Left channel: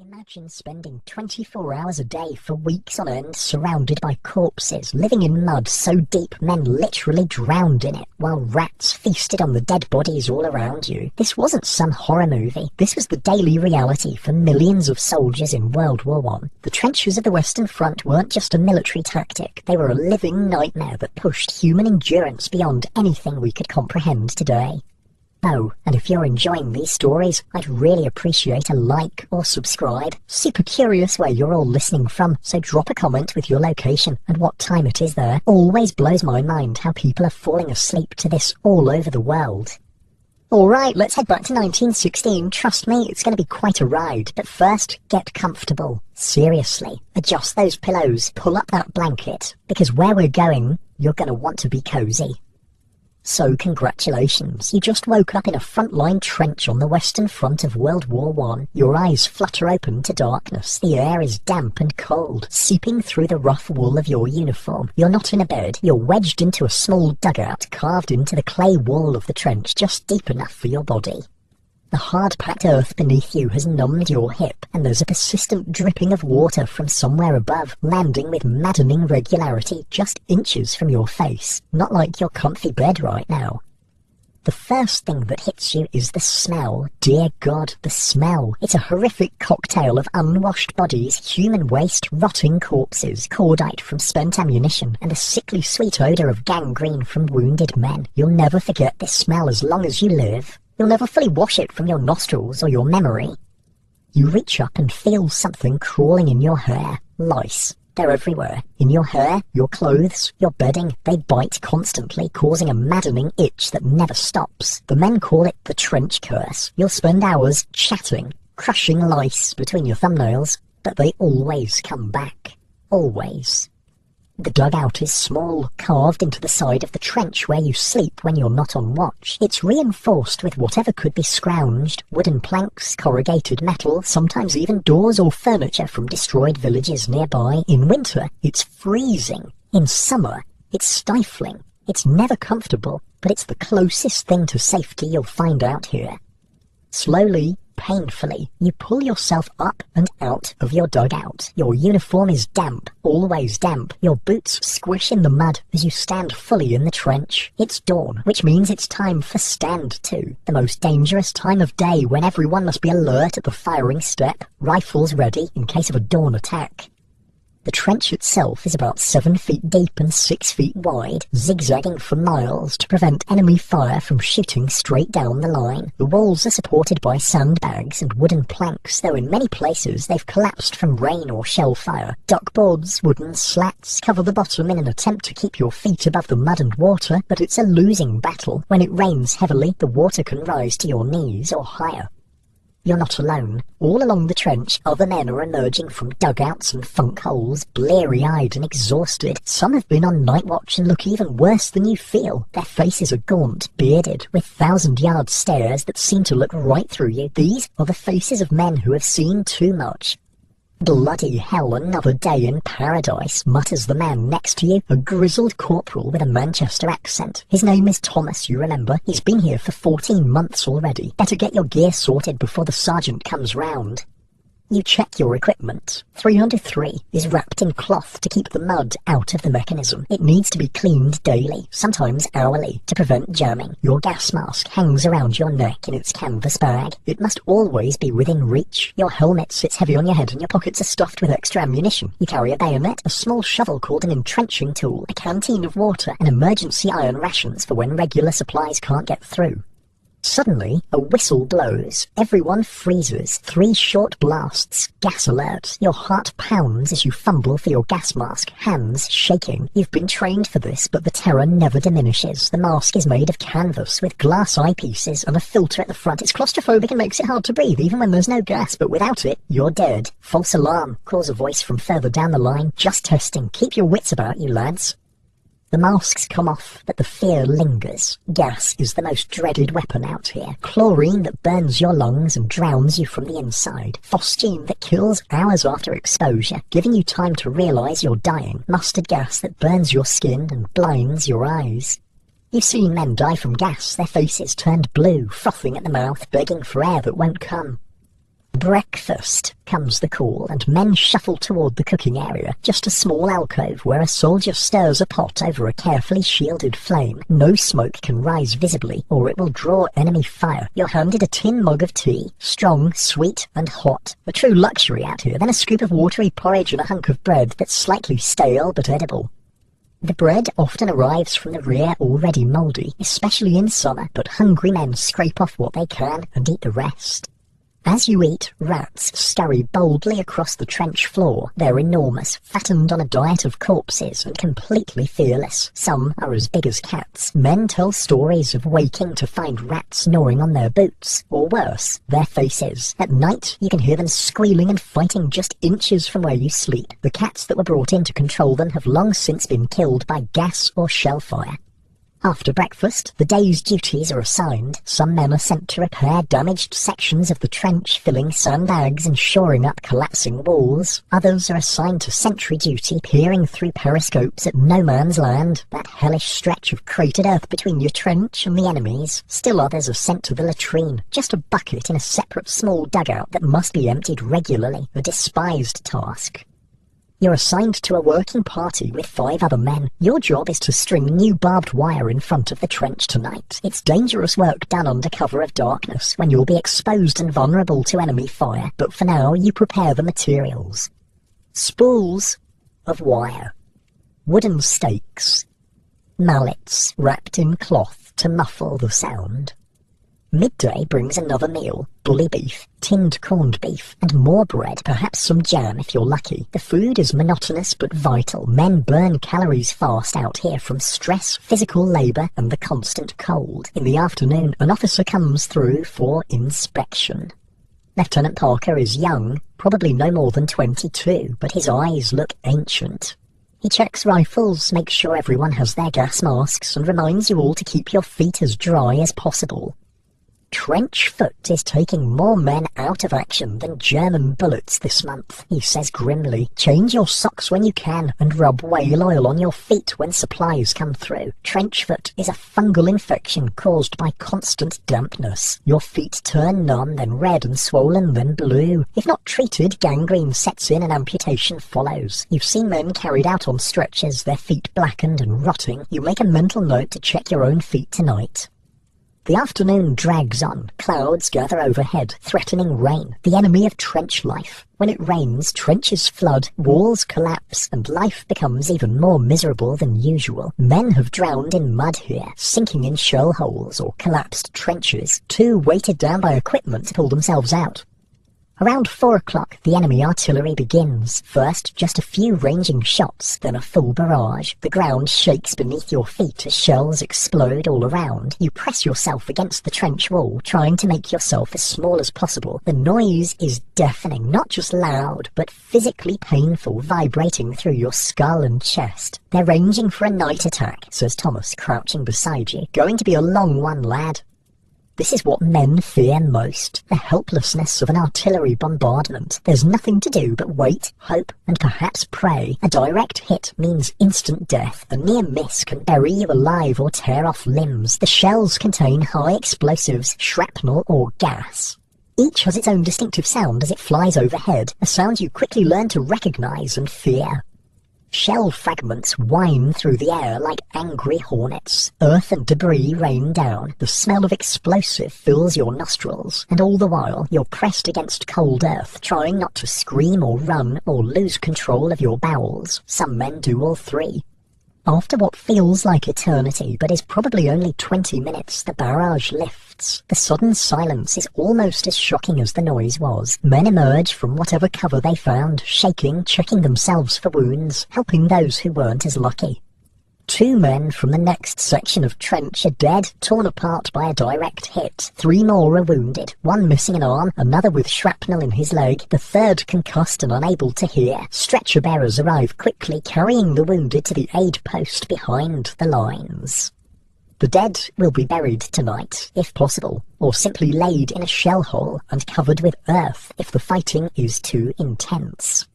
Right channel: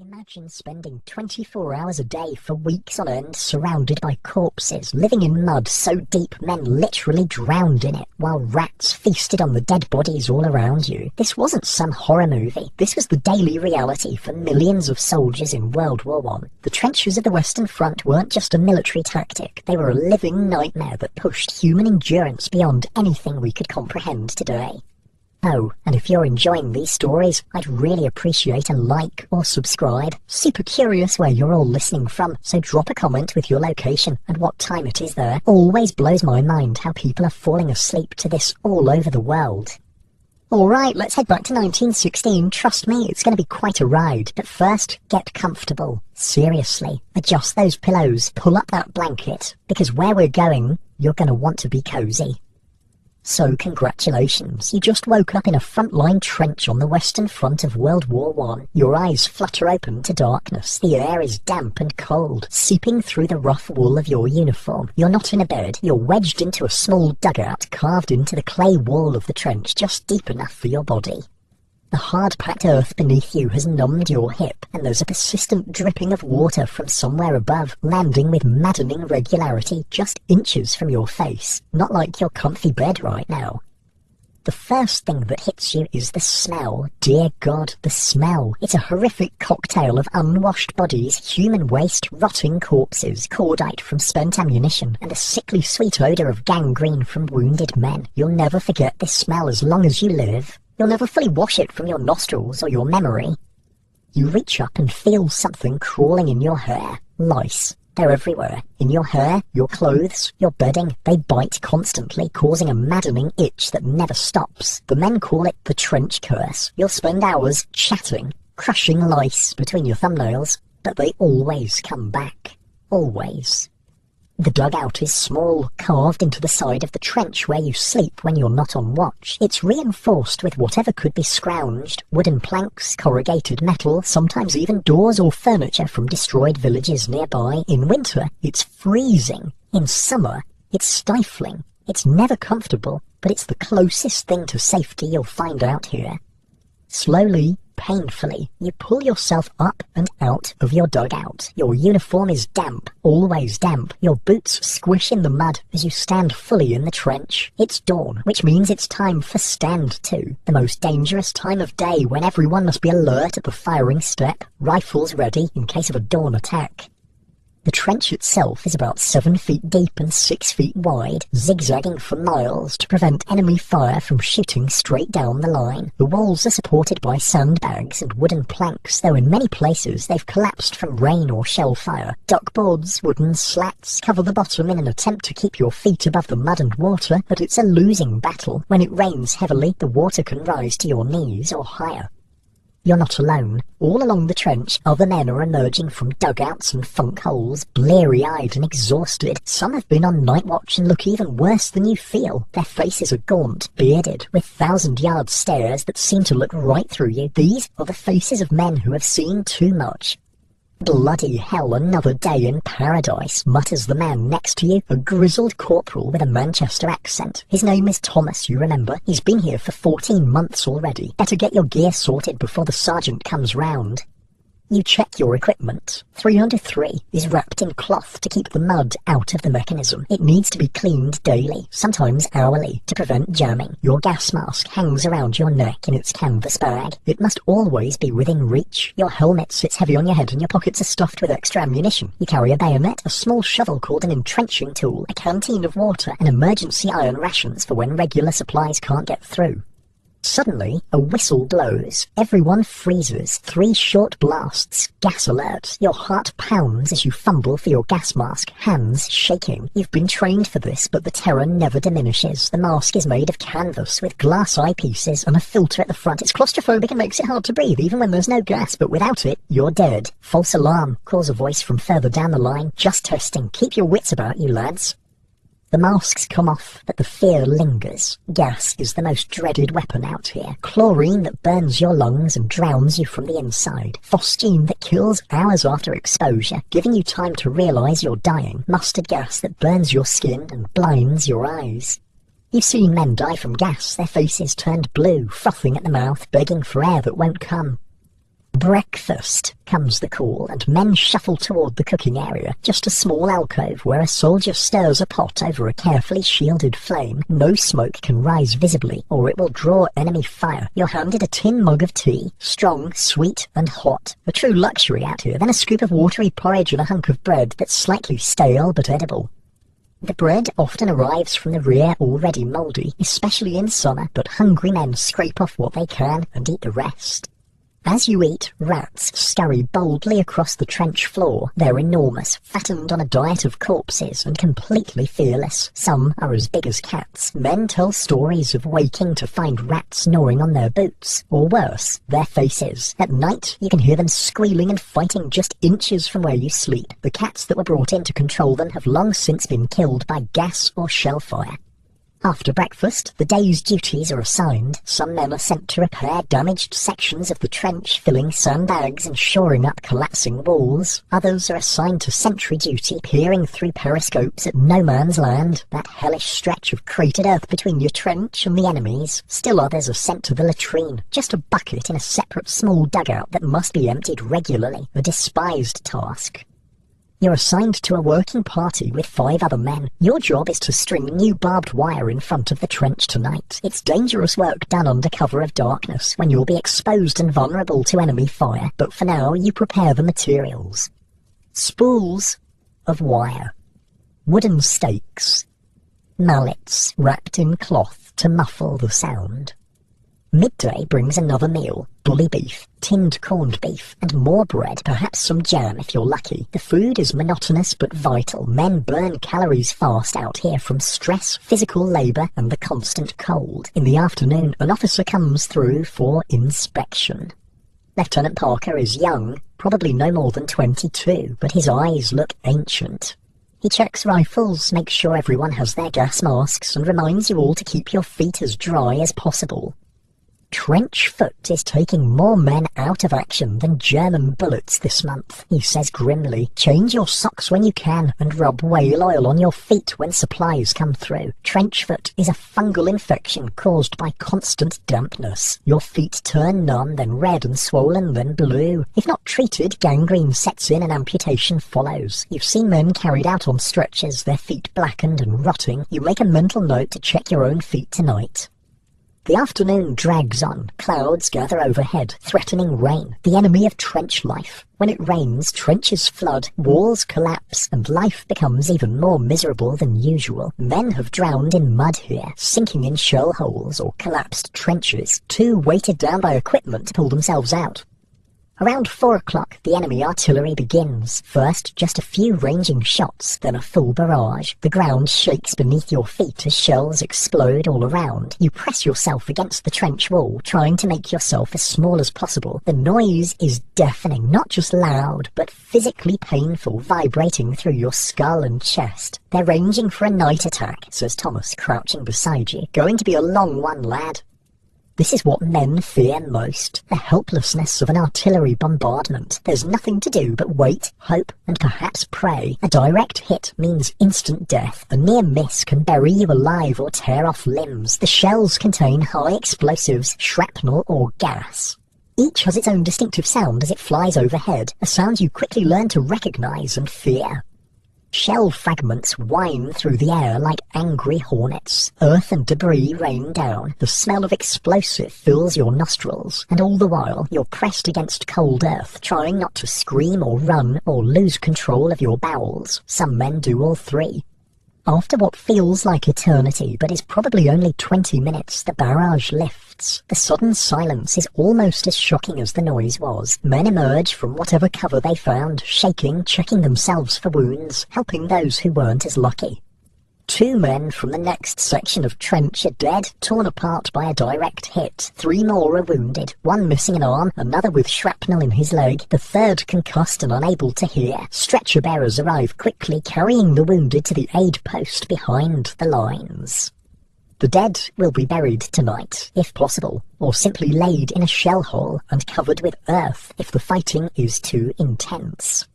Imagine spending 24 hours a day for weeks on end surrounded by corpses, living in mud so deep men literally drowned in it, while rats feasted on the dead bodies all around you. This wasn't some horror movie. This was the daily reality for millions of soldiers in World War I. The trenches of the Western Front weren't just a military tactic. They were a living nightmare that pushed human endurance beyond anything we could comprehend today. Oh, and if you're enjoying these stories, I'd really appreciate a like or subscribe. Super curious where you're all listening from, so drop a comment with your location and what time it is there. Always blows my mind how people are falling asleep to this all over the world. Alright, let's head back to 1916. Trust me, it's going to be quite a ride. But first, get comfortable. Seriously, adjust those pillows, pull up that blanket, because where we're going, you're going to want to be cozy. So congratulations, you just woke up in a frontline trench on the Western Front of World War I. Your eyes flutter open to darkness. The air is damp and cold, seeping through the rough wool of your uniform. You're not in a bed, you're wedged into a small dugout carved into the clay wall of the trench, just deep enough for your body. The hard-packed earth beneath you has numbed your hip, and there's a persistent dripping of water from somewhere above, landing with maddening regularity just inches from your face, not like your comfy bed right now. The first thing that hits you is the smell. Dear God, the smell. It's a horrific cocktail of unwashed bodies, human waste, rotting corpses, cordite from spent ammunition, and a sickly sweet odour of gangrene from wounded men. You'll never forget this smell as long as you live. You'll never fully wash it from your nostrils or your memory. You reach up and feel something crawling in your hair. Lice. They're everywhere. In your hair, your clothes, your bedding. They bite constantly, causing a maddening itch that never stops. The men call it the trench curse. You'll spend hours chatting, crushing lice between your thumbnails, but they always come back. Always. The dugout is small, carved into the side of the trench where you sleep when you're not on watch. It's reinforced with whatever could be scrounged, wooden planks, corrugated metal, sometimes even doors or furniture from destroyed villages nearby. In winter, it's freezing. In summer, it's stifling. It's never comfortable, but it's the closest thing to safety you'll find out here. Slowly, painfully, you pull yourself up and out of your dugout. Your uniform is damp, always damp. Your boots squish in the mud as you stand fully in the trench. It's dawn, which means it's time for stand to, the most dangerous time of day when everyone must be alert at the firing step, rifles ready in case of a dawn attack. The trench itself is about 7 feet deep and 6 feet wide, zigzagging for miles to prevent enemy fire from shooting straight down the line. The walls are supported by sandbags and wooden planks, though in many places they've collapsed from rain or shell fire. Duckboards, wooden slats cover the bottom in an attempt to keep your feet above the mud and water, but it's a losing battle. When it rains heavily, the water can rise to your knees or higher. You're not alone. All along the trench, other men are emerging from dugouts and funk holes, bleary-eyed and exhausted. Some have been on night watch and look even worse than you feel. Their faces are gaunt, bearded, with thousand-yard stares that seem to look right through you. These are the faces of men who have seen too much. Bloody hell, another day in paradise, mutters the man next to you, a grizzled corporal with a Manchester accent. His name is Thomas, you remember. He's been here for 14 months already. Better get your gear sorted before the sergeant comes round. You check your equipment. 303 is wrapped in cloth to keep the mud out of the mechanism. It needs to be cleaned daily, sometimes hourly, to prevent jamming. Your gas mask hangs around your neck in its canvas bag. It must always be within reach. Your helmet sits heavy on your head and your pockets are stuffed with extra ammunition. You carry a bayonet, a small shovel called an entrenching tool, a canteen of water, and emergency iron rations for when regular supplies can't get through. Suddenly, a whistle blows. Everyone freezes. 3 short blasts. Gas alert. Your heart pounds as you fumble for your gas mask, hands shaking. You've been trained for this, but the terror never diminishes. The mask is made of canvas with glass eyepieces and a filter at the front. It's claustrophobic and makes it hard to breathe, even when there's no gas, but without it, you're dead. False alarm, calls a voice from further down the line. Just testing. Keep your wits about you, lads. The masks come off, but the fear lingers. Gas is the most dreaded weapon out here. Chlorine that burns your lungs and drowns you from the inside. Phosgene that kills hours after exposure, giving you time to realise you're dying. Mustard gas that burns your skin and blinds your eyes. You've seen men die from gas, their faces turned blue, frothing at the mouth, begging for air that won't come. Breakfast, comes the call, and men shuffle toward the cooking area, just a small alcove where a soldier stirs a pot over a carefully shielded flame. No smoke can rise visibly, or it will draw enemy fire. You're handed a tin mug of tea, strong, sweet, and hot. A true luxury out here, then a scoop of watery porridge and a hunk of bread that's slightly stale but edible. The bread often arrives from the rear already mouldy, especially in summer, but hungry men scrape off what they can and eat the rest. As you eat, rats scurry boldly across the trench floor. They're enormous, fattened on a diet of corpses and completely fearless. Some are as big as cats. Men tell stories of waking to find rats gnawing on their boots, or worse, their faces. At night, you can hear them squealing and fighting just inches from where you sleep. The cats that were brought in to control them have long since been killed by gas or shell fire. After breakfast, the day's duties are assigned. Some men are sent to repair damaged sections of the trench, filling sandbags and shoring up collapsing walls. Others are assigned to sentry duty, peering through periscopes at no man's land, that hellish stretch of cratered earth between your trench and the enemy's. Still others are sent to the latrine, just a bucket in a separate small dugout that must be emptied regularly, a despised task. You're assigned to a working party with 5 other men. Your job is to string new barbed wire in front of the trench tonight. It's dangerous work done under cover of darkness, when you'll be exposed and vulnerable to enemy fire, but for now you prepare the materials. Spools of wire, wooden stakes, mallets wrapped in cloth to muffle the sound. Midday brings another meal, bully beef, tinned corned beef, and more bread, perhaps some jam if you're lucky. The food is monotonous but vital. Men burn calories fast out here from stress, physical labour, and the constant cold. In the afternoon, an officer comes through for inspection. Lieutenant Parker is young, probably no more than 22, but his eyes look ancient. He checks rifles, makes sure everyone has their gas masks, and reminds you all to keep your feet as dry as possible. Trench foot is taking more men out of action than German bullets this month, he says grimly. Change your socks when you can, and rub whale oil on your feet when supplies come through. Trench foot is a fungal infection caused by constant dampness. Your feet turn numb, then red and swollen, then blue. If not treated, gangrene sets in and amputation follows. You've seen men carried out on stretchers, their feet blackened and rotting. You make a mental note to check your own feet tonight. The afternoon drags on. Clouds gather overhead, threatening rain, the enemy of trench life. When it rains, trenches flood, walls collapse, and life becomes even more miserable than usual. Men have drowned in mud here, sinking in shell holes or collapsed trenches, too weighted down by equipment to pull themselves out. Around 4 o'clock, the enemy artillery begins. First, just a few ranging shots, then a full barrage. The ground shakes beneath your feet as shells explode all around. You press yourself against the trench wall, trying to make yourself as small as possible. The noise is deafening, not just loud, but physically painful, vibrating through your skull and chest. They're ranging for a night attack, says Thomas, crouching beside you. Going to be a long one, lad. This is what men fear most, the helplessness of an artillery bombardment. There's nothing to do but wait, hope, and perhaps pray. A direct hit means instant death. A near miss can bury you alive or tear off limbs. The shells contain high explosives, shrapnel, or gas. Each has its own distinctive sound as it flies overhead, a sound you quickly learn to recognize and fear. Shell fragments whine through the air like angry hornets. Earth and debris rain down. The smell of explosive fills your nostrils, and all the while you're pressed against cold earth, trying not to scream or run or lose control of your bowels. Some men do all three. After what feels like eternity, but is probably only 20 minutes, the barrage lifts. The sudden silence is almost as shocking as the noise was. Men emerge from whatever cover they found, shaking, checking themselves for wounds, helping those who weren't as lucky. 2 men from the next section of trench are dead, torn apart by a direct hit. 3 more are wounded, 1 missing an arm, another with shrapnel in his leg, the 3rd concussed and unable to hear. Stretcher bearers arrive quickly, carrying the wounded to the aid post behind the lines. The dead will be buried tonight, if possible, or simply laid in a shell hole and covered with earth if the fighting is too intense.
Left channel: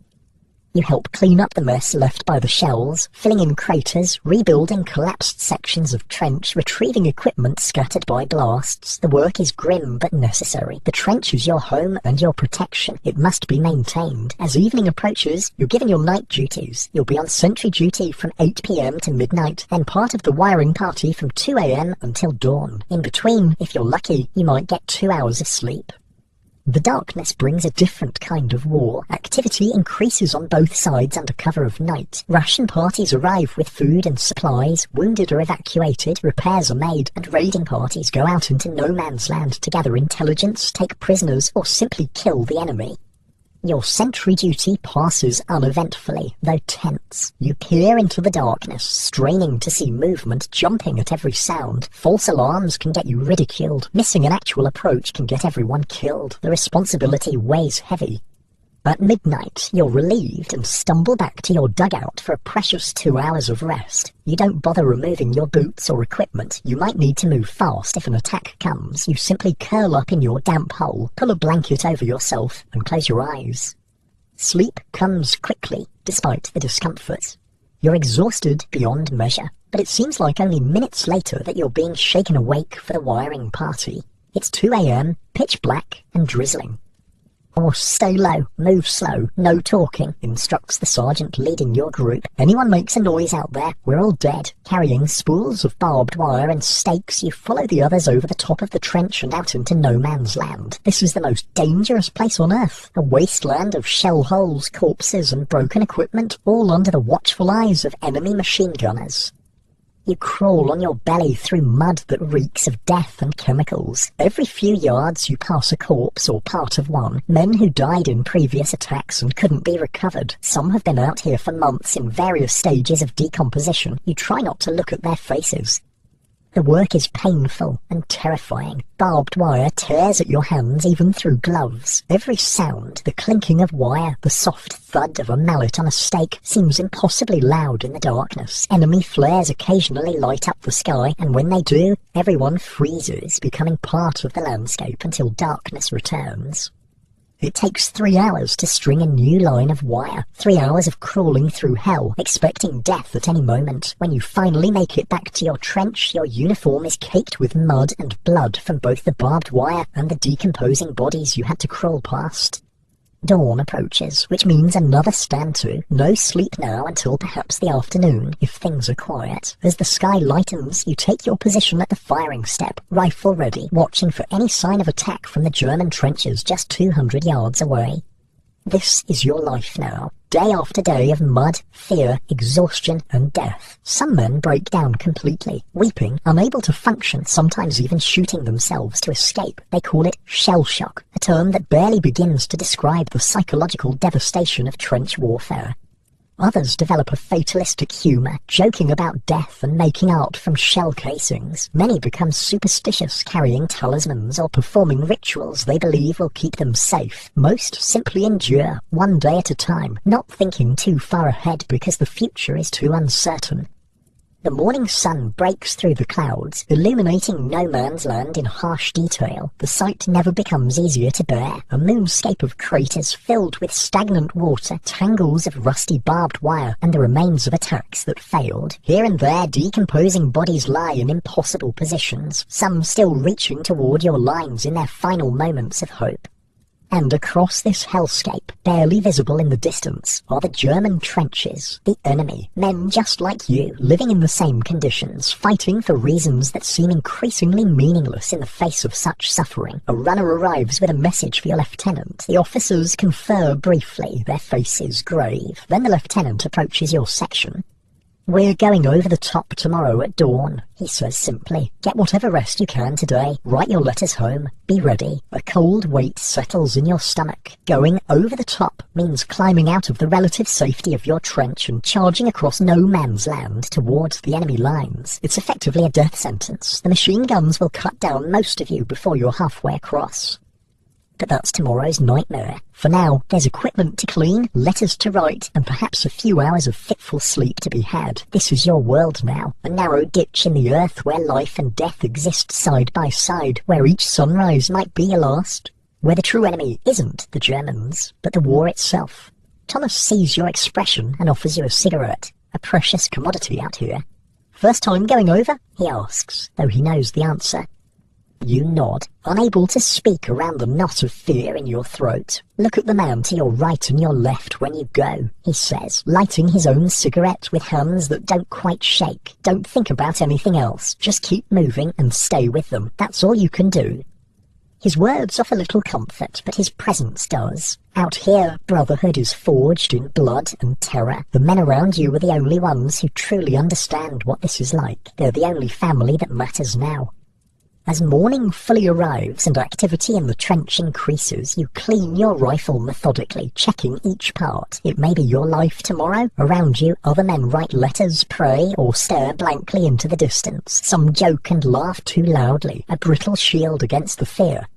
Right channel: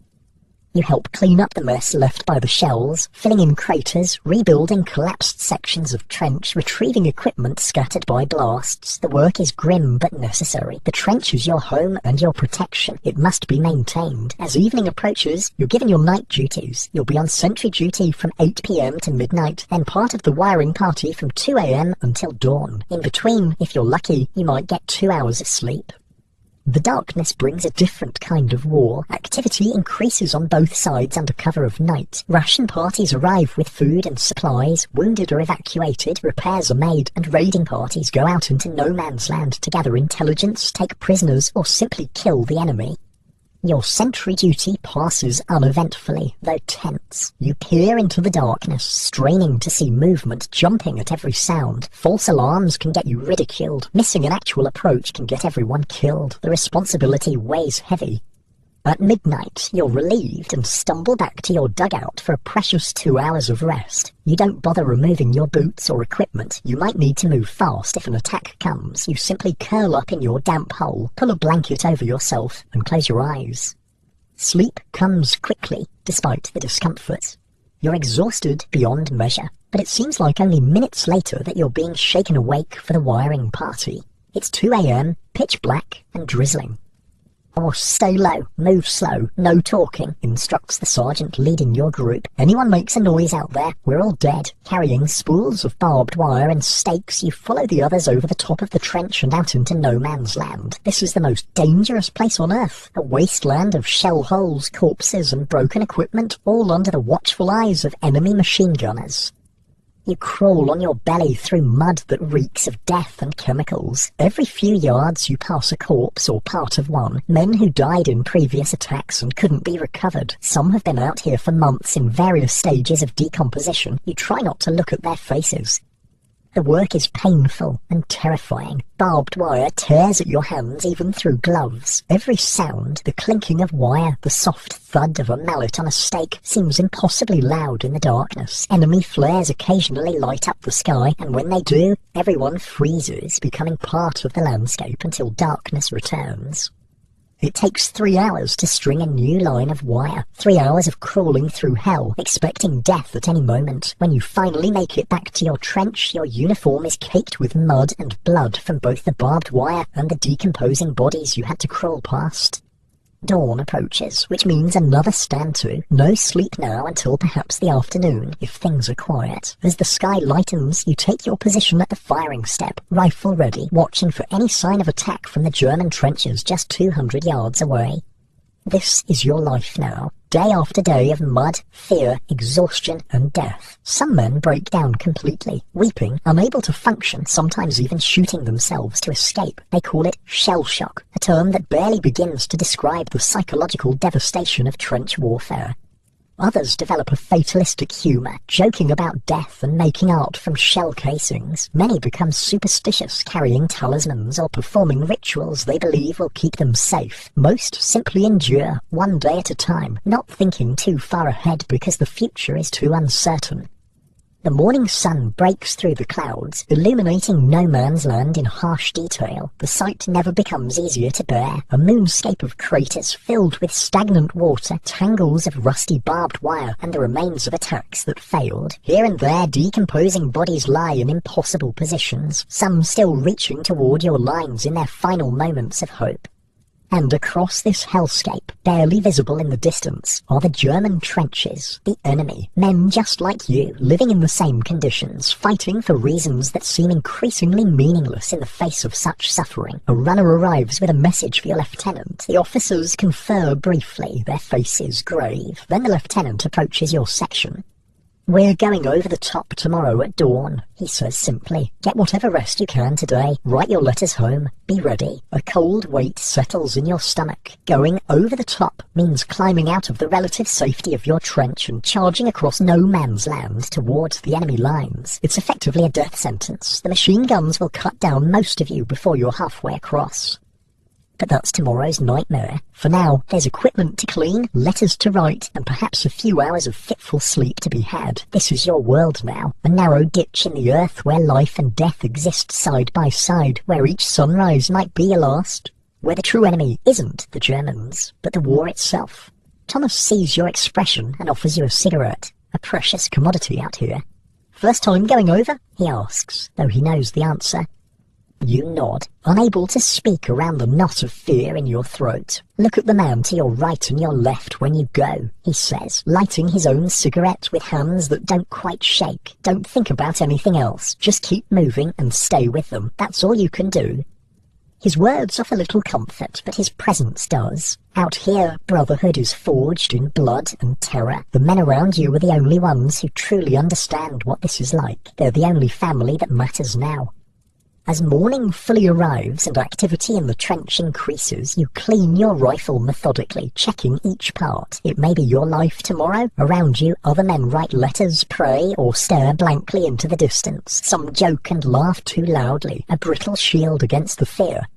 You help clean up the mess left by the shells, filling in craters, rebuilding collapsed sections of trench, retrieving equipment scattered by blasts. The work is grim but necessary. The trench is your home and your protection. It must be maintained. As evening approaches, you're given your night duties. You'll be on sentry duty from 8 p.m. to midnight, and part of the wiring party from 2 a.m. until dawn. In between, if you're lucky, you might get 2 hours of sleep. The darkness brings a different kind of war. Activity increases on both sides under cover of night. Ration parties arrive with food and supplies, wounded are evacuated, repairs are made, and raiding parties go out into no man's land to gather intelligence, take prisoners, or simply kill the enemy. Your sentry duty passes uneventfully, though tense. You peer into the darkness, straining to see movement, jumping at every sound. False alarms can get you ridiculed. Missing an actual approach can get everyone killed. The responsibility weighs heavy. At midnight, you're relieved and stumble back to your dugout for a precious 2 hours of rest. You don't bother removing your boots or equipment. You might need to move fast if an attack comes. You simply curl up in your damp hole, pull a blanket over yourself, and close your eyes. Sleep comes quickly, despite the discomfort. You're exhausted beyond measure, but it seems like only minutes later that you're being shaken awake for the wiring party. It's 2 a.m., pitch black, and drizzling. "Oh, stay low, move slow, no talking," instructs the sergeant leading your group. "Anyone makes a noise out there, we're all dead." Carrying spools of barbed wire and stakes, you follow the others over the top of the trench and out into no man's land. This is the most dangerous place on Earth, a wasteland of shell holes, corpses, and broken equipment, all under the watchful eyes of enemy machine gunners. You crawl on your belly through mud that reeks of death and chemicals. Every few yards you pass a corpse or part of one, men who died in previous attacks and couldn't be recovered. Some have been out here for months in various stages of decomposition. You try not to look at their faces. The work is painful and terrifying. Barbed wire tears at your hands even through gloves. Every sound, the clinking of wire, the soft thud of a mallet on a stake, seems impossibly loud in the darkness. Enemy flares occasionally light up the sky, and when they do, everyone freezes, becoming part of the landscape until darkness returns. It takes 3 hours to string a new line of wire. 3 hours of crawling through hell, expecting death at any moment. When you finally make it back to your trench, your uniform is caked with mud and blood from both the barbed wire and the decomposing bodies you had to crawl past. Dawn approaches, which means another stand-to. No sleep now until perhaps the afternoon, if things are quiet. As the sky lightens, you take your position at the firing step, rifle ready, watching for any sign of attack from the German trenches just 200 yards away. This is your life now. Day after day of mud, fear, exhaustion, and death. Some men break down completely, weeping, unable to function, sometimes even shooting themselves to escape. They call it shell shock, a term that barely begins to describe the psychological devastation of trench warfare. Others develop a fatalistic humour, joking about death and making art from shell casings. Many become superstitious, carrying talismans or performing rituals they believe will keep them safe. Most simply endure, one day at a time, not thinking too far ahead because the future is too uncertain. The morning sun breaks through the clouds, illuminating no man's land in harsh detail. The sight never becomes easier to bear. A moonscape of craters filled with stagnant water, tangles of rusty barbed wire, and the remains of attacks that failed. Here and there, decomposing bodies lie in impossible positions, some still reaching toward your lines in their final moments of hope. And across this hellscape, barely visible in the distance, are the German trenches, the enemy. Men just like you, living in the same conditions, fighting for reasons that seem increasingly meaningless in the face of such suffering. A runner arrives with a message for your lieutenant. The officers confer briefly, their faces grave. Then the lieutenant approaches your section. "We're going over the top tomorrow at dawn," he says simply. "Get whatever rest you can today. Write your letters home. Be ready." A cold weight settles in your stomach. Going over the top means climbing out of the relative safety of your trench and charging across no man's land towards the enemy lines. It's effectively a death sentence. The machine guns will cut down most of you before you're halfway across. But that's tomorrow's nightmare. For now, there's equipment to clean, letters to write, and perhaps a few hours of fitful sleep to be had. This is your world now, a narrow ditch in the earth where life and death exist side by side, where each sunrise might be a last, where the true enemy isn't the Germans, but the war itself. Thomas sees your expression and offers you a cigarette, a precious commodity out here. "First time going over?" he asks, though he knows the answer. You nod, unable to speak around the knot of fear in your throat. "Look at the man to your right and your left when you go," he says, lighting his own cigarette with hands that don't quite shake. "Don't think about anything else. Just keep moving and stay with them. That's all you can do." His words offer little comfort, but his presence does. Out here, brotherhood is forged in blood and terror. The men around you are the only ones who truly understand what this is like. They're the only family that matters now. As morning fully arrives and activity in the trench increases, you clean your rifle methodically, checking each part. It may be your life tomorrow. Around you, other men write letters, pray, or stare blankly into the distance. Some joke and laugh too loudly, a brittle shield against the fear.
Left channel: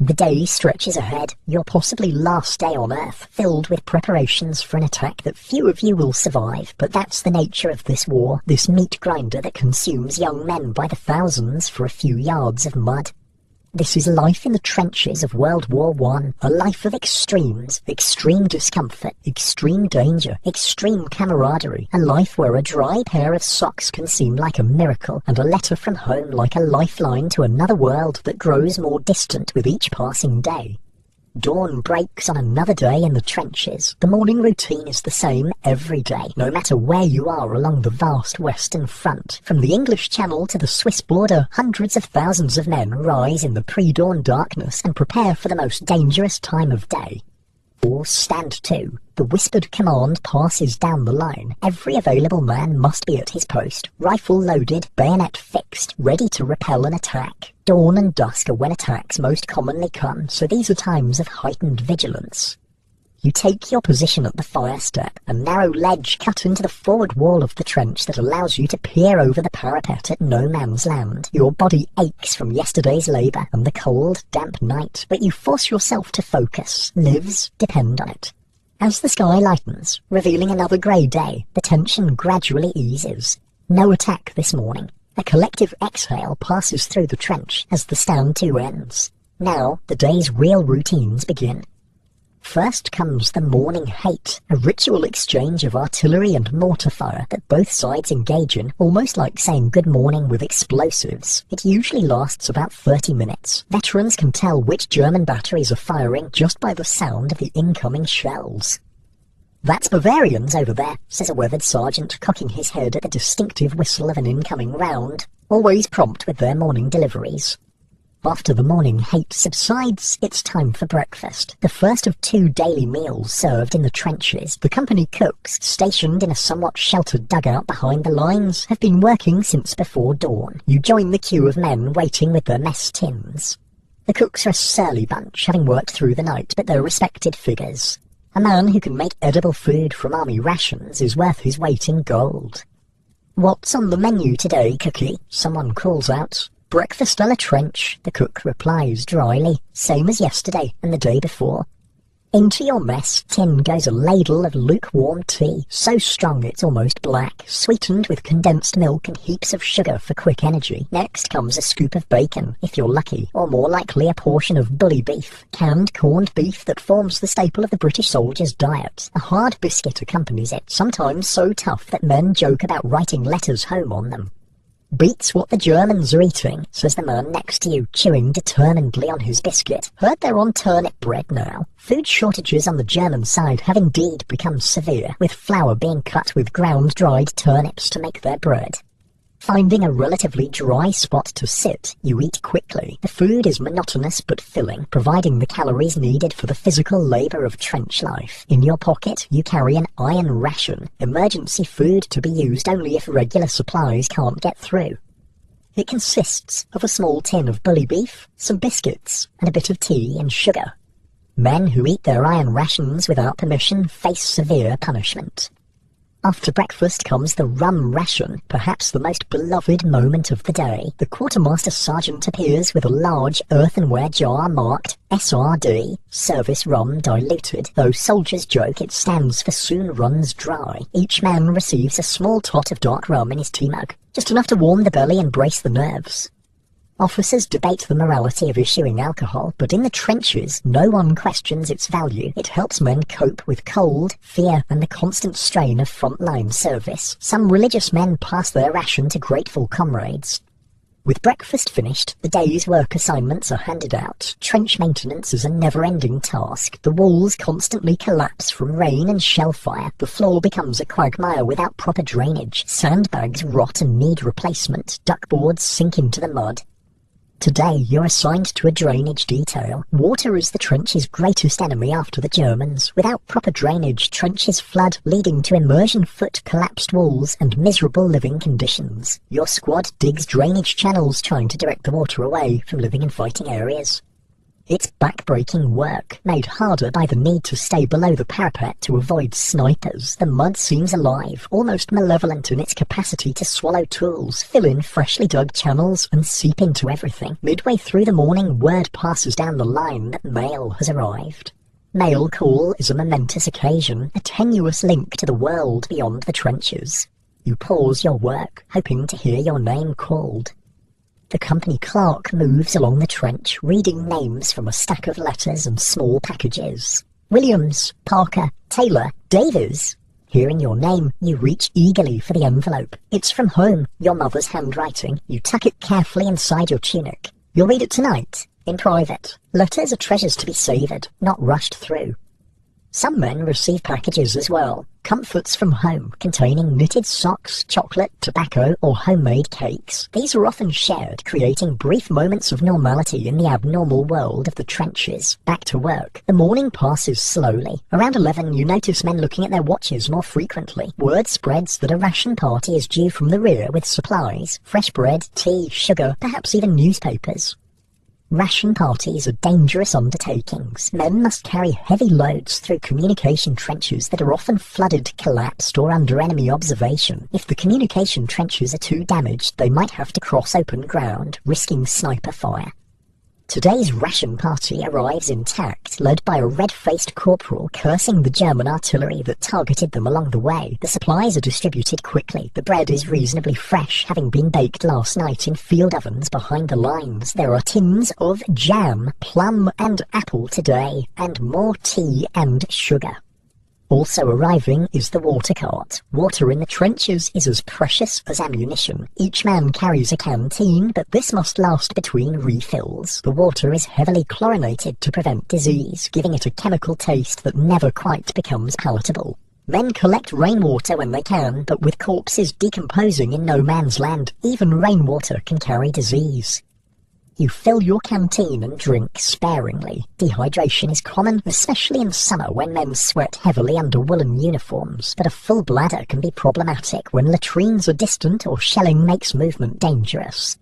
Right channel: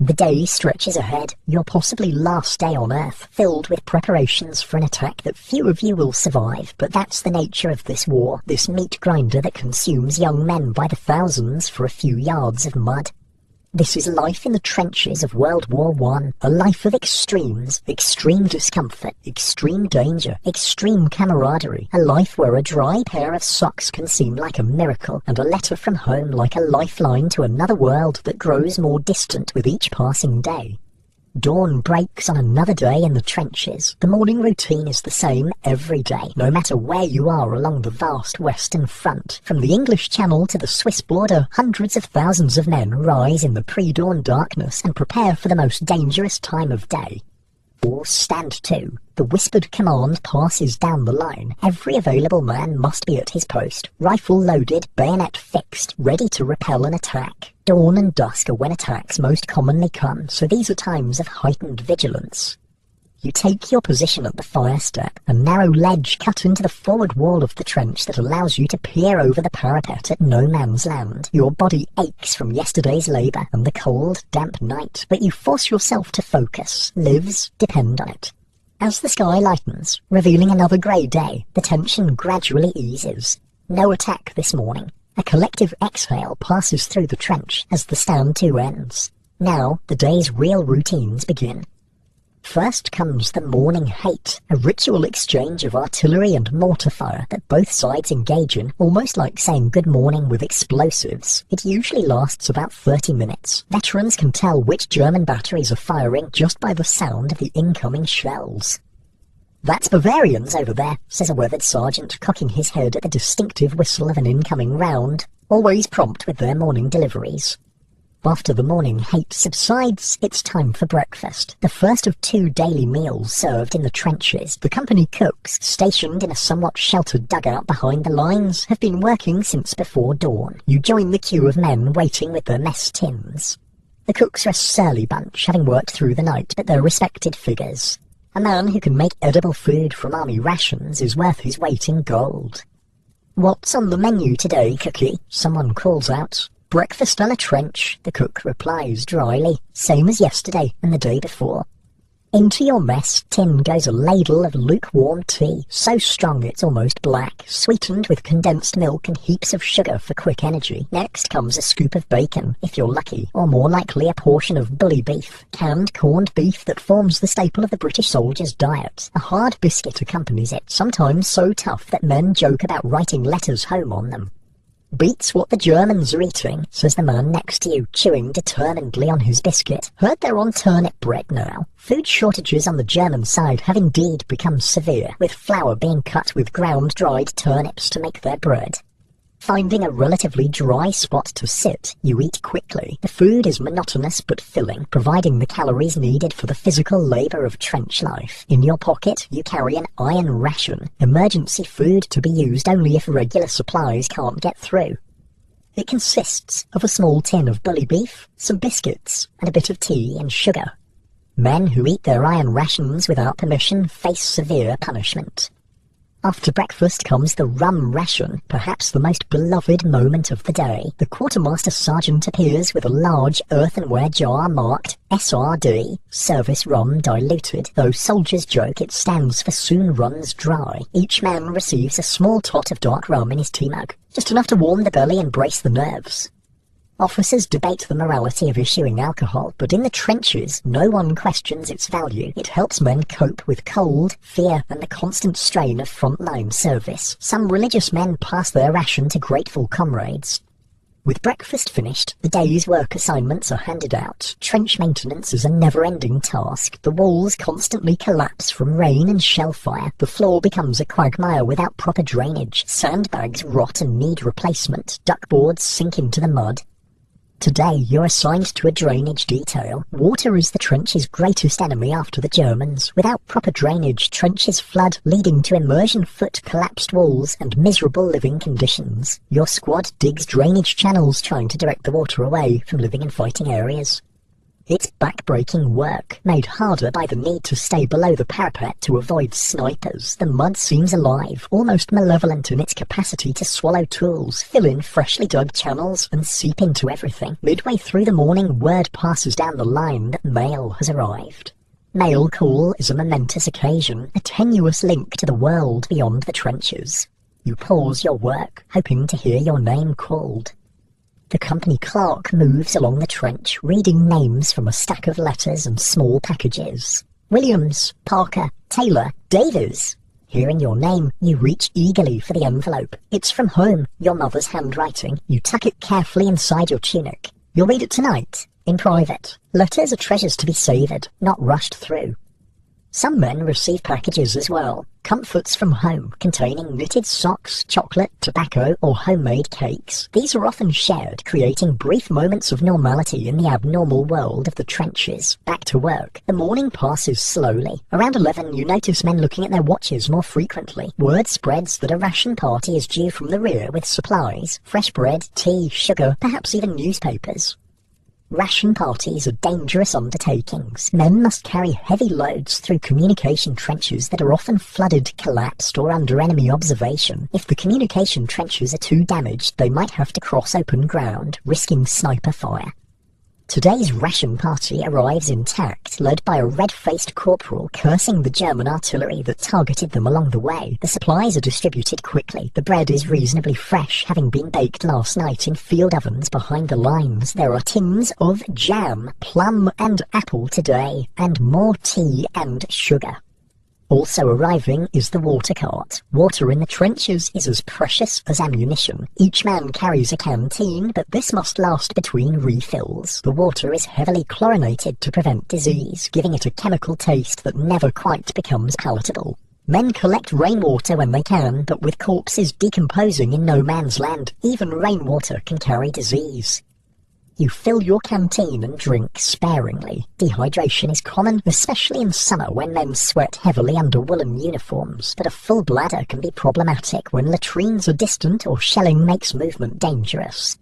The day stretches ahead, your possibly last day on Earth, filled with preparations for an attack that few of you will survive. But that's the nature of this war, this meat grinder that consumes young men by the thousands for a few yards of mud. This is life in the trenches of World War I, a life of extremes, extreme discomfort, extreme danger, extreme camaraderie, a life where a dry pair of socks can seem like a miracle, and a letter from home like a lifeline to another world that grows more distant with each passing day. Dawn breaks on another day in the trenches. The morning routine is the same every day, no matter where you are along the vast Western Front. From the English Channel to the Swiss border, hundreds of thousands of men rise in the pre-dawn darkness and prepare for the most dangerous time of day. Or stand to. The whispered command passes down the line. Every available man must be at his post, rifle loaded, bayonet fixed, ready to repel an attack. Dawn and dusk are when attacks most commonly come, so these are times of heightened vigilance. You take your position at the fire step, a narrow ledge cut into the forward wall of the trench that allows you to peer over the parapet at no man's land. Your body aches from yesterday's labour and the cold, damp night, but you force yourself to focus. Lives depend on it. As the sky lightens, revealing another grey day, the tension gradually eases. No attack this morning. A collective exhale passes through the trench as the stand to ends. Now the day's real routines begin. First comes the morning hate, a ritual exchange of artillery and mortar fire that both sides engage in, almost like saying good morning with explosives. It usually lasts about 30 minutes. Veterans can tell which German batteries are firing just by the sound of the incoming shells. "That's Bavarians over there," says a weathered sergeant, cocking his head at the distinctive whistle of an incoming round, always prompt with their morning deliveries. After the morning hate subsides, it's time for breakfast, the first of 2 daily meals served in the trenches. The company cooks, stationed in a somewhat sheltered dugout behind the lines, have been working since before dawn. You join the queue of men waiting with their mess tins. The cooks are a surly bunch, having worked through the night, but they're respected figures. A man who can make edible food from army rations is worth his weight in gold. "What's on the menu today, Cookie?" someone calls out. "Breakfast a la trench," the cook replies dryly, "same as yesterday and the day before." Into your mess tin goes a ladle of lukewarm tea, so strong it's almost black, sweetened with condensed milk and heaps of sugar for quick energy. Next comes a scoop of bacon, if you're lucky, or more likely a portion of bully beef, canned corned beef that forms the staple of the British soldier's diet. A hard biscuit accompanies it, sometimes so tough that men joke about writing letters home on them. "Beats what the Germans are eating," says the man next to you, chewing determinedly on his biscuit. "Heard they're on turnip bread now." Food shortages on the German side have indeed become severe, with flour being cut with ground-dried turnips to make their bread. Finding a relatively dry spot to sit, you eat quickly. The food is monotonous but filling, providing the calories needed for the physical labour of trench life. In your pocket, you carry an iron ration, emergency food to be used only if regular supplies can't get through. It consists of a small tin of bully beef, some biscuits, and a bit of tea and sugar. Men who eat their iron rations without permission face severe punishment. After breakfast comes the rum ration, perhaps the most beloved moment of the day. The quartermaster sergeant appears with a large earthenware jar marked SRD, service rum diluted, though soldiers joke it stands for soon runs dry. Each man receives a small tot of dark rum in his tea mug, just enough to warm the belly and brace the nerves. Officers debate the morality of issuing alcohol, but in the trenches, no one questions its value. It helps men cope with cold, fear, and the constant strain of frontline service. Some religious men pass their ration to grateful comrades. With breakfast finished, the day's work assignments are handed out. Trench maintenance is a never-ending task. The walls constantly collapse from rain and shell fire. The floor becomes a quagmire without proper drainage. Sandbags rot and need replacement. Duckboards sink into the mud. Today, you're assigned to a drainage detail. Water is the trench's greatest enemy after the Germans. Without proper drainage, trenches flood, leading to immersion foot, collapsed walls, and miserable living conditions. Your squad digs drainage channels trying to direct the water away from living and fighting areas. It's back-breaking work, made harder by the need to stay below the parapet to avoid snipers. The mud seems alive, almost malevolent in its capacity to swallow tools, fill in freshly dug channels, and seep into everything. Midway through the morning, word passes down the line that mail has arrived. Mail call is a momentous occasion, a tenuous link to the world beyond the trenches. You pause your work, hoping to hear your name called. The company clerk moves along the trench, reading names from a stack of letters and small packages. Williams, Parker, Taylor, Davies. Hearing your name, you reach eagerly for the envelope. It's from home, your mother's handwriting. You tuck it carefully inside your tunic. You'll read it tonight, in private. Letters are treasures to be savoured, not rushed through. Some men receive packages as well. Comforts from home, containing knitted socks, chocolate, tobacco, or homemade cakes. These are often shared, creating brief moments of normality in the abnormal world of the trenches. Back to work. The morning passes slowly. Around 11, you notice men looking at their watches more frequently. Word spreads that a ration party is due from the rear with supplies. Fresh bread, tea, sugar, perhaps even newspapers. Ration parties are dangerous undertakings. Men must carry heavy loads through communication trenches that are often flooded, collapsed, or under enemy observation. If the communication trenches are too damaged, they might have to cross open ground, risking sniper fire. Today's ration party arrives intact, led by a red-faced corporal cursing the German artillery that targeted them along the way. The supplies are distributed quickly. The bread is reasonably fresh, having been baked last night in field ovens behind the lines. There are tins of jam, plum and apple today, and more tea and sugar. Also arriving is the water cart. Water in the trenches is as precious as ammunition. Each man carries a canteen, but this must last between refills. The water is heavily chlorinated to prevent disease, giving it a chemical taste that never quite becomes palatable. Men collect rainwater when they can, but with corpses decomposing in no man's land, even rainwater can carry disease. You fill your canteen and drink sparingly. Dehydration is common, especially in summer when men sweat heavily under woolen uniforms, but a full bladder can be problematic when latrines are distant or shelling makes movement dangerous.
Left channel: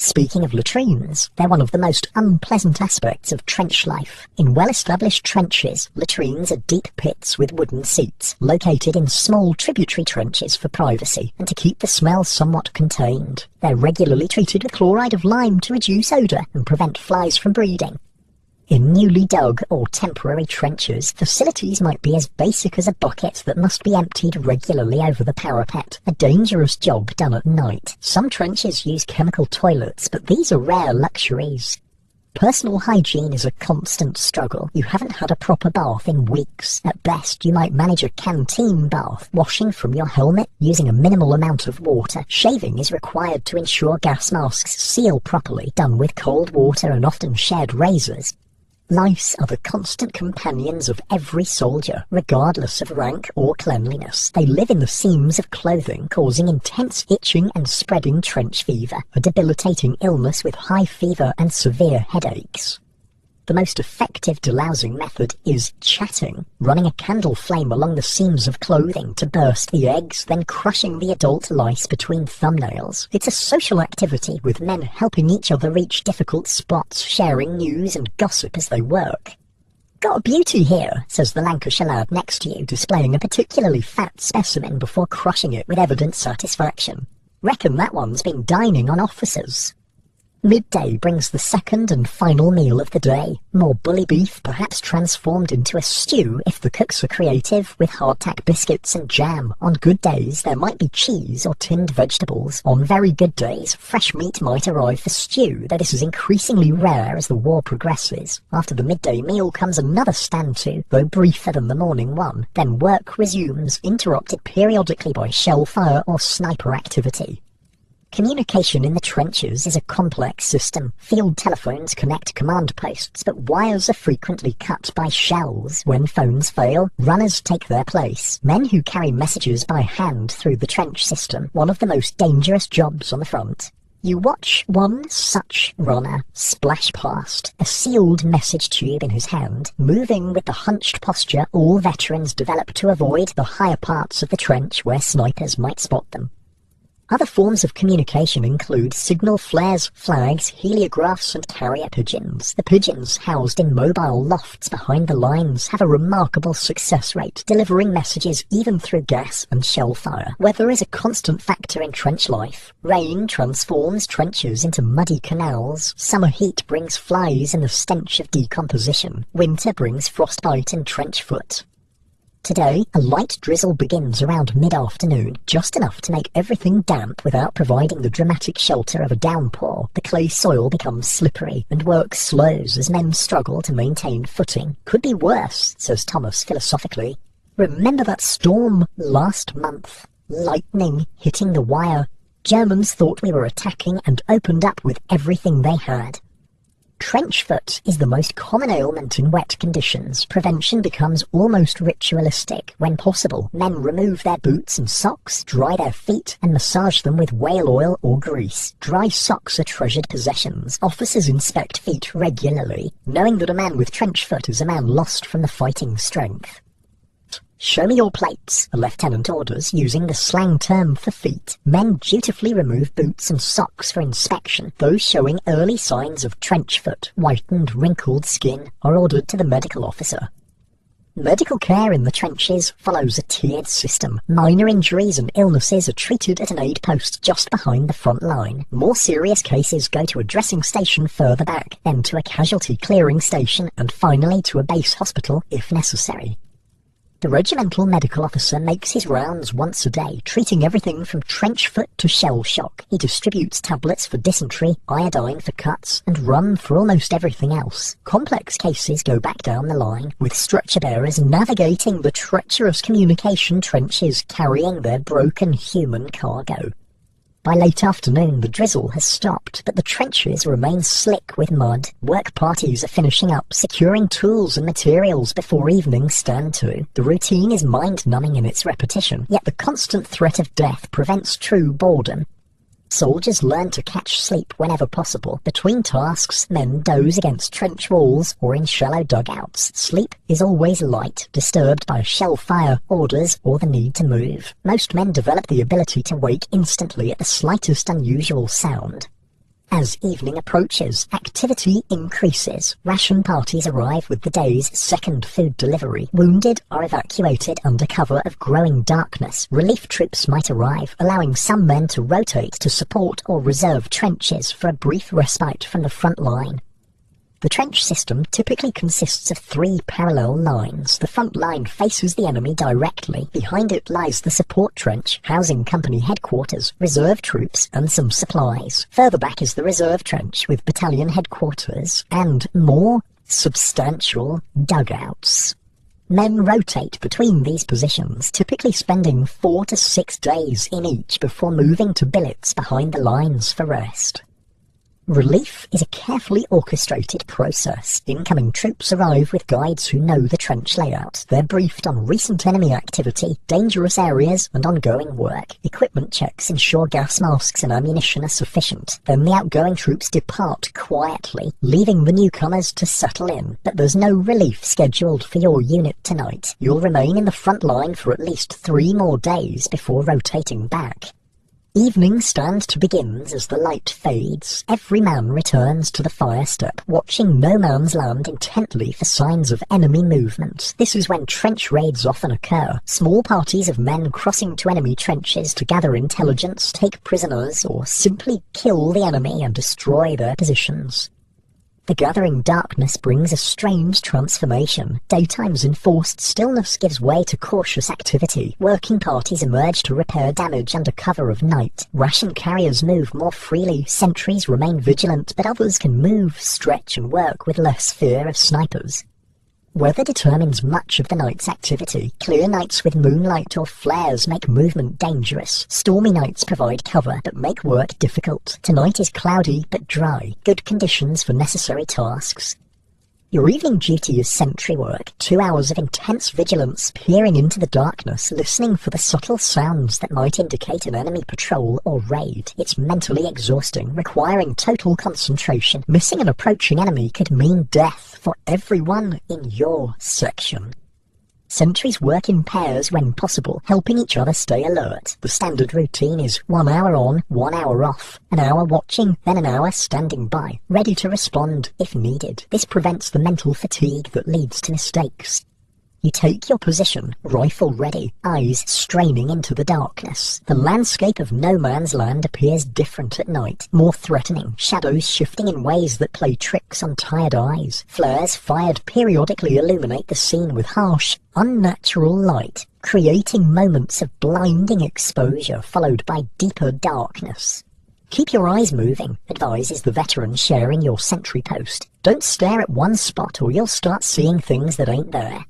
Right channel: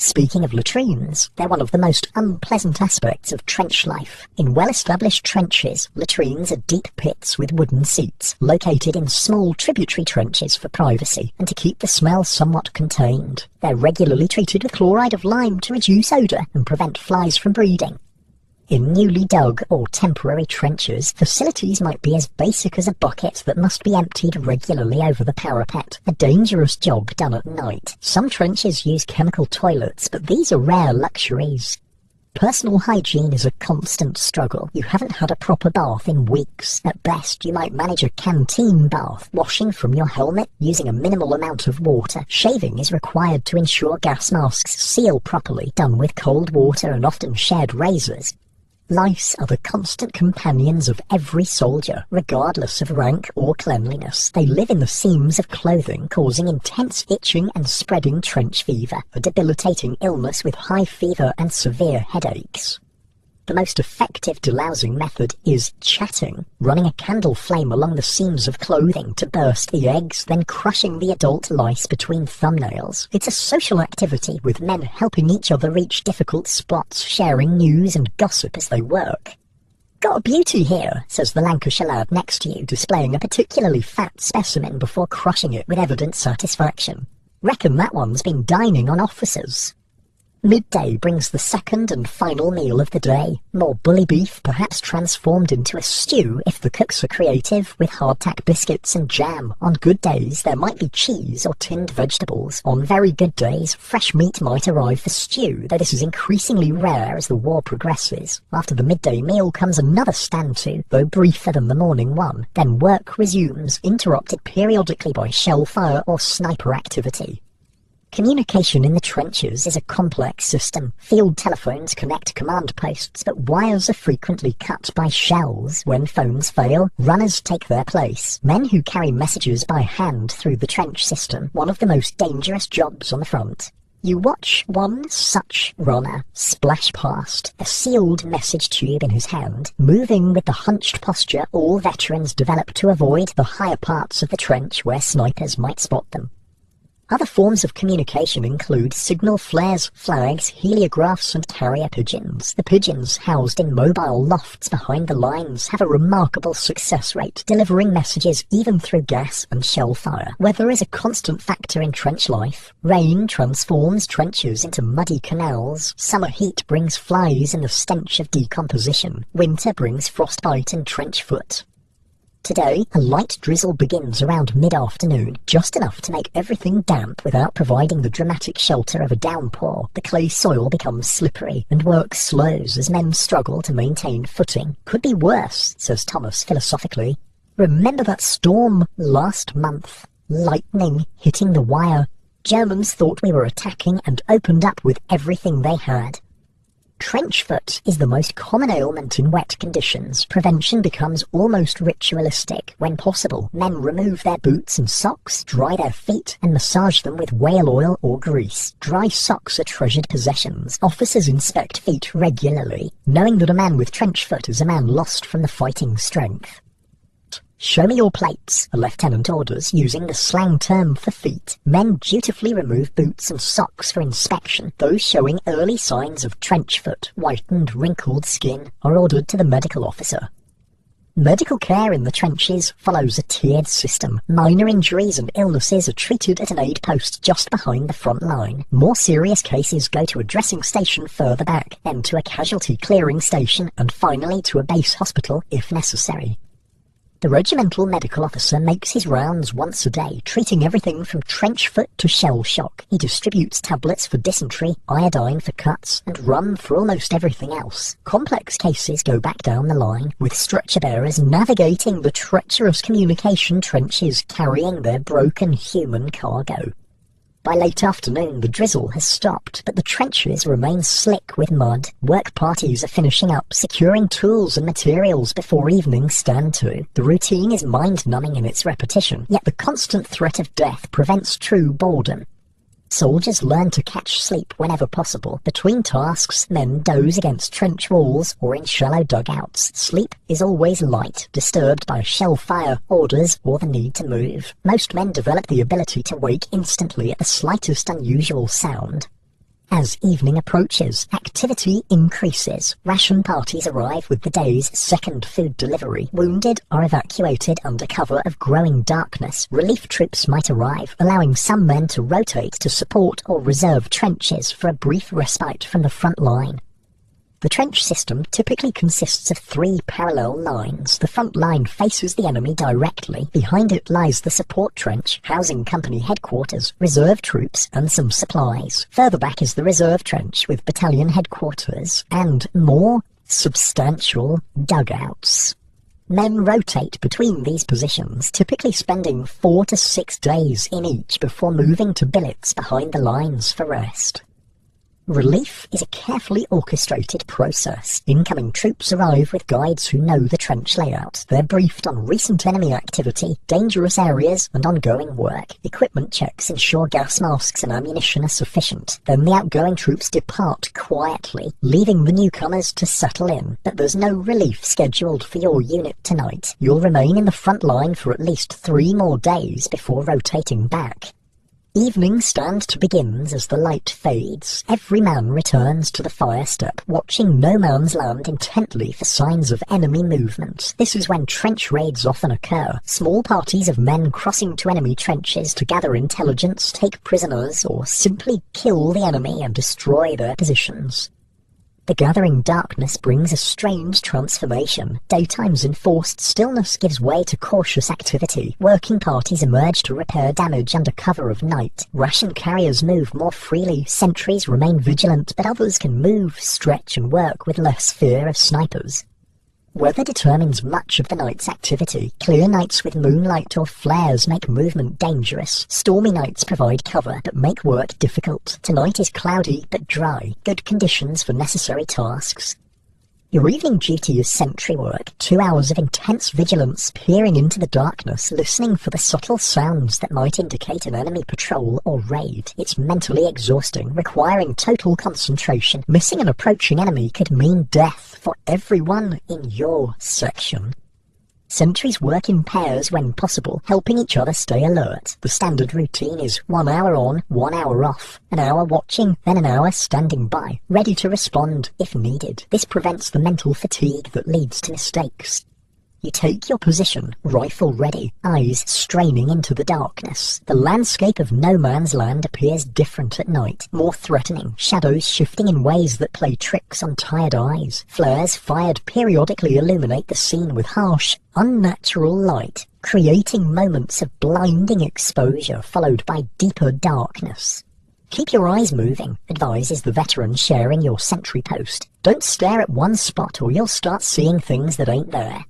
Speaking of latrines, they're one of the most unpleasant aspects of trench life. In well-established trenches, latrines are deep pits with wooden seats, located in small tributary trenches for privacy, and to keep the smell somewhat contained. They're regularly treated with chloride of lime to reduce odour and prevent flies from breeding. In newly dug or temporary trenches, facilities might be as basic as a bucket that must be emptied regularly over the parapet, a dangerous job done at night. Some trenches use chemical toilets, but these are rare luxuries. Personal hygiene is a constant struggle. You haven't had a proper bath in weeks. At best, you might manage a canteen bath, washing from your helmet using a minimal amount of water. Shaving is required to ensure gas masks seal properly, done with cold water and often shared razors. Lice are the constant companions of every soldier, regardless of rank or cleanliness. They live in the seams of clothing, causing intense itching and spreading trench fever, a debilitating illness with high fever and severe headaches. The most effective delousing method is chatting, running a candle flame along the seams of clothing to burst the eggs, then crushing the adult lice between thumbnails. It's a social activity, with men helping each other reach difficult spots, sharing news and gossip as they work. "Got a beauty here," says the Lancashire lad next to you, displaying a particularly fat specimen before crushing it with evident satisfaction. "Reckon that one's been dining on officers." Midday brings the second and final meal of the day. More bully beef, perhaps transformed into a stew if the cooks are creative, with hardtack biscuits and jam. On good days, there might be cheese or tinned vegetables. On very good days, fresh meat might arrive for stew, though this is increasingly rare as the war progresses. After the midday meal comes another stand-to, though briefer than the morning one. Then work resumes, interrupted periodically by shell fire or sniper activity. Communication in the trenches is a complex system. Field telephones connect command posts, but wires are frequently cut by shells. When phones fail, runners take their place. Men who carry messages by hand through the trench system, one of the most dangerous jobs on the front. You watch one such runner splash past, a sealed message tube in his hand, moving with the hunched posture all veterans develop to avoid the higher parts of the trench where snipers might spot them. Other forms of communication include signal flares, flags, heliographs and carrier pigeons. The pigeons, housed in mobile lofts behind the lines, have a remarkable success rate, delivering messages even through gas and shell fire. Weather is a constant factor in trench life. Rain transforms trenches into muddy canals. Summer heat brings flies and the stench of decomposition. Winter brings frostbite and trench foot. Today, a light drizzle begins around mid-afternoon, just enough to make everything damp without providing the dramatic shelter of a downpour. The clay soil becomes slippery, and work slows as men struggle to maintain footing. Could be worse, says Thomas philosophically. Remember that storm last month? Lightning hitting the wire. Germans thought we were attacking and opened up with everything they had. Trench foot is the most common ailment in wet conditions. Prevention becomes almost ritualistic. When possible, men remove their boots and socks, dry their feet, and massage them with whale oil or grease. Dry socks are treasured possessions. Officers inspect feet regularly, knowing that a man with trench foot is a man lost from the fighting strength. Show me your plates, a lieutenant orders, using the slang term for feet. Men dutifully remove boots and socks for inspection. Those showing early signs of trench foot, whitened, wrinkled skin, are ordered to the medical officer. Medical care in the trenches follows a tiered system. Minor injuries and illnesses are treated at an aid post just behind the front line. More serious cases go to a dressing station further back, then to a casualty clearing station, and finally to a base hospital if necessary. The regimental medical officer makes his rounds once a day, treating everything from trench foot to shell shock. He distributes tablets for dysentery, iodine for cuts, and rum for almost everything else. Complex cases go back down the line, with stretcher bearers navigating the treacherous communication trenches, carrying their broken human cargo. By late afternoon, the drizzle has stopped, but the trenches remain slick with mud. Work parties are finishing up, securing tools and materials before evening stand to. The routine is mind-numbing in its repetition, yet the constant threat of death prevents true boredom. Soldiers learn to catch sleep whenever possible. Between tasks, men doze against trench walls or in shallow dugouts. Sleep is always light, disturbed by shell fire, orders, or the need to move. Most men develop the ability to wake instantly at the slightest unusual sound. As evening approaches, activity increases. Ration parties arrive with the day's second food delivery. Wounded are evacuated under cover of growing darkness. Relief troops might arrive, allowing some men to rotate to support or reserve trenches for a brief respite from the front line. The trench system typically consists of 3 parallel lines. The front line faces the enemy directly. Behind it lies the support trench, housing company headquarters, reserve troops, and some supplies. Further back is the reserve trench, with battalion headquarters, and more substantial dugouts. Men rotate between these positions, typically spending 4 to 6 days in each before moving to billets behind the lines for rest. Relief is a carefully orchestrated process. Incoming troops arrive with guides who know the trench layout. They're briefed on recent enemy activity, dangerous areas, and ongoing work. Equipment checks ensure gas masks and ammunition are sufficient. Then the outgoing troops depart quietly, leaving the newcomers to settle in. But there's no relief scheduled for your unit tonight. You'll remain in the front line for at least 3 more days before rotating back. Evening stands to begin as the light fades. Every man returns to the fire step, watching no man's land intently for signs of enemy movement. This is when trench raids often occur. Small parties of men crossing to enemy trenches to gather intelligence, take prisoners, or simply kill the enemy and destroy their positions. The gathering darkness brings a strange transformation. Daytime's enforced stillness gives way to cautious activity. Working parties emerge to repair damage under cover of night. Ration carriers move more freely. Sentries remain vigilant, but others can move, stretch, and work with less fear of snipers. Weather determines much of the night's activity. Clear nights with moonlight or flares make movement dangerous. Stormy nights provide cover, but make work difficult. Tonight is cloudy but dry. Good conditions for necessary tasks. Your evening duty is sentry work. 2 hours of intense vigilance, peering into the darkness, listening for the subtle sounds that might indicate an enemy patrol or raid. It's mentally exhausting, requiring total concentration. Missing an approaching enemy could mean death for everyone in your section. Sentries work in pairs when possible, helping each other stay alert. The standard routine is 1 hour on, 1 hour off. An hour watching, then an hour standing by, ready to respond if needed. This prevents the mental fatigue that leads to mistakes. You take your position, rifle ready, eyes straining into the darkness. The landscape of no man's land appears different at night, more threatening, shadows shifting in ways that play tricks on tired eyes. Flares fired periodically illuminate the scene with harsh, unnatural light, creating moments of blinding exposure followed by deeper darkness. Keep your eyes moving, advises the veteran sharing your sentry post. Don't stare at one spot or you'll start seeing things that ain't there.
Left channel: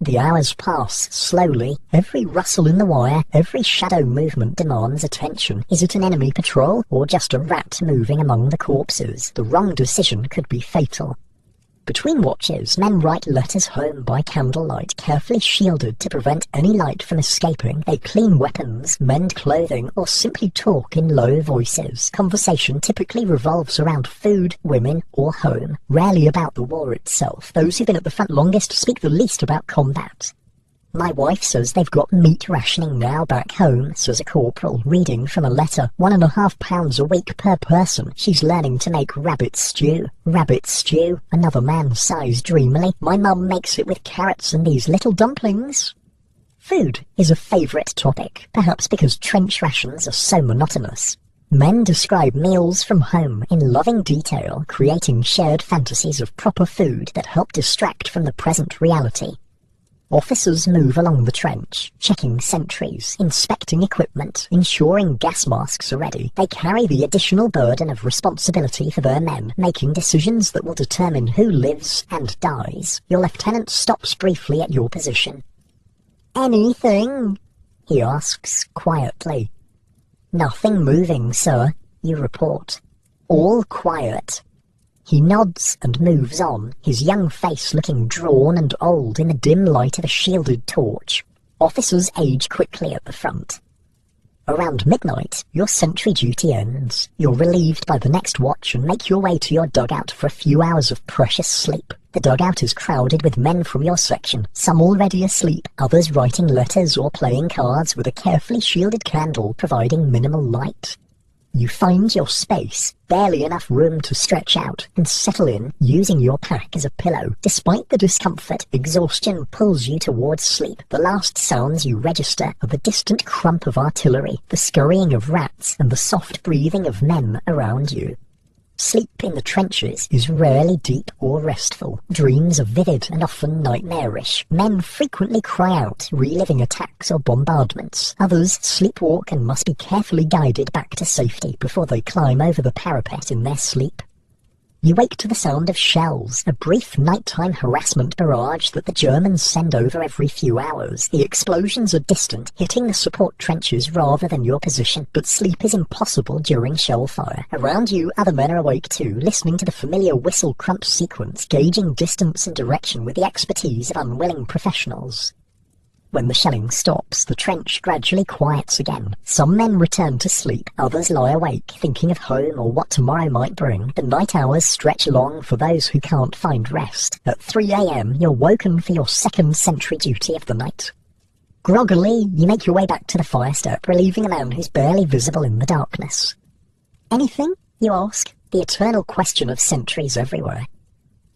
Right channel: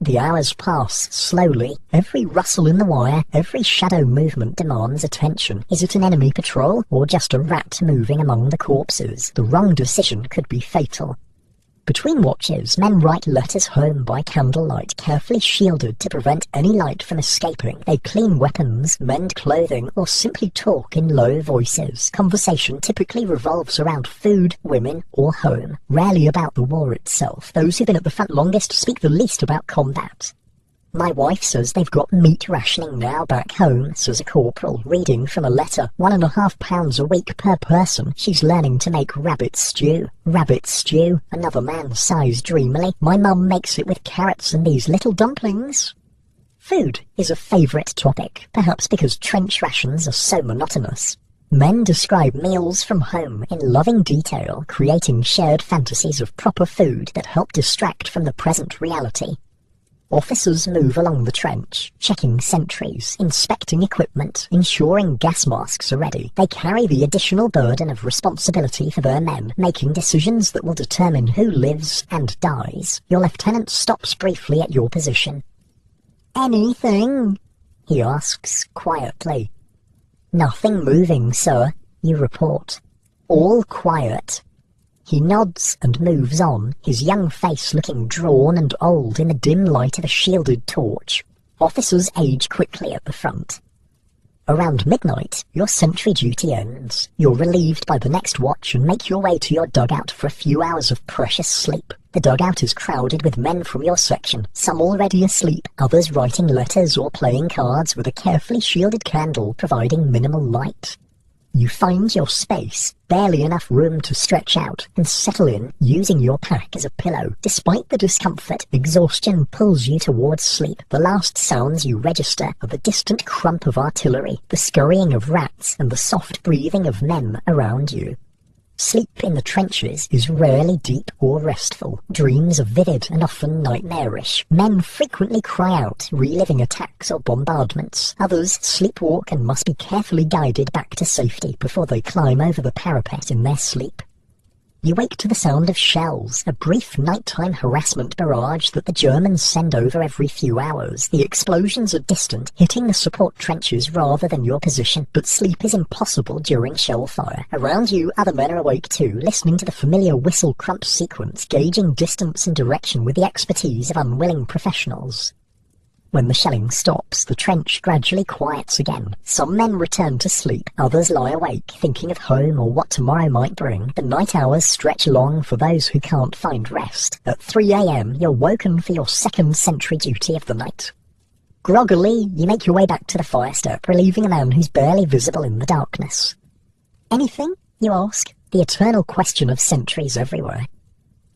The hours pass slowly. Every rustle in the wire, every shadow movement demands attention. Is it an enemy patrol or just a rat moving among the corpses? The wrong decision could be fatal. Between watches, men write letters home by candlelight, carefully shielded to prevent any light from escaping. They clean weapons, mend clothing, or simply talk in low voices. Conversation typically revolves around food, women, or home, rarely about the war itself. Those who've been at the front longest speak the least about combat. My wife says they've got meat rationing now back home, says a corporal, reading from a letter. 1.5 pounds a week per person. She's learning to make rabbit stew. Rabbit stew, another man sighs dreamily. My mum makes it with carrots and these little dumplings. Food is a favourite topic, perhaps because trench rations are so monotonous. Men describe meals from home in loving detail, creating shared fantasies of proper food that help distract from the present reality. Officers move along the trench, checking sentries, inspecting equipment, ensuring gas masks are ready. They carry the additional burden of responsibility for their men, making decisions that will determine who lives and dies. Your lieutenant stops briefly at your position. "Anything?" he asks quietly. "Nothing moving, sir," you report. "All quiet." He nods and moves on, his young face looking drawn and old in the dim light of a shielded torch. Officers age quickly at the front. Around midnight, your sentry duty ends. You're relieved by the next watch and make your way to your dugout for a few hours of precious sleep. The dugout is crowded with men from your section, some already asleep, others writing letters or playing cards with a carefully shielded candle providing minimal light. You find your space, barely enough room to stretch out, and settle in, using your pack as a pillow. Despite the discomfort, exhaustion pulls you towards sleep. The last sounds you register are the distant crump of artillery, the scurrying of rats, and the soft breathing of men around you. Sleep in the trenches is rarely deep or restful. Dreams are vivid and often nightmarish. Men frequently cry out, reliving attacks or bombardments. Others sleepwalk and must be carefully guided back to safety before they climb over the parapet in their sleep. You wake to the sound of shells, a brief nighttime harassment barrage that the Germans send over every few hours. The explosions are distant, hitting the support trenches rather than your position, but sleep is impossible during shell fire. Around you, other men are awake too, listening to the familiar whistle crump sequence, gauging distance and direction with the expertise of unwilling professionals. When the shelling stops, the trench gradually quiets again. Some men return to sleep, others lie awake, thinking of home or what tomorrow might bring. The night hours stretch long for those who can't find rest. At 3 a.m, you're woken for your second sentry duty of the night. Groggily, you make your way back to the fire step, relieving a man who's barely visible in the darkness. Anything? You ask, the eternal question of sentries everywhere.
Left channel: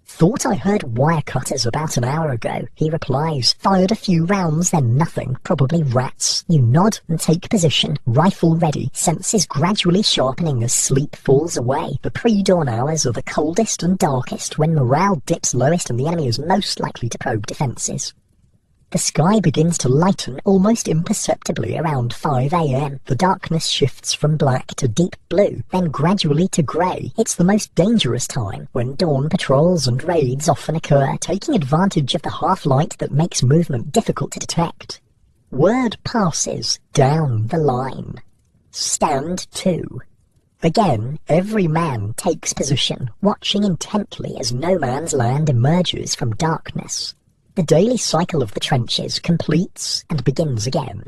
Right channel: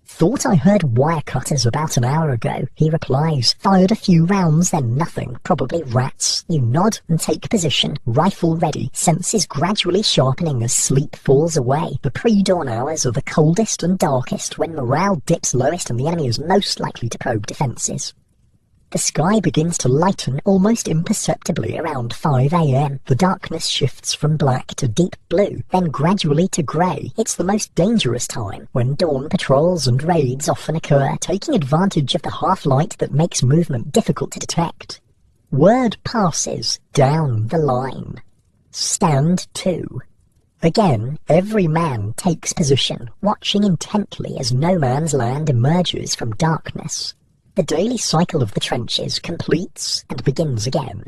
Thought I heard wire cutters about an hour ago, he replies. Fired a few rounds, then nothing. Probably rats. You nod and take position, rifle ready, senses gradually sharpening as sleep falls away. The pre-dawn hours are the coldest and darkest, when morale dips lowest and the enemy is most likely to probe defences. The sky begins to lighten almost imperceptibly around 5 a.m. The darkness shifts from black to deep blue, then gradually to grey. It's the most dangerous time, when dawn patrols and raids often occur, taking advantage of the half-light that makes movement difficult to detect. Word passes down the line. Stand to. Again, every man takes position, watching intently as no man's land emerges from darkness. The daily cycle of the trenches completes and begins again.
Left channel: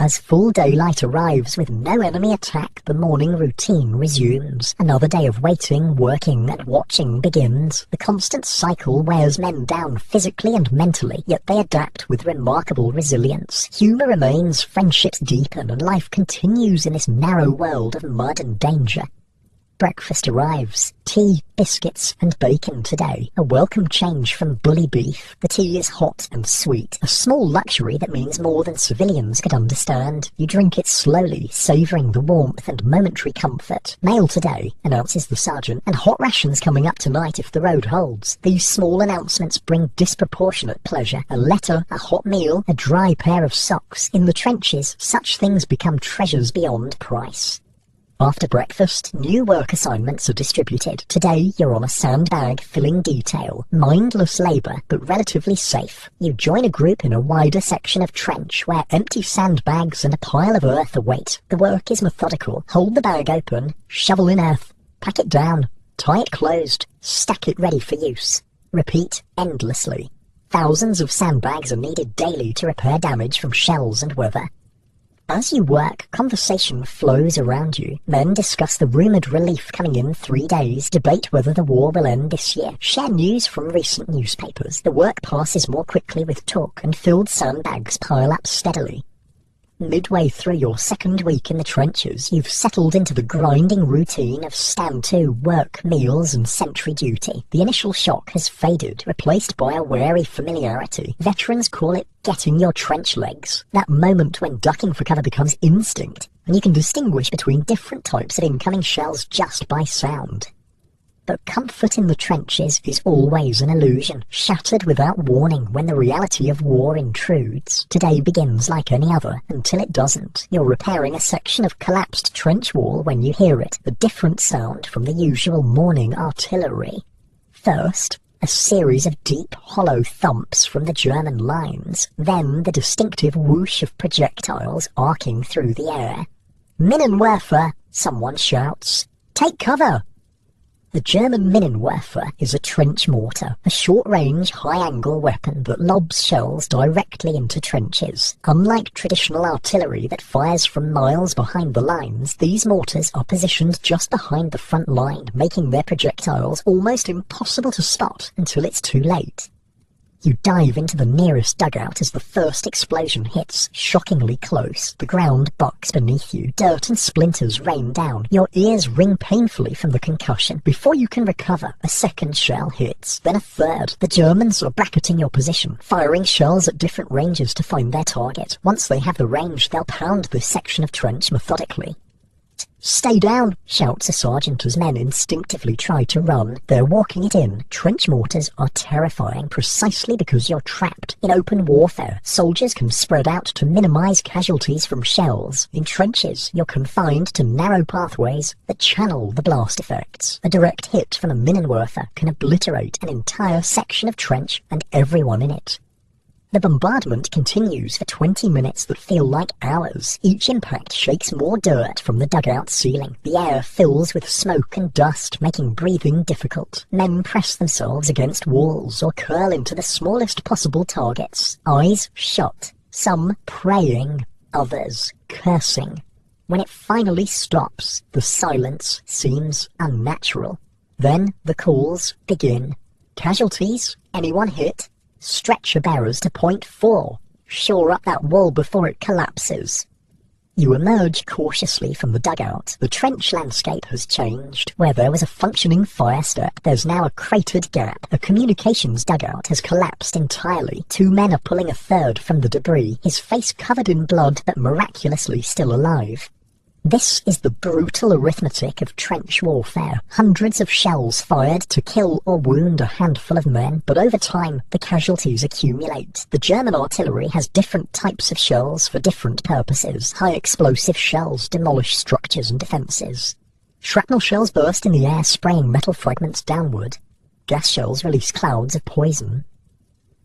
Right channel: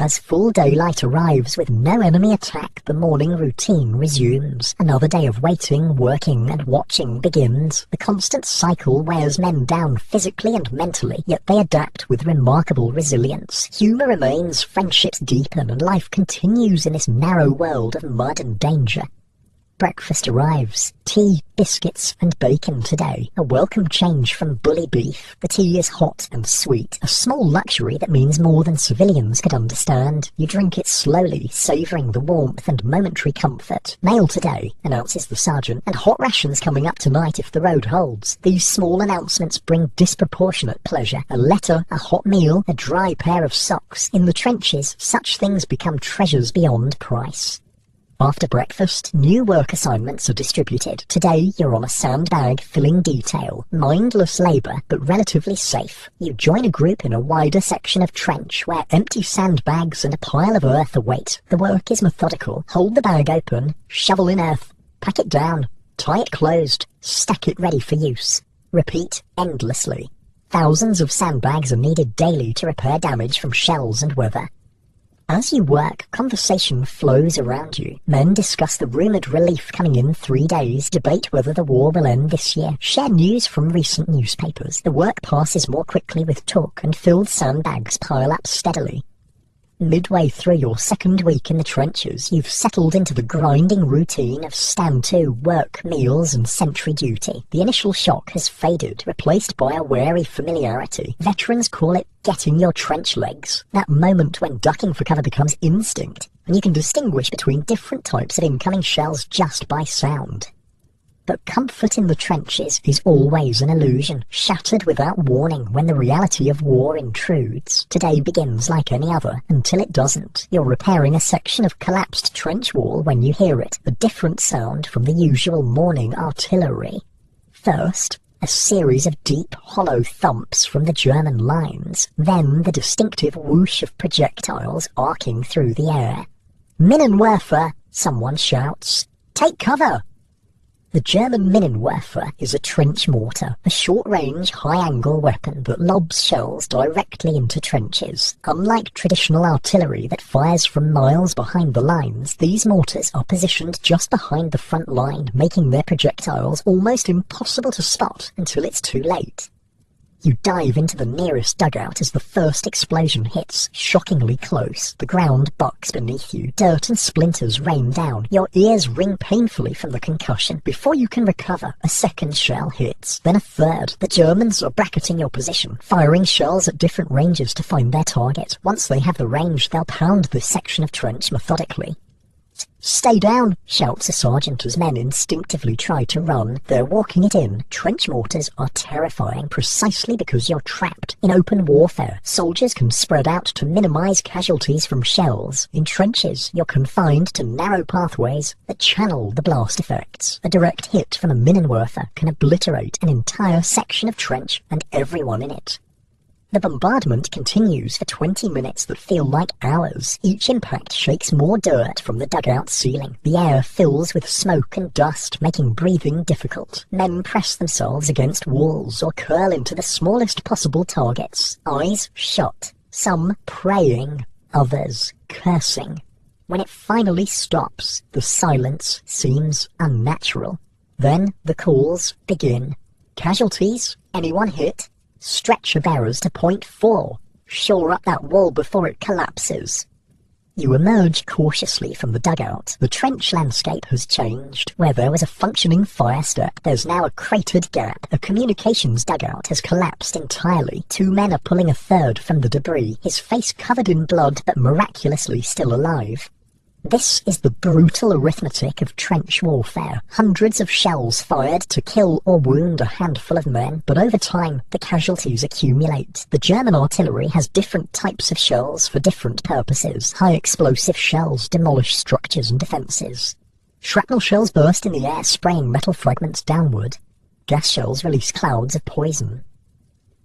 As full daylight arrives with no enemy attack, the morning routine resumes. Another day of waiting, working and watching begins. The constant cycle wears men down physically and mentally, yet they adapt with remarkable resilience. Humour remains, friendships deepen, and life continues in this narrow world of mud and danger. Breakfast arrives. Tea, biscuits and bacon today. A welcome change from bully beef. The tea is hot and sweet, a small luxury that means more than civilians could understand. You drink it slowly, savouring the warmth and momentary comfort. Mail today, announces the sergeant, and hot rations coming up tonight if the road holds. These small announcements bring disproportionate pleasure. A letter, a hot meal, a dry pair of socks. In the trenches, such things become treasures beyond price. After breakfast, new work assignments are distributed. Today, you're on a sandbag filling detail. Mindless labour, but relatively safe. You join a group in a wider section of trench where empty sandbags and a pile of earth await. The work is methodical. Hold the bag open, shovel in earth, pack it down, tie it closed, stack it ready for use. Repeat endlessly. Thousands of sandbags are needed daily to repair damage from shells and weather. As you work, conversation flows around you. Men discuss the rumoured relief coming in 3 days, debate whether the war will end this year, share news from recent newspapers. The work passes more quickly with talk, and filled sandbags pile up steadily. Midway through your second week in the trenches, you've settled into the grinding routine of stand-to, work, meals and sentry duty. The initial shock has faded, replaced by a wary familiarity. Veterans call it getting your trench legs. That moment when ducking for cover becomes instinct, and you can distinguish between different types of incoming shells just by sound. But comfort in the trenches is always an illusion, shattered without warning when the reality of war intrudes. Today begins like any other, until it doesn't. You're repairing a section of collapsed trench wall when you hear it, a different sound from the usual morning artillery. First, a series of deep, hollow thumps from the German lines, then the distinctive whoosh of projectiles arcing through the air. "Minenwerfer!" someone shouts. "Take cover!" The German Minenwerfer is a trench mortar, a short-range, high-angle weapon that lobs shells directly into trenches. Unlike traditional artillery that fires from miles behind the lines, these mortars are positioned just behind the front line, making their projectiles almost impossible to spot until it's too late. You dive into the nearest dugout as the first explosion hits, shockingly close. The ground bucks beneath you, dirt and splinters rain down. Your ears ring painfully from the concussion. Before you can recover, a second shell hits, then a third. The Germans are bracketing your position, firing shells at different ranges to find their target. Once they have the range, they'll pound this section of trench methodically. "Stay down," shouts a sergeant as men instinctively try to run. They're walking it in. Trench mortars are terrifying precisely because you're trapped. In open warfare, soldiers can spread out to minimize casualties from shells. In trenches, you're confined to narrow pathways that channel the blast effects. A direct hit from a Minenwerfer can obliterate an entire section of trench and everyone in it. The bombardment continues for 20 minutes that feel like hours. Each impact shakes more dirt from the dugout ceiling. The air fills with smoke and dust, making breathing difficult. Men press themselves against walls or curl into the smallest possible targets. Eyes shut, some praying, others cursing. When it finally stops, the silence seems unnatural. Then the calls begin. Casualties? Anyone hit? Stretcher bearers to point 4. Shore up that wall before it collapses. You emerge cautiously from the dugout. The trench landscape has changed. Where there was a functioning fire step, there's now a cratered gap. A communications dugout has collapsed entirely. 2 men are pulling a third from the debris, his face covered in blood but miraculously still alive. This is the brutal arithmetic of trench warfare. Hundreds of shells fired to kill or wound a handful of men, but over time the casualties accumulate. The German artillery has different types of shells for different purposes. High explosive shells demolish structures and defences. Shrapnel shells burst in the air, spraying metal fragments downward. Gas shells release clouds of poison.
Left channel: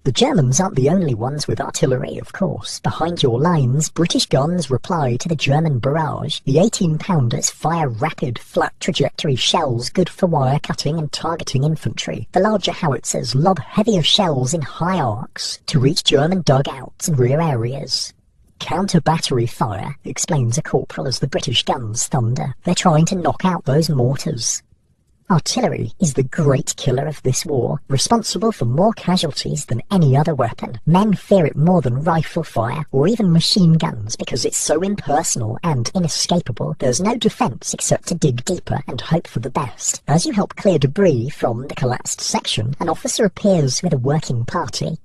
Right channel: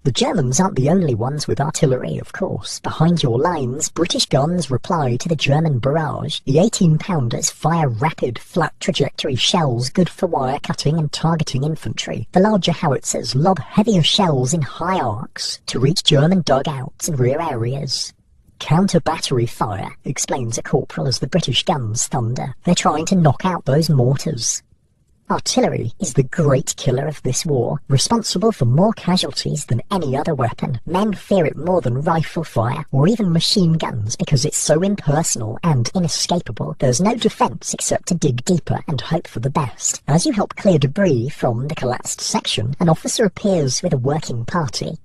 The Germans aren't the only ones with artillery, of course. Behind your lines, British guns reply to the German barrage. The 18-pounders fire rapid, flat trajectory shells good for wire cutting and targeting infantry. The larger howitzers lob heavier shells in high arcs to reach German dugouts and rear areas. Counter-battery fire, explains a corporal as the British guns thunder. They're trying to knock out those mortars. Artillery is the great killer of this war, responsible for more casualties than any other weapon. Men fear it more than rifle fire, or even machine guns, because it's so impersonal and inescapable. There's no defence except to dig deeper and hope for the best. As you help clear debris from the collapsed section, an officer appears with a working party.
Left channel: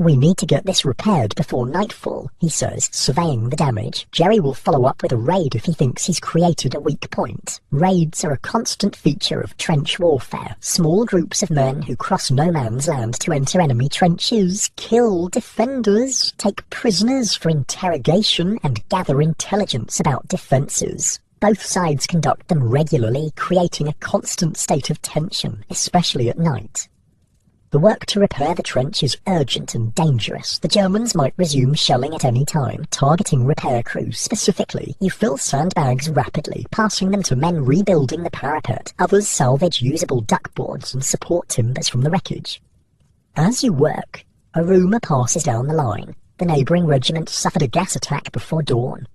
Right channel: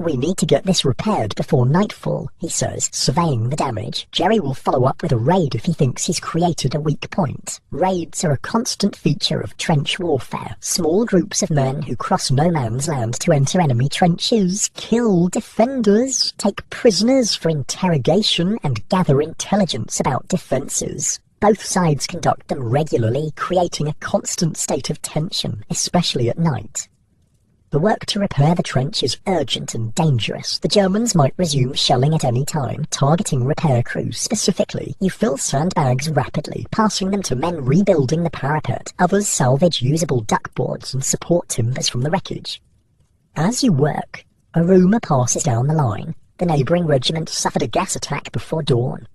"We need to get this repaired before nightfall," he says, surveying the damage. Jerry will follow up with a raid if he thinks he's created a weak point. Raids are a constant feature of trench warfare. Small groups of men who cross no man's land to enter enemy trenches, kill defenders, take prisoners for interrogation, and gather intelligence about defences. Both sides conduct them regularly, creating a constant state of tension, especially at night. The work to repair the trench is urgent and dangerous. The Germans might resume shelling at any time, targeting repair crews specifically. You fill sandbags rapidly, passing them to men rebuilding the parapet. Others salvage usable duckboards and support timbers from the wreckage. As you work, a rumour passes down the line. The neighbouring regiment suffered a gas attack before dawn.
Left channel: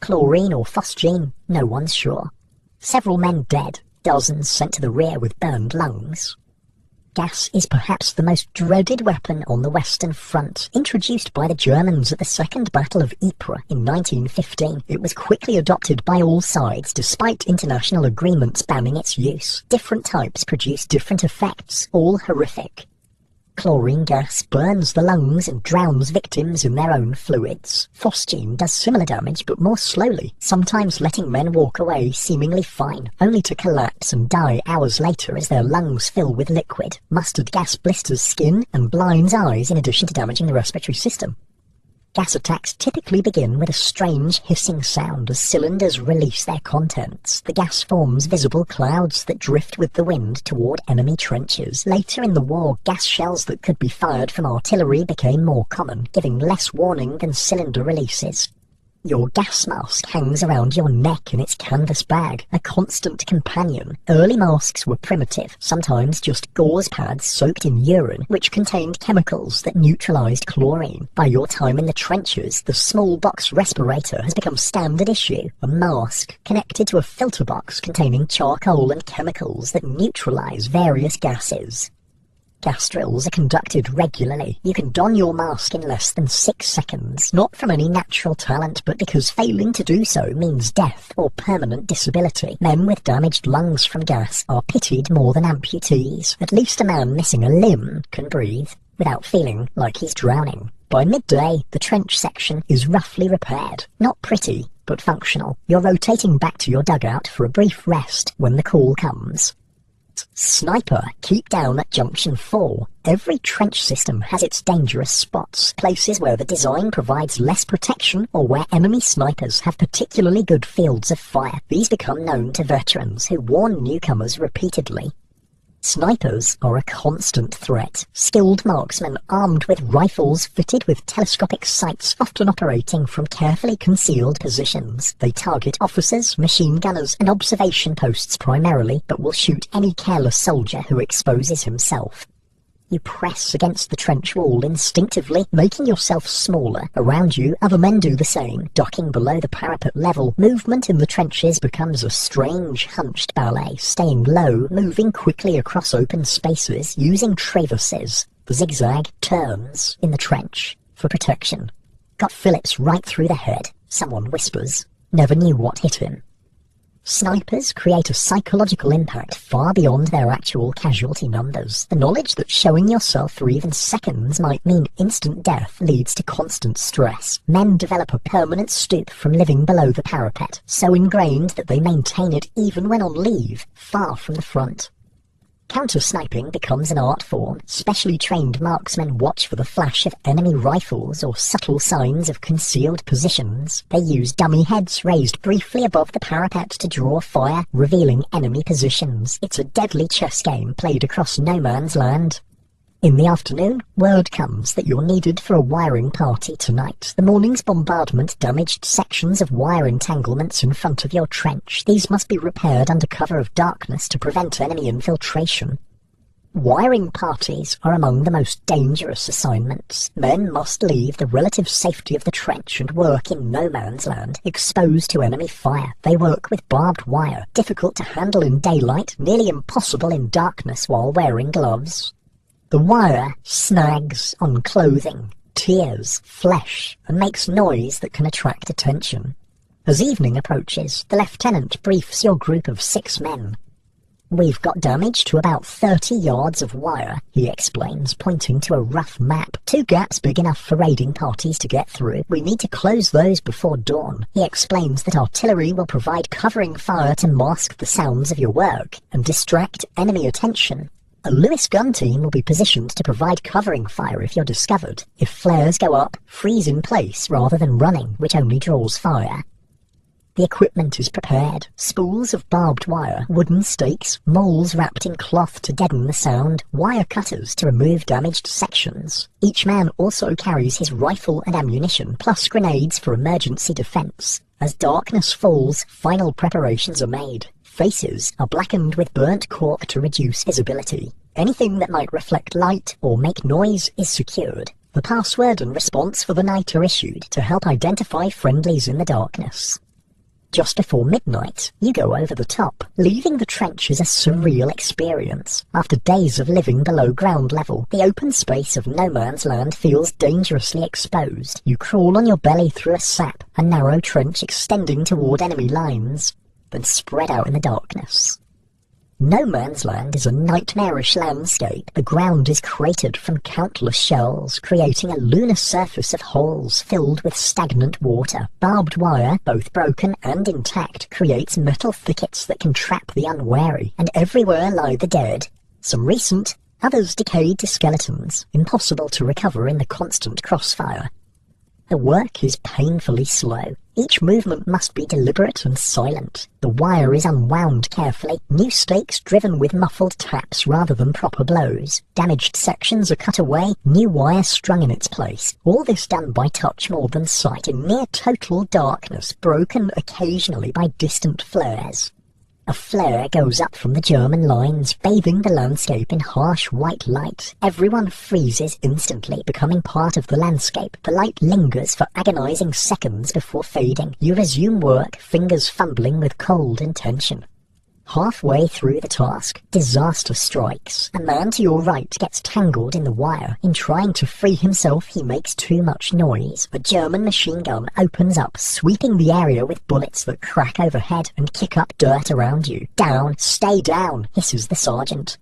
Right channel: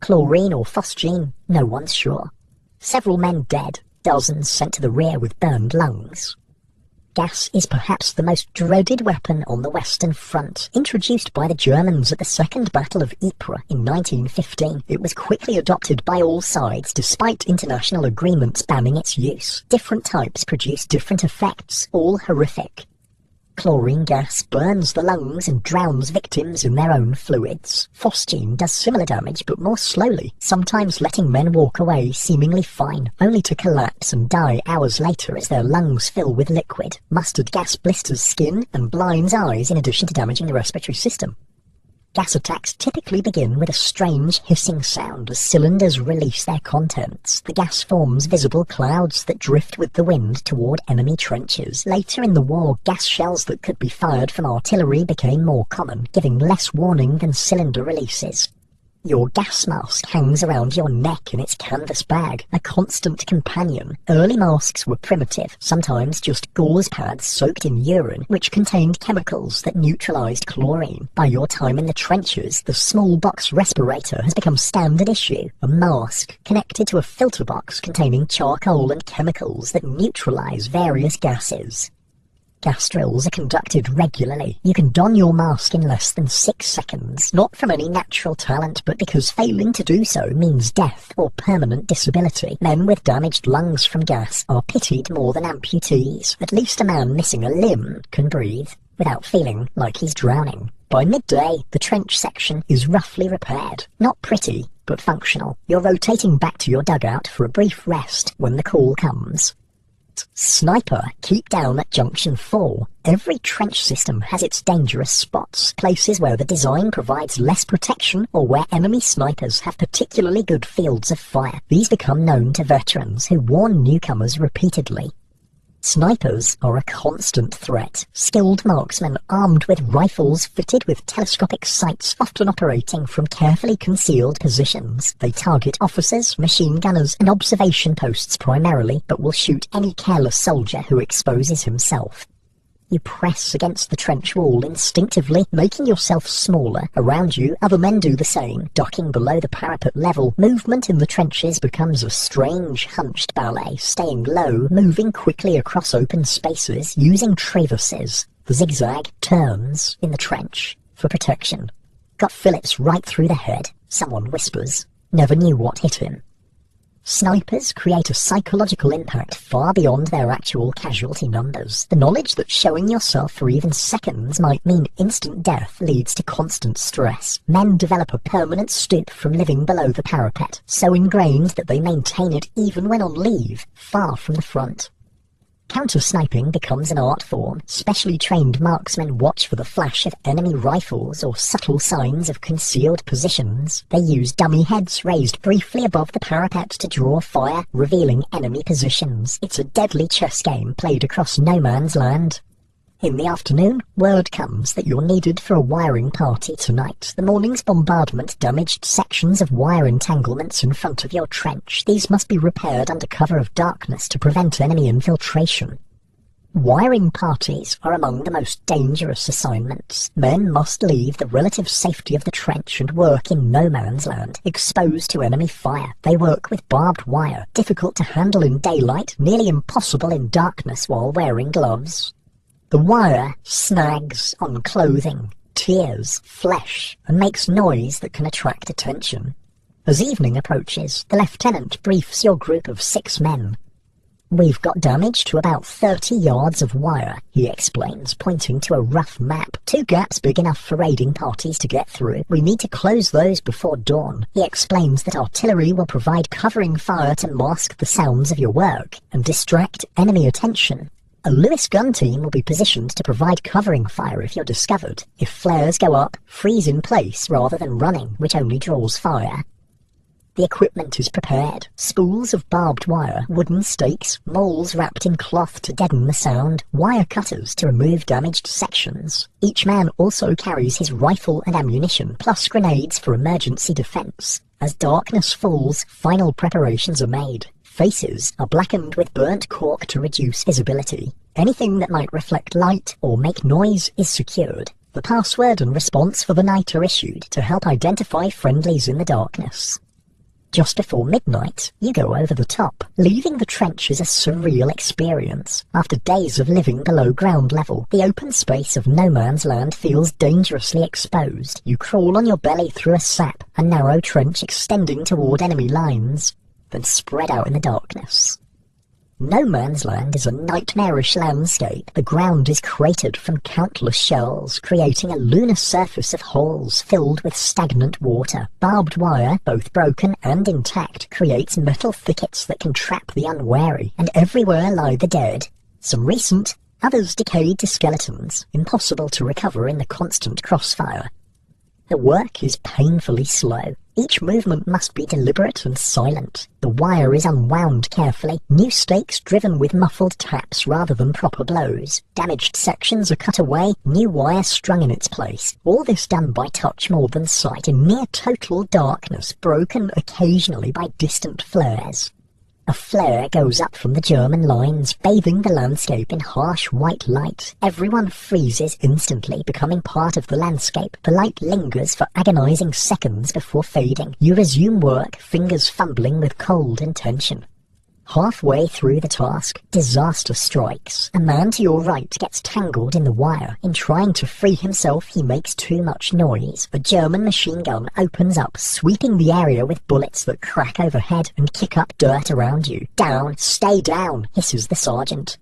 Chlorine or phosgene, no one's sure. Several men dead, dozens sent to the rear with burned lungs. Gas is perhaps the most dreaded weapon on the Western Front. Introduced by the Germans at the Second Battle of Ypres in 1915, it was quickly adopted by all sides despite international agreements banning its use. Different types produce different effects, all horrific. Chlorine gas burns the lungs and drowns victims in their own fluids. Phosgene does similar damage, but more slowly, sometimes letting men walk away seemingly fine, only to collapse and die hours later as their lungs fill with liquid. Mustard gas blisters skin and blinds eyes in addition to damaging the respiratory system. Gas attacks typically begin with a strange hissing sound as cylinders release their contents. The gas forms visible clouds that drift with the wind toward enemy trenches. Later in the war, gas shells that could be fired from artillery became more common, giving less warning than cylinder releases. Your gas mask hangs around your neck in its canvas bag, a constant companion. Early masks were primitive, sometimes just gauze pads soaked in urine, which contained chemicals that neutralized chlorine. By your time in the trenches, the small box respirator has become standard issue, a mask connected to a filter box containing charcoal and chemicals that neutralize various gases. Gas drills are conducted regularly. You can don your mask in less than 6 seconds, not from any natural talent, but because failing to do so means death or permanent disability. Men with damaged lungs from gas are pitied more than amputees. At least a man missing a limb can breathe without feeling like he's drowning. By midday, the trench section is roughly repaired. Not pretty, but functional. You're rotating back to your dugout for a brief rest when the call comes. Sniper, keep down at junction 4. Every trench system has its dangerous spots, places where the design provides less protection or where enemy snipers have particularly good fields of fire. These become known to veterans who warn newcomers repeatedly. Snipers are a constant threat. Skilled marksmen armed with rifles fitted with telescopic sights, often operating from carefully concealed positions. They target officers, machine gunners, and observation posts primarily, but will shoot any careless soldier who exposes himself. You press against the trench wall instinctively, making yourself smaller. Around you, other men do the same. Docking below the parapet level, movement in the trenches becomes a strange, hunched ballet, staying low, moving quickly across open spaces, using traverses. The zigzag turns in the trench for protection. Got Phillips right through the head, someone whispers. Never knew what hit him. Snipers create a psychological impact far beyond their actual casualty numbers. The knowledge that showing yourself for even seconds might mean instant death leads to constant stress. Men develop a permanent stoop from living below the parapet, so ingrained that they maintain it even when on leave, far from the front. Counter-sniping becomes an art form. Specially trained marksmen watch for the flash of enemy rifles or subtle signs of concealed positions. They use dummy heads raised briefly above the parapet to draw fire, revealing enemy positions. It's a deadly chess game played across no man's land. In the afternoon, word comes that you're needed for a wiring party tonight. The morning's bombardment damaged sections of wire entanglements in front of your trench. These must be repaired under cover of darkness to prevent enemy infiltration. Wiring parties are among the most dangerous assignments. Men must leave the relative safety of the trench and work in no man's land, exposed to enemy fire. They work with barbed wire, difficult to handle in daylight, nearly impossible in darkness while wearing gloves. The wire snags on clothing, tears, flesh, and makes noise that can attract attention. As evening approaches, the lieutenant briefs your group of 6 men. We've got damage to about 30 yards of wire, he explains, pointing to a rough map. 2 gaps big enough for raiding parties to get through. We need to close those before dawn. He explains that artillery will provide covering fire to mask the sounds of your work and distract enemy attention. A Lewis gun team will be positioned to provide covering fire if you're discovered. If flares go up, freeze in place rather than running, which only draws fire. The equipment is prepared. Spools of barbed wire, wooden stakes, mauls wrapped in cloth to deaden the sound, wire cutters to remove damaged sections. Each man also carries his rifle and ammunition, plus grenades for emergency defense. As darkness falls, final preparations are made. Faces are blackened with burnt cork to reduce visibility. Anything that might reflect light or make noise is secured. The password and response for the night are issued to help identify friendlies in the darkness. Just before midnight, you go over the top. Leaving the trench is a surreal experience. After days of living below ground level, the open space of no man's land feels dangerously exposed. You crawl on your belly through a sap, a narrow trench extending toward enemy lines, then spread out in the darkness. No man's land is a nightmarish landscape. The ground is cratered from countless shells, creating a lunar surface of holes filled with stagnant water. Barbed wire, both broken and intact, creates metal thickets that can trap the unwary, and everywhere lie the dead. Some recent, others decayed to skeletons, impossible to recover in the constant crossfire. The work is painfully slow. Each movement must be deliberate and silent. The wire is unwound carefully, new stakes driven with muffled taps rather than proper blows. Damaged sections are cut away, new wire strung in its place. All this done by touch more than sight, in near total darkness, broken occasionally by distant flares. A flare goes up from the German lines, bathing the landscape in harsh white light. Everyone freezes instantly, becoming part of the landscape. The light lingers for agonizing seconds before fading. You resume work, fingers fumbling with cold and tension. Halfway through the task, disaster strikes. A man to your right gets tangled in the wire. In trying to free himself, he makes too much noise. A German machine gun opens up, sweeping the area with bullets that crack overhead and kick up dirt around you. Down, stay down, hisses the sergeant.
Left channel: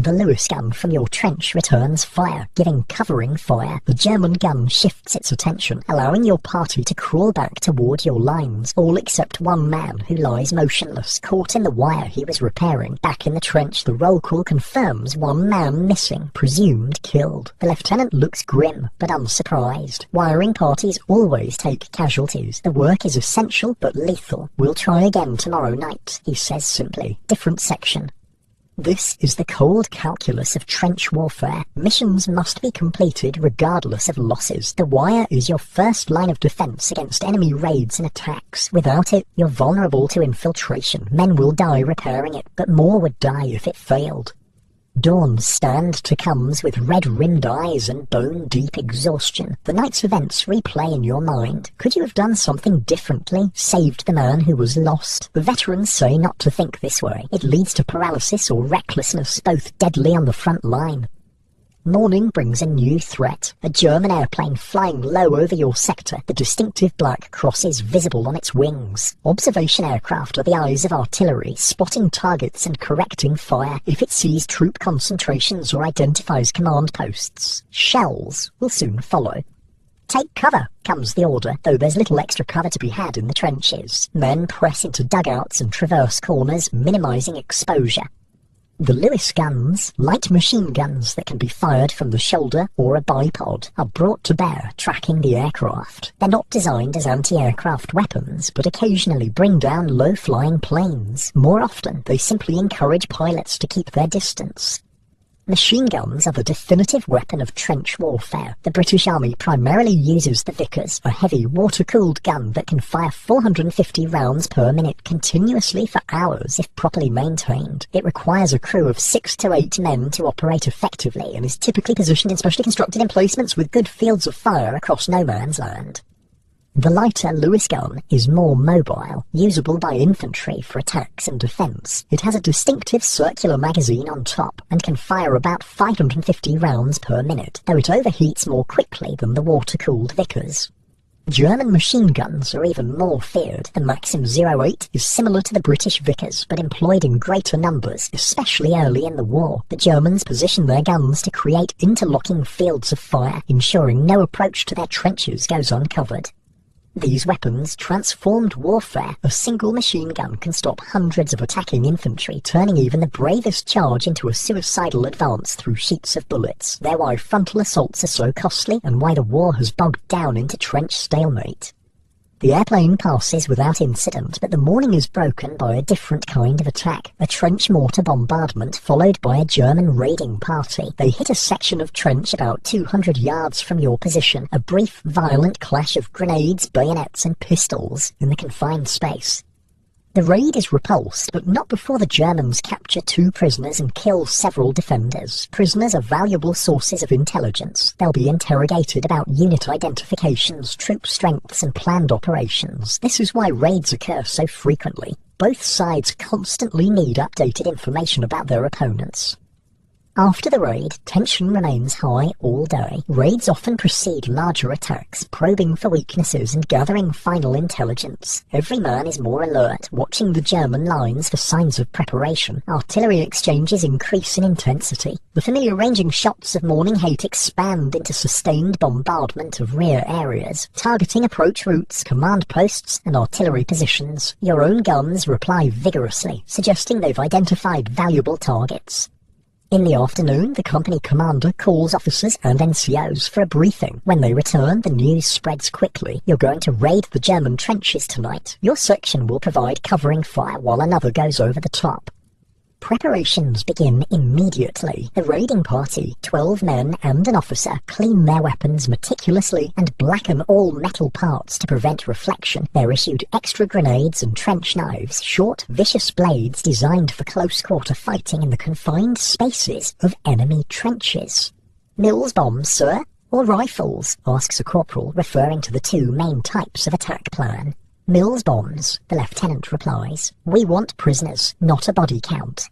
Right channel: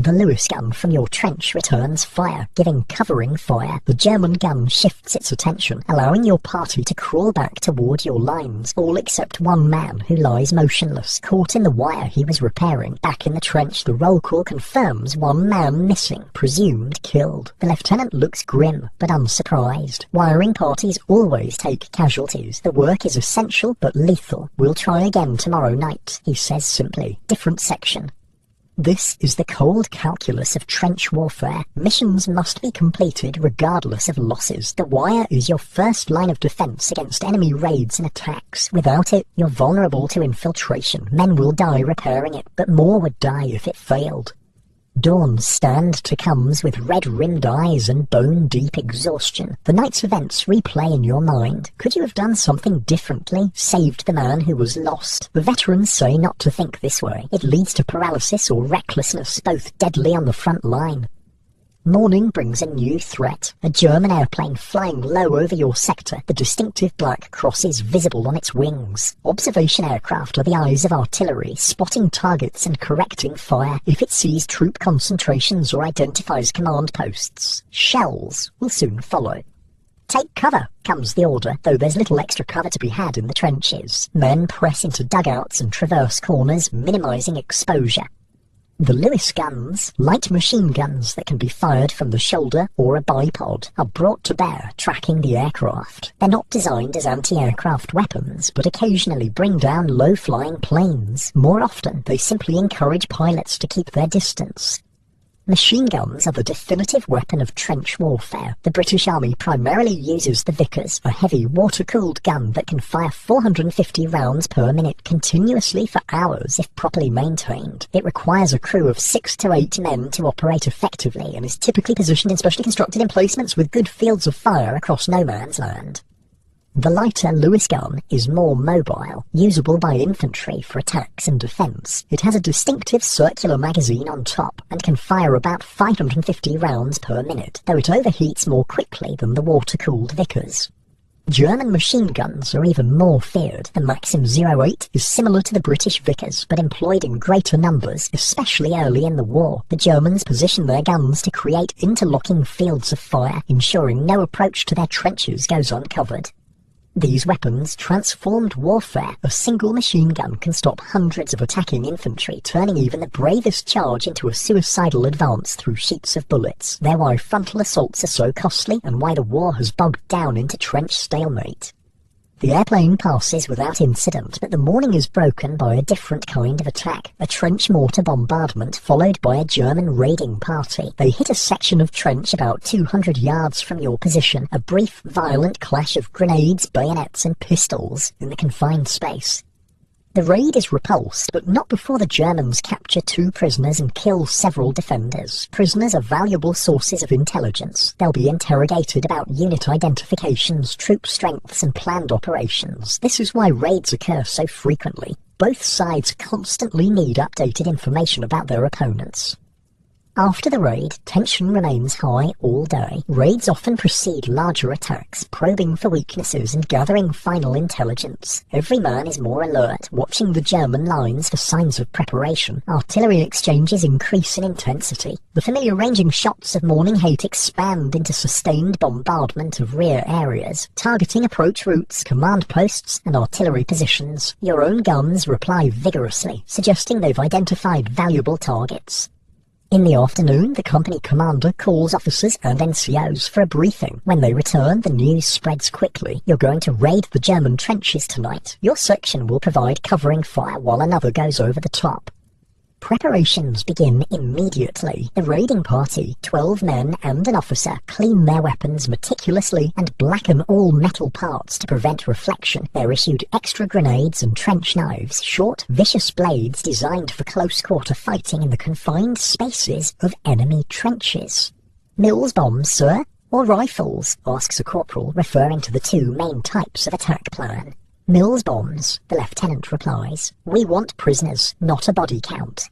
The Lewis gun from your trench returns fire, giving covering fire. The German gun shifts its attention, allowing your party to crawl back toward your lines, all except one man who lies motionless, caught in the wire he was repairing. Back in the trench, the roll call confirms one man missing, presumed killed. The lieutenant looks grim, but unsurprised. Wiring parties always take casualties. The work is essential, but lethal. We'll try again tomorrow night, he says simply. Different section. This is the cold calculus of trench warfare. Missions must be completed regardless of losses. The wire is your first line of defense against enemy raids and attacks. Without it, you're vulnerable to infiltration. Men will die repairing it, but more would die if it failed. Dawn's stand to comes with red-rimmed eyes and bone-deep exhaustion. The night's events replay in your mind. Could you have done something differently? Saved the man who was lost? The veterans say not to think this way. It leads to paralysis or recklessness, both deadly on the front line. Morning brings a new threat. A German airplane flying low over your sector, the distinctive black crosses visible on its wings. Observation aircraft are the eyes of artillery, spotting targets and correcting fire if it sees troop concentrations or identifies command posts. Shells will soon follow. Take cover, comes the order, though there's little extra cover to be had in the trenches. Men press into dugouts and traverse corners, minimising exposure. The Lewis guns, light machine guns that can be fired from the shoulder or a bipod, are brought to bear, tracking the aircraft. They're not designed as anti-aircraft weapons, but occasionally bring down low-flying planes. More often, they simply encourage pilots to keep their distance. Machine guns are the definitive weapon of trench warfare. The British Army primarily uses the Vickers, a heavy water-cooled gun that can fire 450 rounds per minute continuously for hours if properly maintained. It requires a crew of 6 to 8 men to operate effectively and is typically positioned in specially constructed emplacements with good fields of fire across no man's land. The lighter Lewis gun is more mobile, usable by infantry for attacks and defence. It has a distinctive circular magazine on top and can fire about 550 rounds per minute, though it overheats more quickly than the water-cooled Vickers. German machine guns are even more feared. The Maxim 08 is similar to the British Vickers, but employed in greater numbers, especially early in the war. The Germans position their guns to create interlocking fields of fire, ensuring no approach to their trenches goes uncovered. These weapons transformed warfare. A single machine gun can stop hundreds of attacking infantry, turning even the bravest charge into a suicidal advance through sheets of bullets. They're why frontal assaults are so costly and why the war has bogged down into trench stalemate. The airplane passes without incident, but the morning is broken by a different kind of attack. A trench mortar bombardment followed by a German raiding party. They hit a section of trench about 200 yards from your position, a brief, violent clash of grenades, bayonets and pistols in the confined space. The raid is repulsed, but not before the Germans capture 2 prisoners and kill several defenders. Prisoners are valuable sources of intelligence. They'll be interrogated about unit identifications, troop strengths and planned operations. This is why raids occur so frequently. Both sides constantly need updated information about their opponents. After the raid, tension remains high all day. Raids often precede larger attacks, probing for weaknesses and gathering final intelligence. Every man is more alert, watching the German lines for signs of preparation. Artillery exchanges increase in intensity. The familiar ranging shots of Morning Hate expand into sustained bombardment of rear areas, targeting approach routes, command posts and artillery positions. Your own guns reply vigorously, suggesting they've identified valuable targets. In the afternoon, the company commander calls officers and NCOs for a briefing. When they return, the news spreads quickly. You're going to raid the German trenches tonight. Your section will provide covering fire while another goes over the top. Preparations begin immediately. The raiding party, 12 men and an officer, clean their weapons meticulously and blacken all metal parts to prevent reflection. They're issued extra grenades and trench knives, short, vicious blades designed for close-quarter fighting in the confined spaces of enemy trenches. Mills bombs, sir? Or rifles? Asks a corporal, referring to the 2 main types of attack plan. Mills bombs, the lieutenant replies. We want prisoners, not a body count.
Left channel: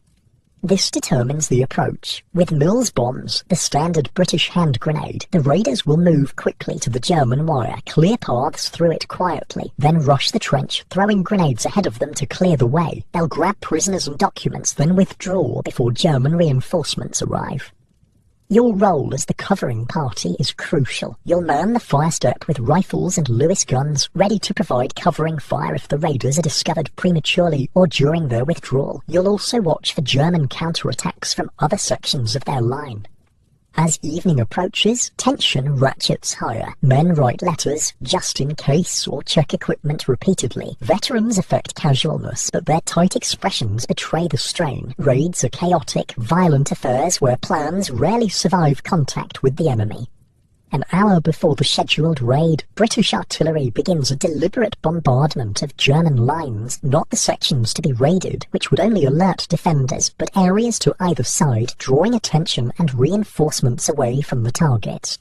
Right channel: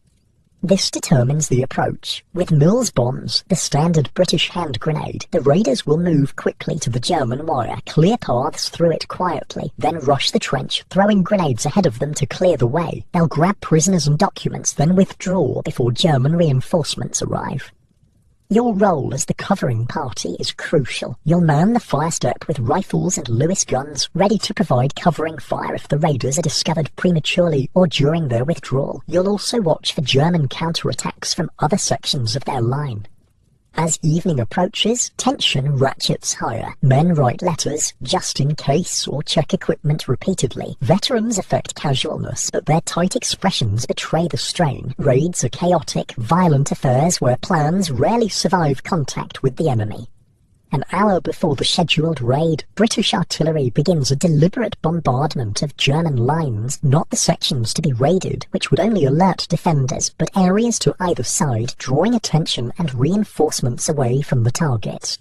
This determines the approach. With Mills bombs, the standard British hand grenade, the raiders will move quickly to the German wire, clear paths through it quietly, then rush the trench, throwing grenades ahead of them to clear the way. They'll grab prisoners and documents, then withdraw before German reinforcements arrive. Your role as the covering party is crucial. You'll man the fire step with rifles and Lewis guns, ready to provide covering fire if the raiders are discovered prematurely or during their withdrawal. You'll also watch for German counterattacks from other sections of their line. As evening approaches, tension ratchets higher. Men write letters, just in case, or check equipment repeatedly. Veterans affect casualness, but their tight expressions betray the strain. Raids are chaotic, violent affairs where plans rarely survive contact with the enemy. An hour before the scheduled raid, British artillery begins a deliberate bombardment of German lines, not the sections to be raided, which would only alert defenders, but areas to either side, drawing attention and reinforcements away from the target.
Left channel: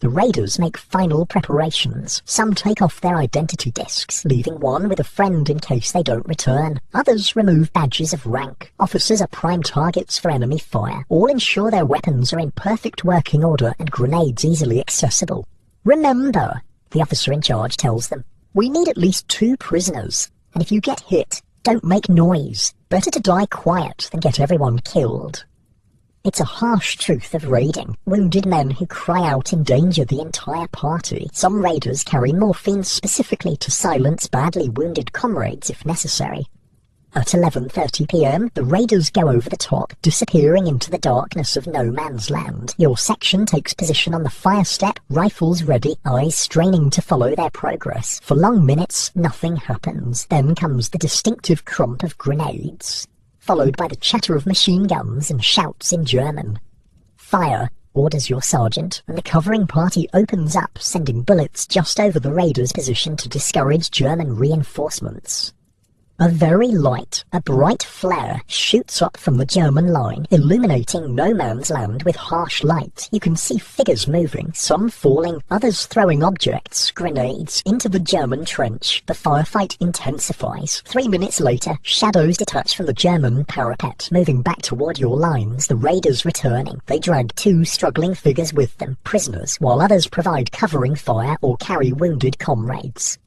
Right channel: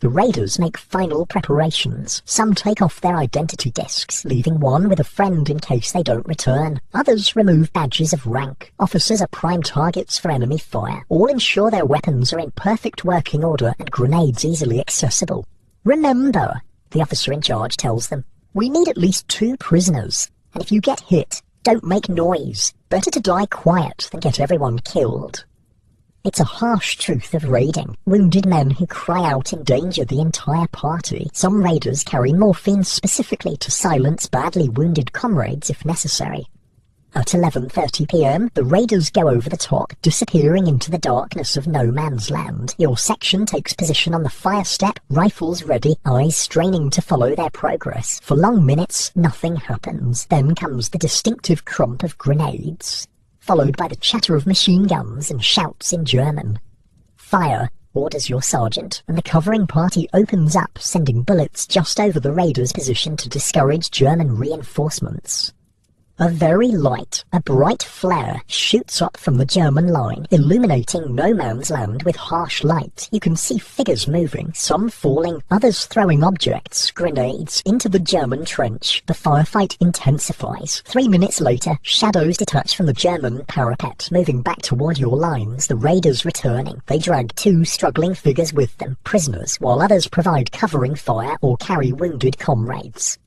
The raiders make final preparations. Some take off their identity discs, leaving one with a friend in case they don't return. Others remove badges of rank. Officers are prime targets for enemy fire. All ensure their weapons are in perfect working order and grenades easily accessible. Remember, the officer in charge tells them, we need at least 2 prisoners, and if you get hit, don't make noise. Better to die quiet than get everyone killed. It's a harsh truth of raiding. Wounded men who cry out endanger the entire party. Some raiders carry morphine specifically to silence badly wounded comrades if necessary. At 11:30 p.m, the raiders go over the top, disappearing into the darkness of no man's land. Your section takes position on the fire step, rifles ready, eyes straining to follow their progress. For long minutes, nothing happens. Then comes the distinctive crump of grenades, followed by the chatter of machine guns and shouts in German. Fire, orders your sergeant, and the covering party opens up, sending bullets just over the raiders' position to discourage German reinforcements. A very light, a bright flare shoots up from the German line, illuminating no man's land with harsh light. You can see figures moving, some falling, others throwing objects, grenades, into the German trench. The firefight intensifies. 3 minutes later, shadows detach from the German parapet, moving back toward your lines, the raiders returning. They drag 2 struggling figures with them, prisoners, while others provide covering fire or carry wounded comrades.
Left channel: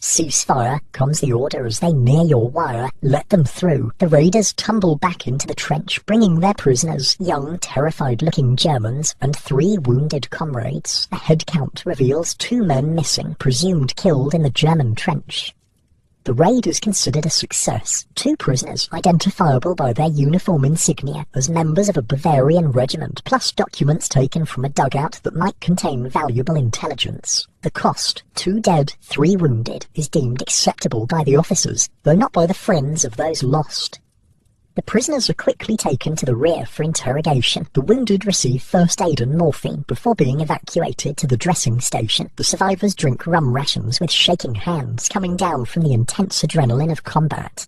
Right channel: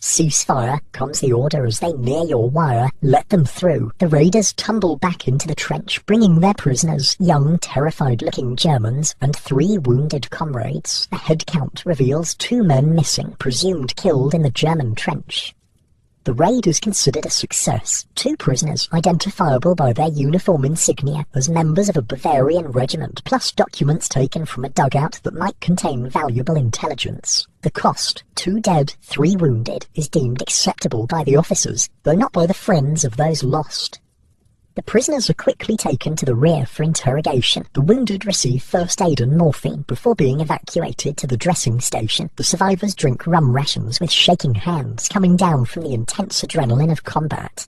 Ceasefire, comes the order as they near your wire. Let them through. The raiders tumble back into the trench, bringing their prisoners, young, terrified-looking Germans, and 3 wounded comrades. The head count reveals 2 men missing, presumed killed in the German trench. The raid is considered a success. 2 prisoners, identifiable by their uniform insignia as members of a Bavarian regiment, plus documents taken from a dugout that might contain valuable intelligence. The cost, 2 dead, 3 wounded, is deemed acceptable by the officers, though not by the friends of those lost. The prisoners are quickly taken to the rear for interrogation. The wounded receive first aid and morphine before being evacuated to the dressing station. The survivors drink rum rations with shaking hands, coming down from the intense adrenaline of combat.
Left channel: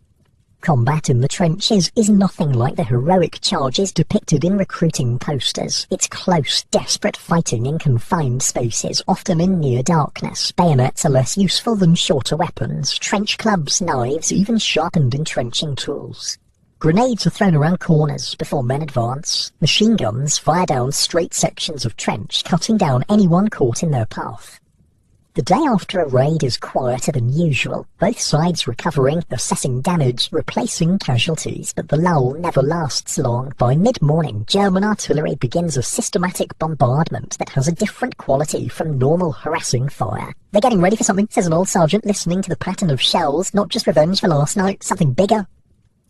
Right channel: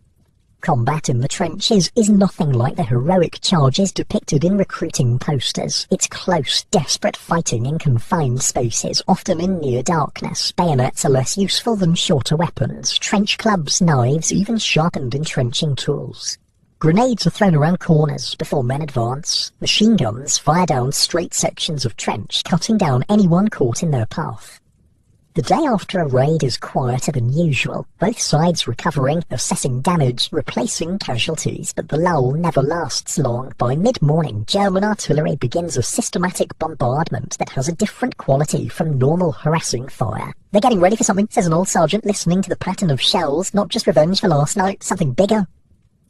Combat in the trenches is nothing like the heroic charges depicted in recruiting posters. It's close, desperate fighting in confined spaces, often in near darkness. Bayonets are less useful than shorter weapons, trench clubs, knives, even sharpened entrenching tools. Grenades are thrown around corners before men advance. Machine guns fire down straight sections of trench, cutting down anyone caught in their path. The day after a raid is quieter than usual, both sides recovering, assessing damage, replacing casualties, but the lull never lasts long. By mid-morning, German artillery begins a systematic bombardment that has a different quality from normal harassing fire. They're getting ready for something, says an old sergeant, listening to the pattern of shells, not just revenge for last night, something bigger.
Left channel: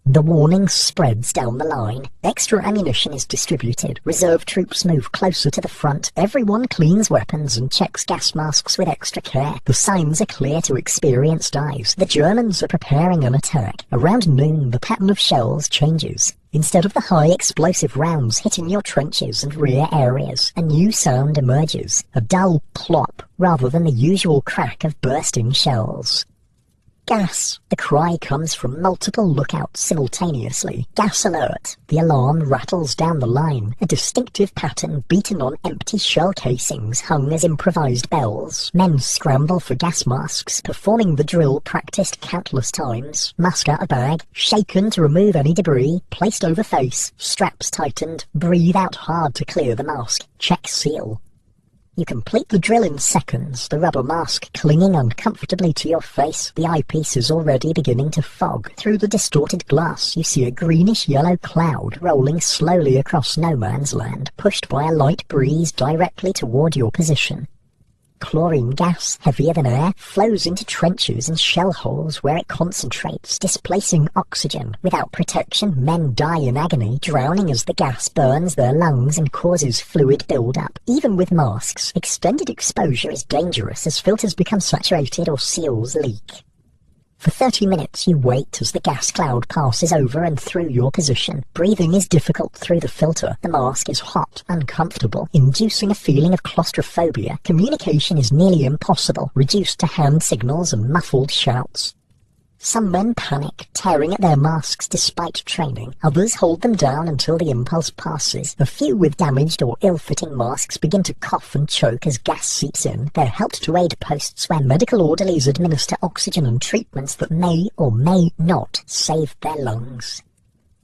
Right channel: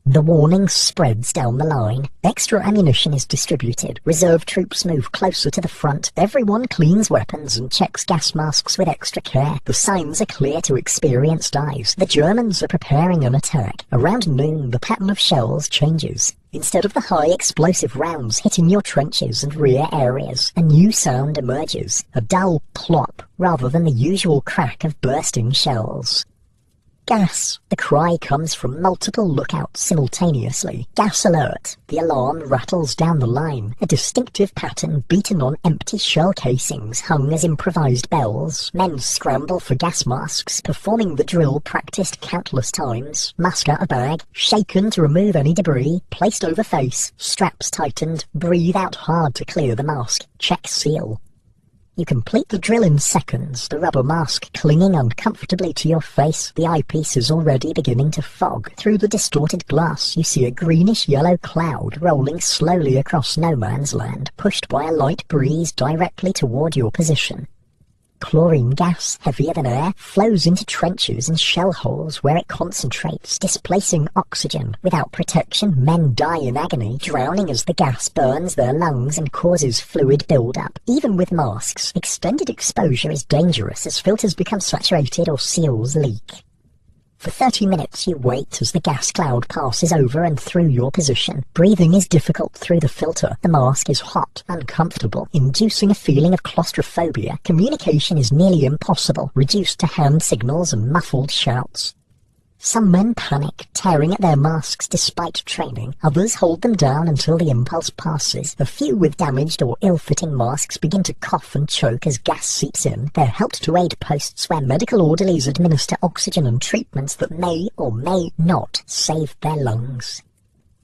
The warning spreads down the line. Extra ammunition is distributed. Reserve troops move closer to the front. Everyone cleans weapons and checks gas masks with extra care. The signs are clear to experienced eyes. The Germans are preparing an attack. Around noon, the pattern of shells changes. Instead of the high explosive rounds hitting your trenches and rear areas, a new sound emerges. A dull plop, rather than the usual crack of bursting shells. Gas! The cry comes from multiple lookouts simultaneously. Gas alert! The alarm rattles down the line. A distinctive pattern beaten on empty shell casings hung as improvised bells. Men scramble for gas masks, performing the drill practiced countless times. Mask out of bag, shaken to remove any debris, placed over face, straps tightened, breathe out hard to clear the mask, check seal. You complete the drill in seconds, the rubber mask clinging uncomfortably to your face. The eyepiece is already beginning to fog. Through the distorted glass, you see a greenish-yellow cloud rolling slowly across no man's land, pushed by a light breeze directly toward your position. Chlorine gas, heavier than air, flows into trenches and shell holes where it concentrates, displacing oxygen. Without protection, men die in agony, drowning as the gas burns their lungs and causes fluid build-up. Even with masks, extended exposure is dangerous as filters become saturated or seals leak. For 30 minutes you wait as the gas cloud passes over and through your position. Breathing is difficult through the filter. The mask is hot, uncomfortable, inducing a feeling of claustrophobia. Communication is nearly impossible, reduced to hand signals and muffled shouts. Some men panic, tearing at their masks despite training. Others hold them down until the impulse passes. A few with damaged or ill-fitting masks begin to cough and choke as gas seeps in. They're helped to aid posts where medical orderlies administer oxygen and treatments that may or may not save their lungs.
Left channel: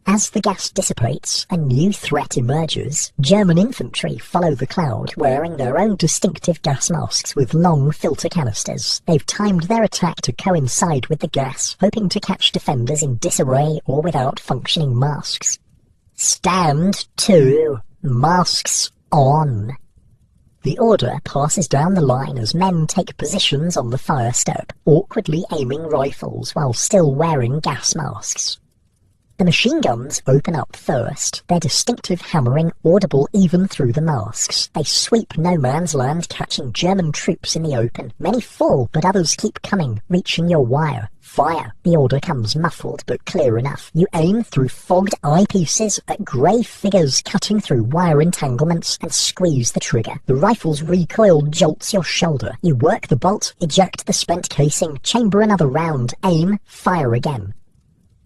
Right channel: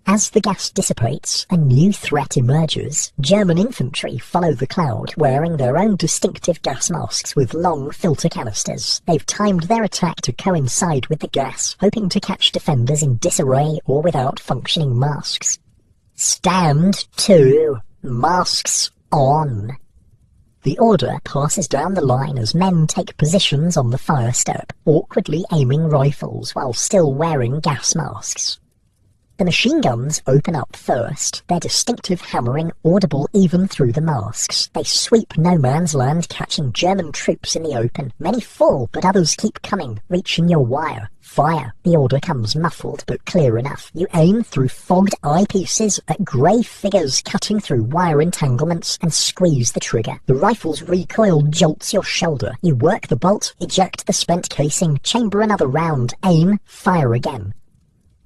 As the gas dissipates, a new threat emerges. German infantry follow the cloud, wearing their own distinctive gas masks with long filter canisters. They've timed their attack to coincide with the gas, hoping to catch defenders in disarray or without functioning masks. Stand to. Masks on. The order passes down the line as men take positions on the fire step, awkwardly aiming rifles while still wearing gas masks. The machine guns open up first, their distinctive hammering audible even through the masks. They sweep no man's land, catching German troops in the open. Many fall, but others keep coming, reaching your wire. Fire. The order comes muffled, but clear enough. You aim through fogged eyepieces at grey figures cutting through wire entanglements and squeeze the trigger. The rifle's recoil jolts your shoulder. You work the bolt, eject the spent casing, chamber another round, aim, fire again.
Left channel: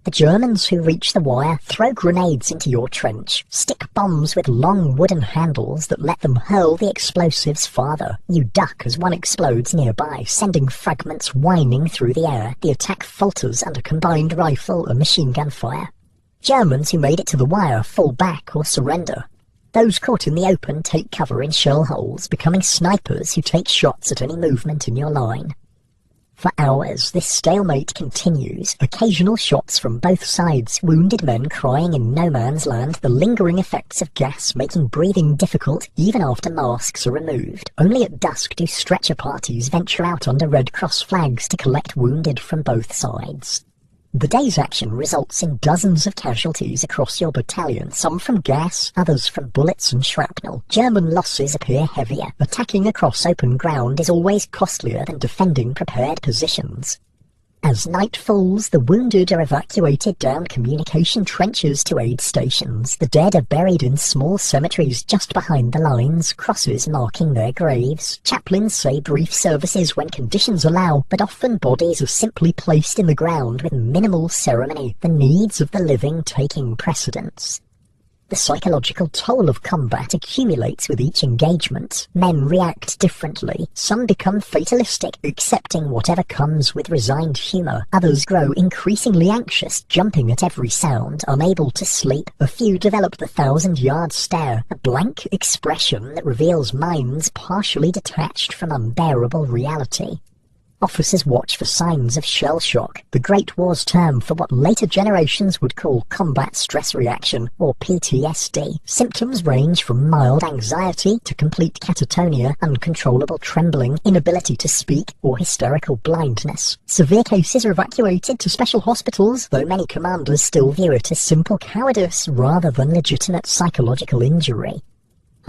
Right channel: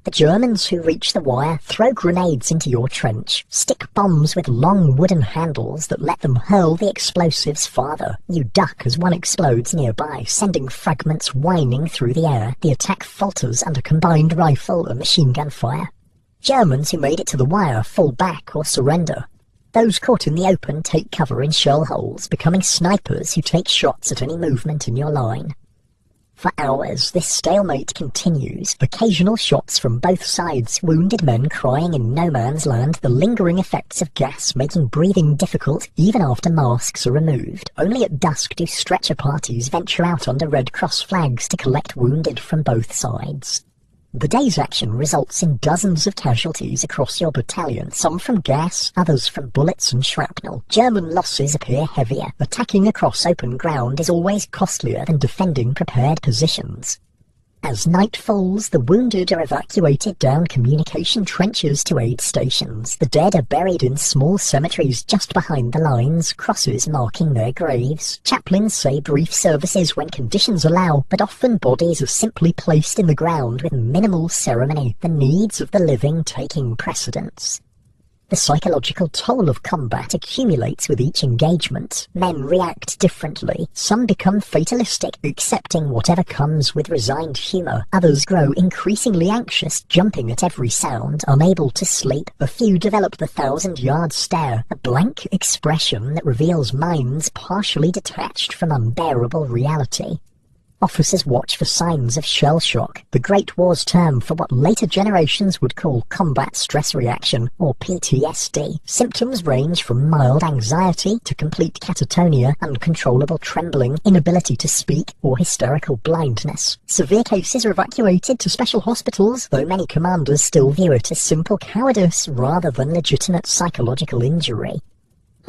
The Germans who reach the wire throw grenades into your trench, stick bombs with long wooden handles that let them hurl the explosives farther. You duck as one explodes nearby, sending fragments whining through the air. The attack falters under combined rifle and machine gun fire. Germans who made it to the wire fall back or surrender. Those caught in the open take cover in shell holes, becoming snipers who take shots at any movement in your line. For hours, this stalemate continues, occasional shots from both sides, wounded men crying in no man's land, the lingering effects of gas making breathing difficult even after masks are removed. Only at dusk do stretcher parties venture out under Red Cross flags to collect wounded from both sides. The day's action results in dozens of casualties across your battalion, some from gas, others from bullets and shrapnel. German losses appear heavier. Attacking across open ground is always costlier than defending prepared positions. As night falls, the wounded are evacuated down communication trenches to aid stations. The dead are buried in small cemeteries just behind the lines, crosses marking their graves. Chaplains say brief services when conditions allow, but often bodies are simply placed in the ground with minimal ceremony, the needs of the living taking precedence. The psychological toll of combat accumulates with each engagement. Men react differently. Some become fatalistic, accepting whatever comes with resigned humour. Others grow increasingly anxious, jumping at every sound, unable to sleep. A few develop the 1,000-yard stare, a blank expression that reveals minds partially detached from unbearable reality. Officers watch for signs of shell shock, the Great War's term for what later generations would call combat stress reaction, or PTSD. Symptoms range from mild anxiety to complete catatonia, uncontrollable trembling, inability to speak, or hysterical blindness. Severe cases are evacuated to special hospitals, though many commanders still view it as simple cowardice rather than legitimate psychological injury.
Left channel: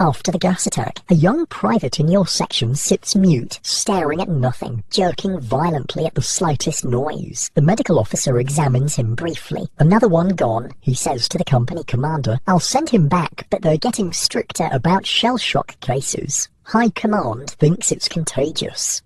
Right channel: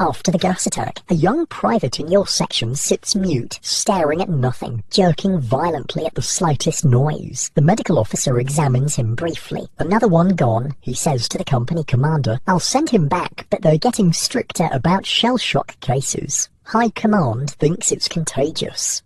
After the gas attack, a young private in your section sits mute, staring at nothing, jerking violently at the slightest noise. The medical officer examines him briefly. "Another one gone," he says to the company commander. "I'll send him back, but they're getting stricter about shell shock cases. High command thinks it's contagious."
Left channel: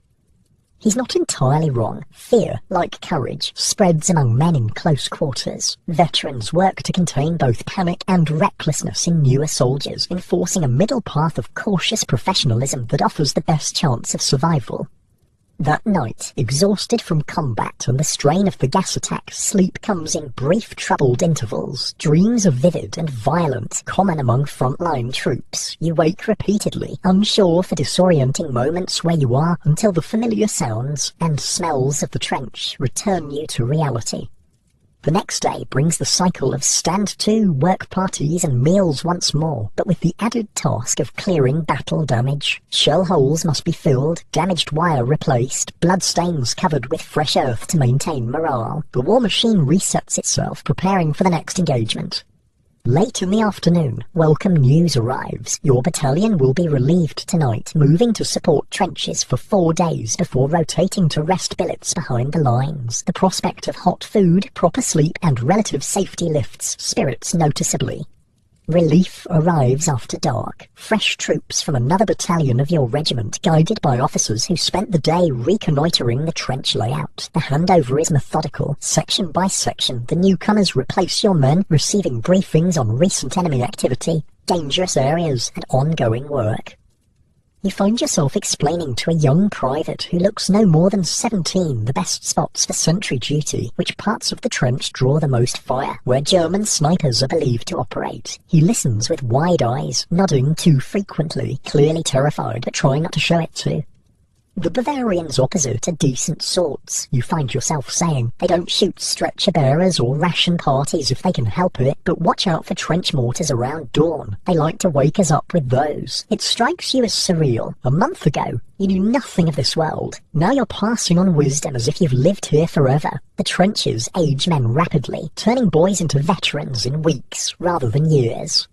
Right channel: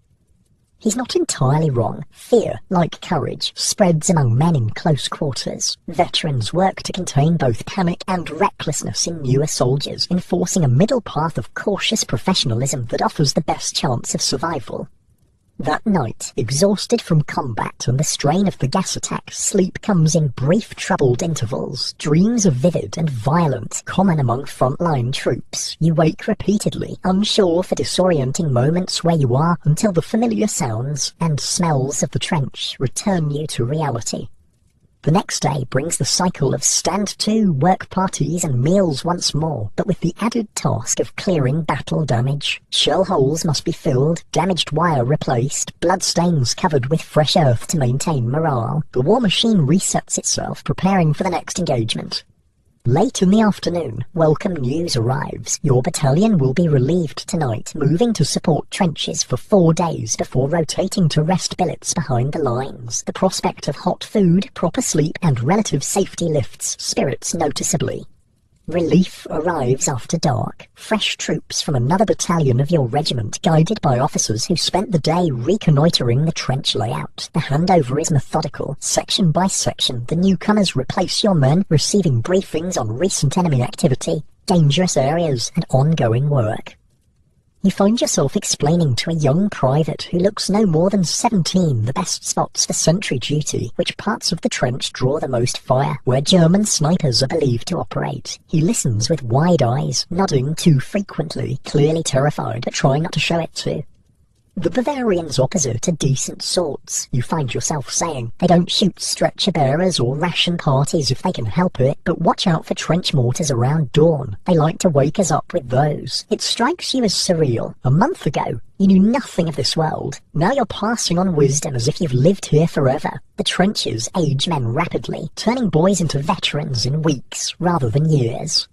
He's not entirely wrong. Fear, like courage, spreads among men in close quarters. Veterans work to contain both panic and recklessness in newer soldiers, enforcing a middle path of cautious professionalism that offers the best chance of survival. That night, exhausted from combat and the strain of the gas attack, sleep comes in brief troubled intervals. Dreams are vivid and violent, common among frontline troops. You wake repeatedly, unsure for disorienting moments where you are, until the familiar sounds and smells of the trench return you to reality. The next day brings the cycle of stand-to, work parties and meals once more, but with the added task of clearing battle damage. Shell holes must be filled, damaged wire replaced, bloodstains covered with fresh earth to maintain morale. The war machine resets itself, preparing for the next engagement. Late in the afternoon, welcome news arrives. Your battalion will be relieved tonight, moving to support trenches for 4 days before rotating to rest billets behind the lines. The prospect of hot food, proper sleep, and relative safety lifts spirits noticeably. Relief arrives after dark. Fresh troops from another battalion of your regiment, guided by officers who spent the day reconnoitering the trench layout. The handover is methodical. Section by section, the newcomers replace your men, receiving briefings on recent enemy activity, dangerous areas, and ongoing work. You find yourself explaining to a young private who looks no more than 17 the best spots for sentry duty, which parts of the trench draw the most fire, where German snipers are believed to operate. He listens with wide eyes, nodding too frequently, clearly terrified, but trying not to show it too. The Bavarians opposite are decent sorts. You find yourself saying they don't shoot stretcher bearers or ration parties if they can help it, but watch out for trench mortars around dawn. They like to wake us up with those. It strikes you as surreal. A month ago, you knew nothing of this world. Now you're passing on wisdom as if you've lived here forever. The trenches age men rapidly, turning boys into veterans in weeks rather than years.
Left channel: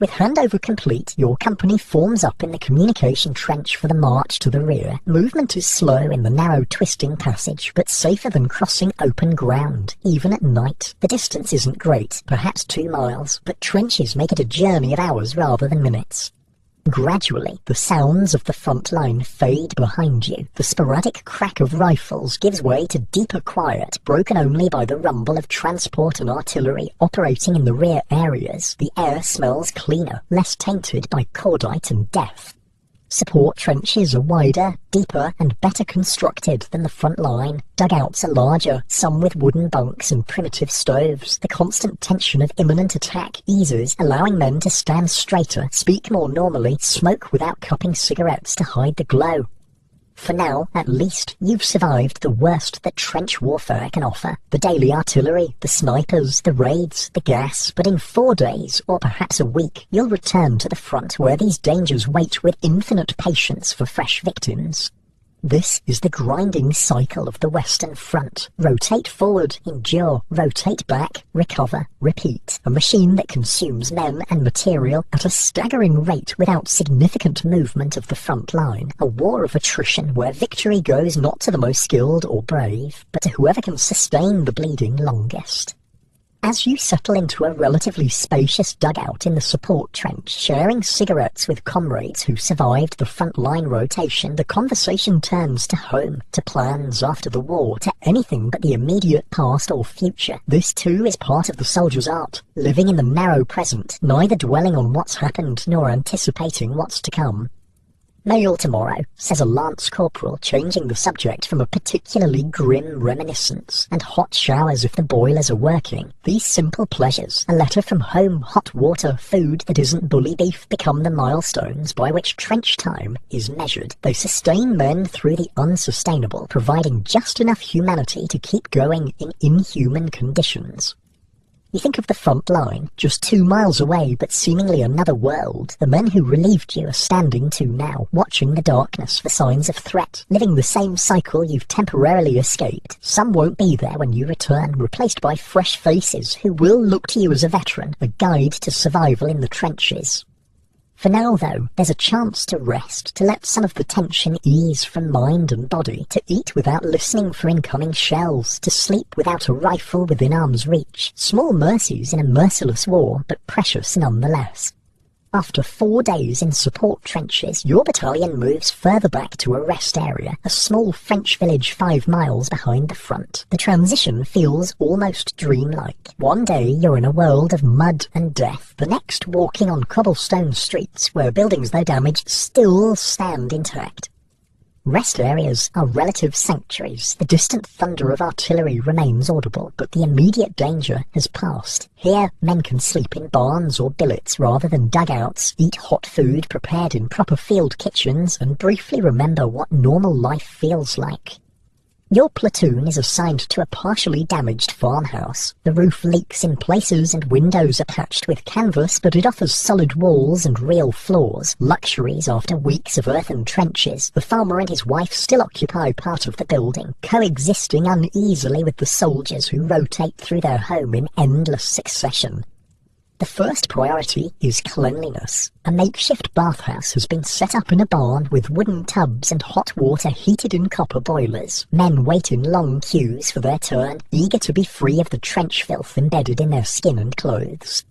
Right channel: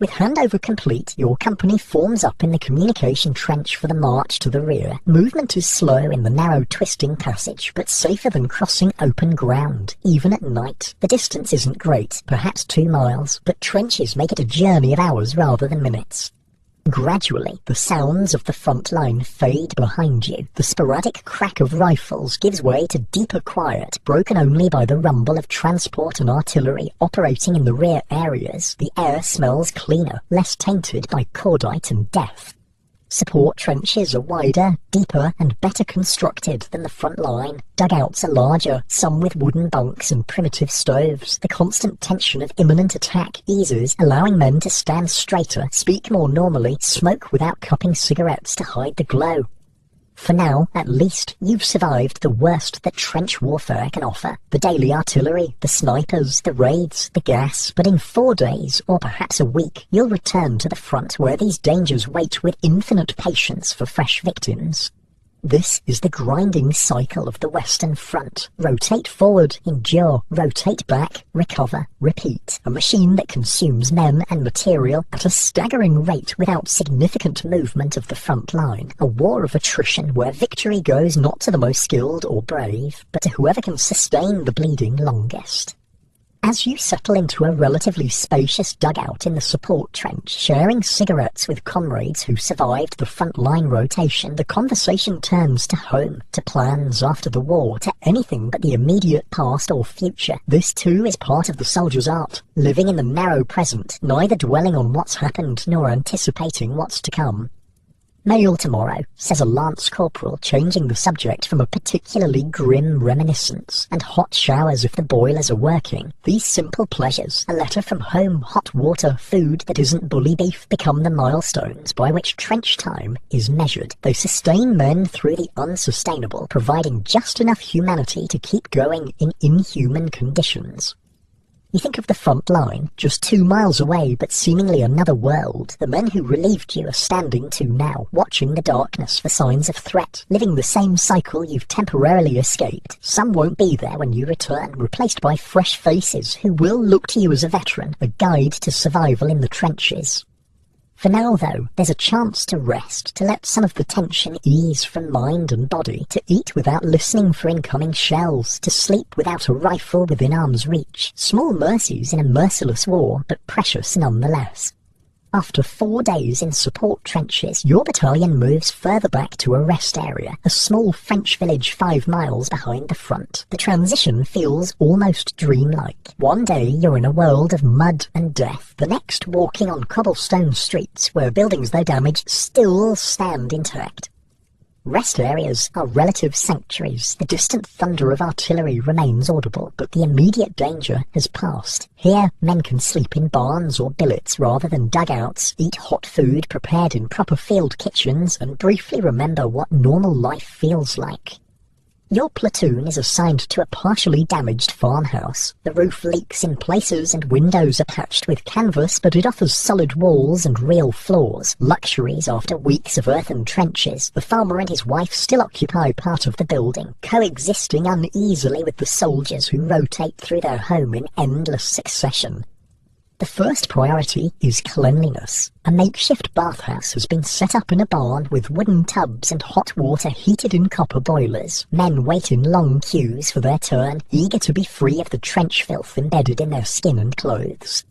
With handover complete, your company forms up in the communication trench for the march to the rear. Movement is slow in the narrow twisting passage, but safer than crossing open ground. Even at night, the distance isn't great, perhaps 2 miles, but trenches make it a journey of hours rather than minutes. Gradually, the sounds of the front line fade behind you. The sporadic crack of rifles gives way to deeper quiet, broken only by the rumble of transport and artillery operating in the rear areas. The air smells cleaner, less tainted by cordite and death. Support trenches are wider, deeper, and better constructed than the front line. Dugouts are larger, some with wooden bunks and primitive stoves. The constant tension of imminent attack eases, allowing men to stand straighter, speak more normally, smoke without cupping cigarettes to hide the glow. For now, at least, you've survived the worst that trench warfare can offer. The daily artillery, the snipers, the raids, the gas. But in 4 days, or perhaps a week, you'll return to the front where these dangers wait with infinite patience for fresh victims. This is the grinding cycle of the Western Front. Rotate forward, endure, rotate back, recover, repeat. A machine that consumes men and material at a staggering rate without significant movement of the front line. A war of attrition where victory goes not to the most skilled or brave, but to whoever can sustain the bleeding longest. As you settle into a relatively spacious dugout in the support trench, sharing cigarettes with comrades who survived the front-line rotation, the conversation turns to home, to plans after the war, to anything but the immediate past or future. This too is part of the soldier's art, living in the narrow present, neither dwelling on what's happened nor anticipating what's to come. Mail tomorrow, says a lance corporal, changing the subject from a particularly grim reminiscence. And hot showers if the boilers are working. These simple pleasures, a letter from home, hot water, food that isn't bully beef, become the milestones by which trench time is measured. They sustain men through the unsustainable, providing just enough humanity to keep going in inhuman conditions. You think of the front line, just 2 miles away, but seemingly another world. The men who relieved you are standing to now, watching the darkness for signs of threat, living the same cycle you've temporarily escaped. Some won't be there when you return, replaced by fresh faces who will look to you as a veteran, a guide to survival in the trenches. For now, though, there's a chance to rest, to let some of the tension ease from mind and body, to eat without listening for incoming shells, to sleep without a rifle within arm's reach. Small mercies in a merciless war, but precious nonetheless. After 4 days in support trenches, your battalion moves further back to a rest area, a small French village 5 miles behind the front. The transition feels almost dreamlike. One day you're in a world of mud and death, the next walking on cobblestone streets where buildings though damaged still stand intact. Rest areas are relative sanctuaries. The distant thunder of artillery remains audible, but the immediate danger has passed. Here, men can sleep in barns or billets rather than dugouts, eat hot food prepared in proper field kitchens, and briefly remember what normal life feels like. Your platoon is assigned to a partially damaged farmhouse. The roof leaks in places and windows are patched with canvas, but it offers solid walls and real floors. Luxuries after weeks of earthen trenches. The farmer and his wife still occupy part of the building, coexisting uneasily with the soldiers who rotate through their home in endless succession. The first priority is cleanliness. A makeshift bathhouse has been set up in a barn with wooden tubs and hot water heated in copper boilers. Men wait in long queues for their turn, eager to be free of the trench filth embedded in their skin and clothes.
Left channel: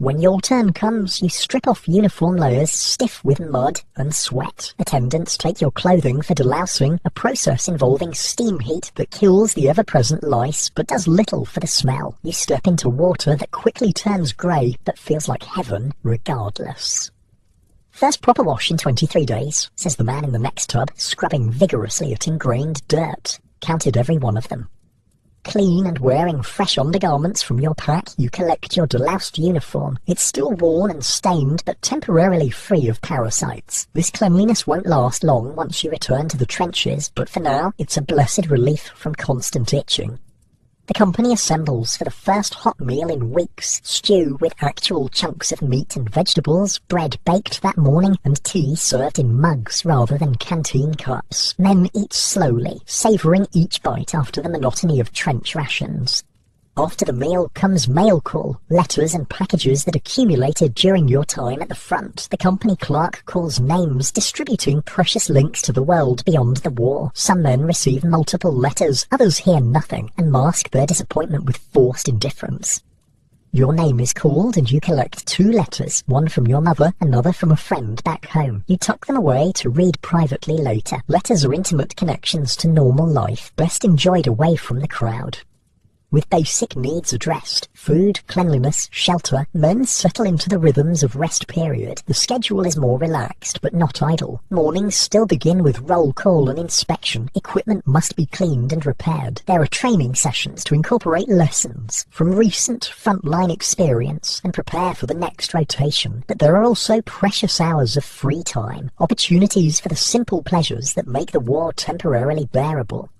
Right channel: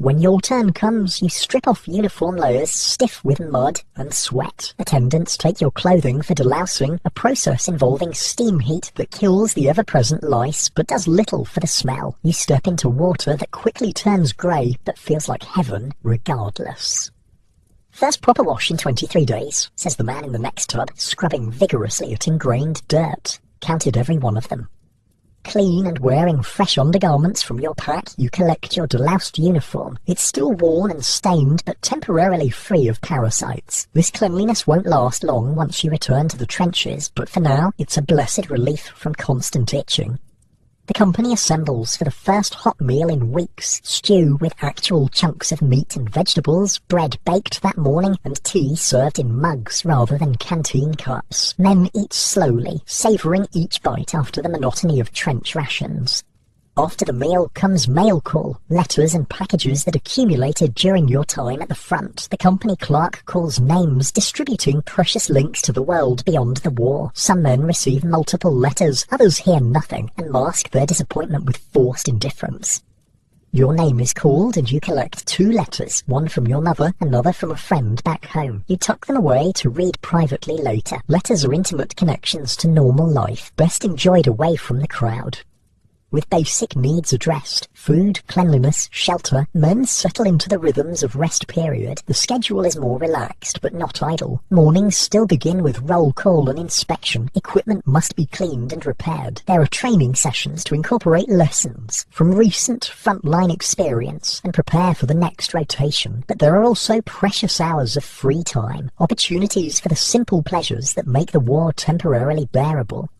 When your turn comes, you strip off uniform layers stiff with mud and sweat. Attendants take your clothing for delousing, a process involving steam heat that kills the ever-present lice but does little for the smell. You step into water that quickly turns grey but feels like heaven regardless. First proper wash in 23 days, says the man in the next tub, scrubbing vigorously at ingrained dirt. Counted every one of them. Clean and wearing fresh undergarments from your pack, you collect your deloused uniform. It's still worn and stained, but temporarily free of parasites. This cleanliness won't last long once you return to the trenches, but for now, it's a blessed relief from constant itching. The company assembles for the first hot meal in weeks. Stew with actual chunks of meat and vegetables, bread baked that morning, and tea served in mugs rather than canteen cups. Men eat slowly, savouring each bite after the monotony of trench rations. After the meal comes mail call, letters and packages that accumulated during your time at the front. The company clerk calls names, distributing precious links to the world beyond the war. Some men receive multiple letters, others hear nothing and mask their disappointment with forced indifference. Your name is called and you collect 2 letters, one from your mother, another from a friend back home. You tuck them away to read privately later. Letters are intimate connections to normal life, best enjoyed away from the crowd. With basic needs addressed, food, cleanliness, shelter, men settle into the rhythms of rest period. The schedule is more relaxed, but not idle. Mornings still begin with roll call and inspection. Equipment must be cleaned and repaired. There are training sessions to incorporate lessons from recent frontline experience and prepare for the next rotation. But there are also precious hours of free time, opportunities for the simple pleasures that make the war temporarily bearable.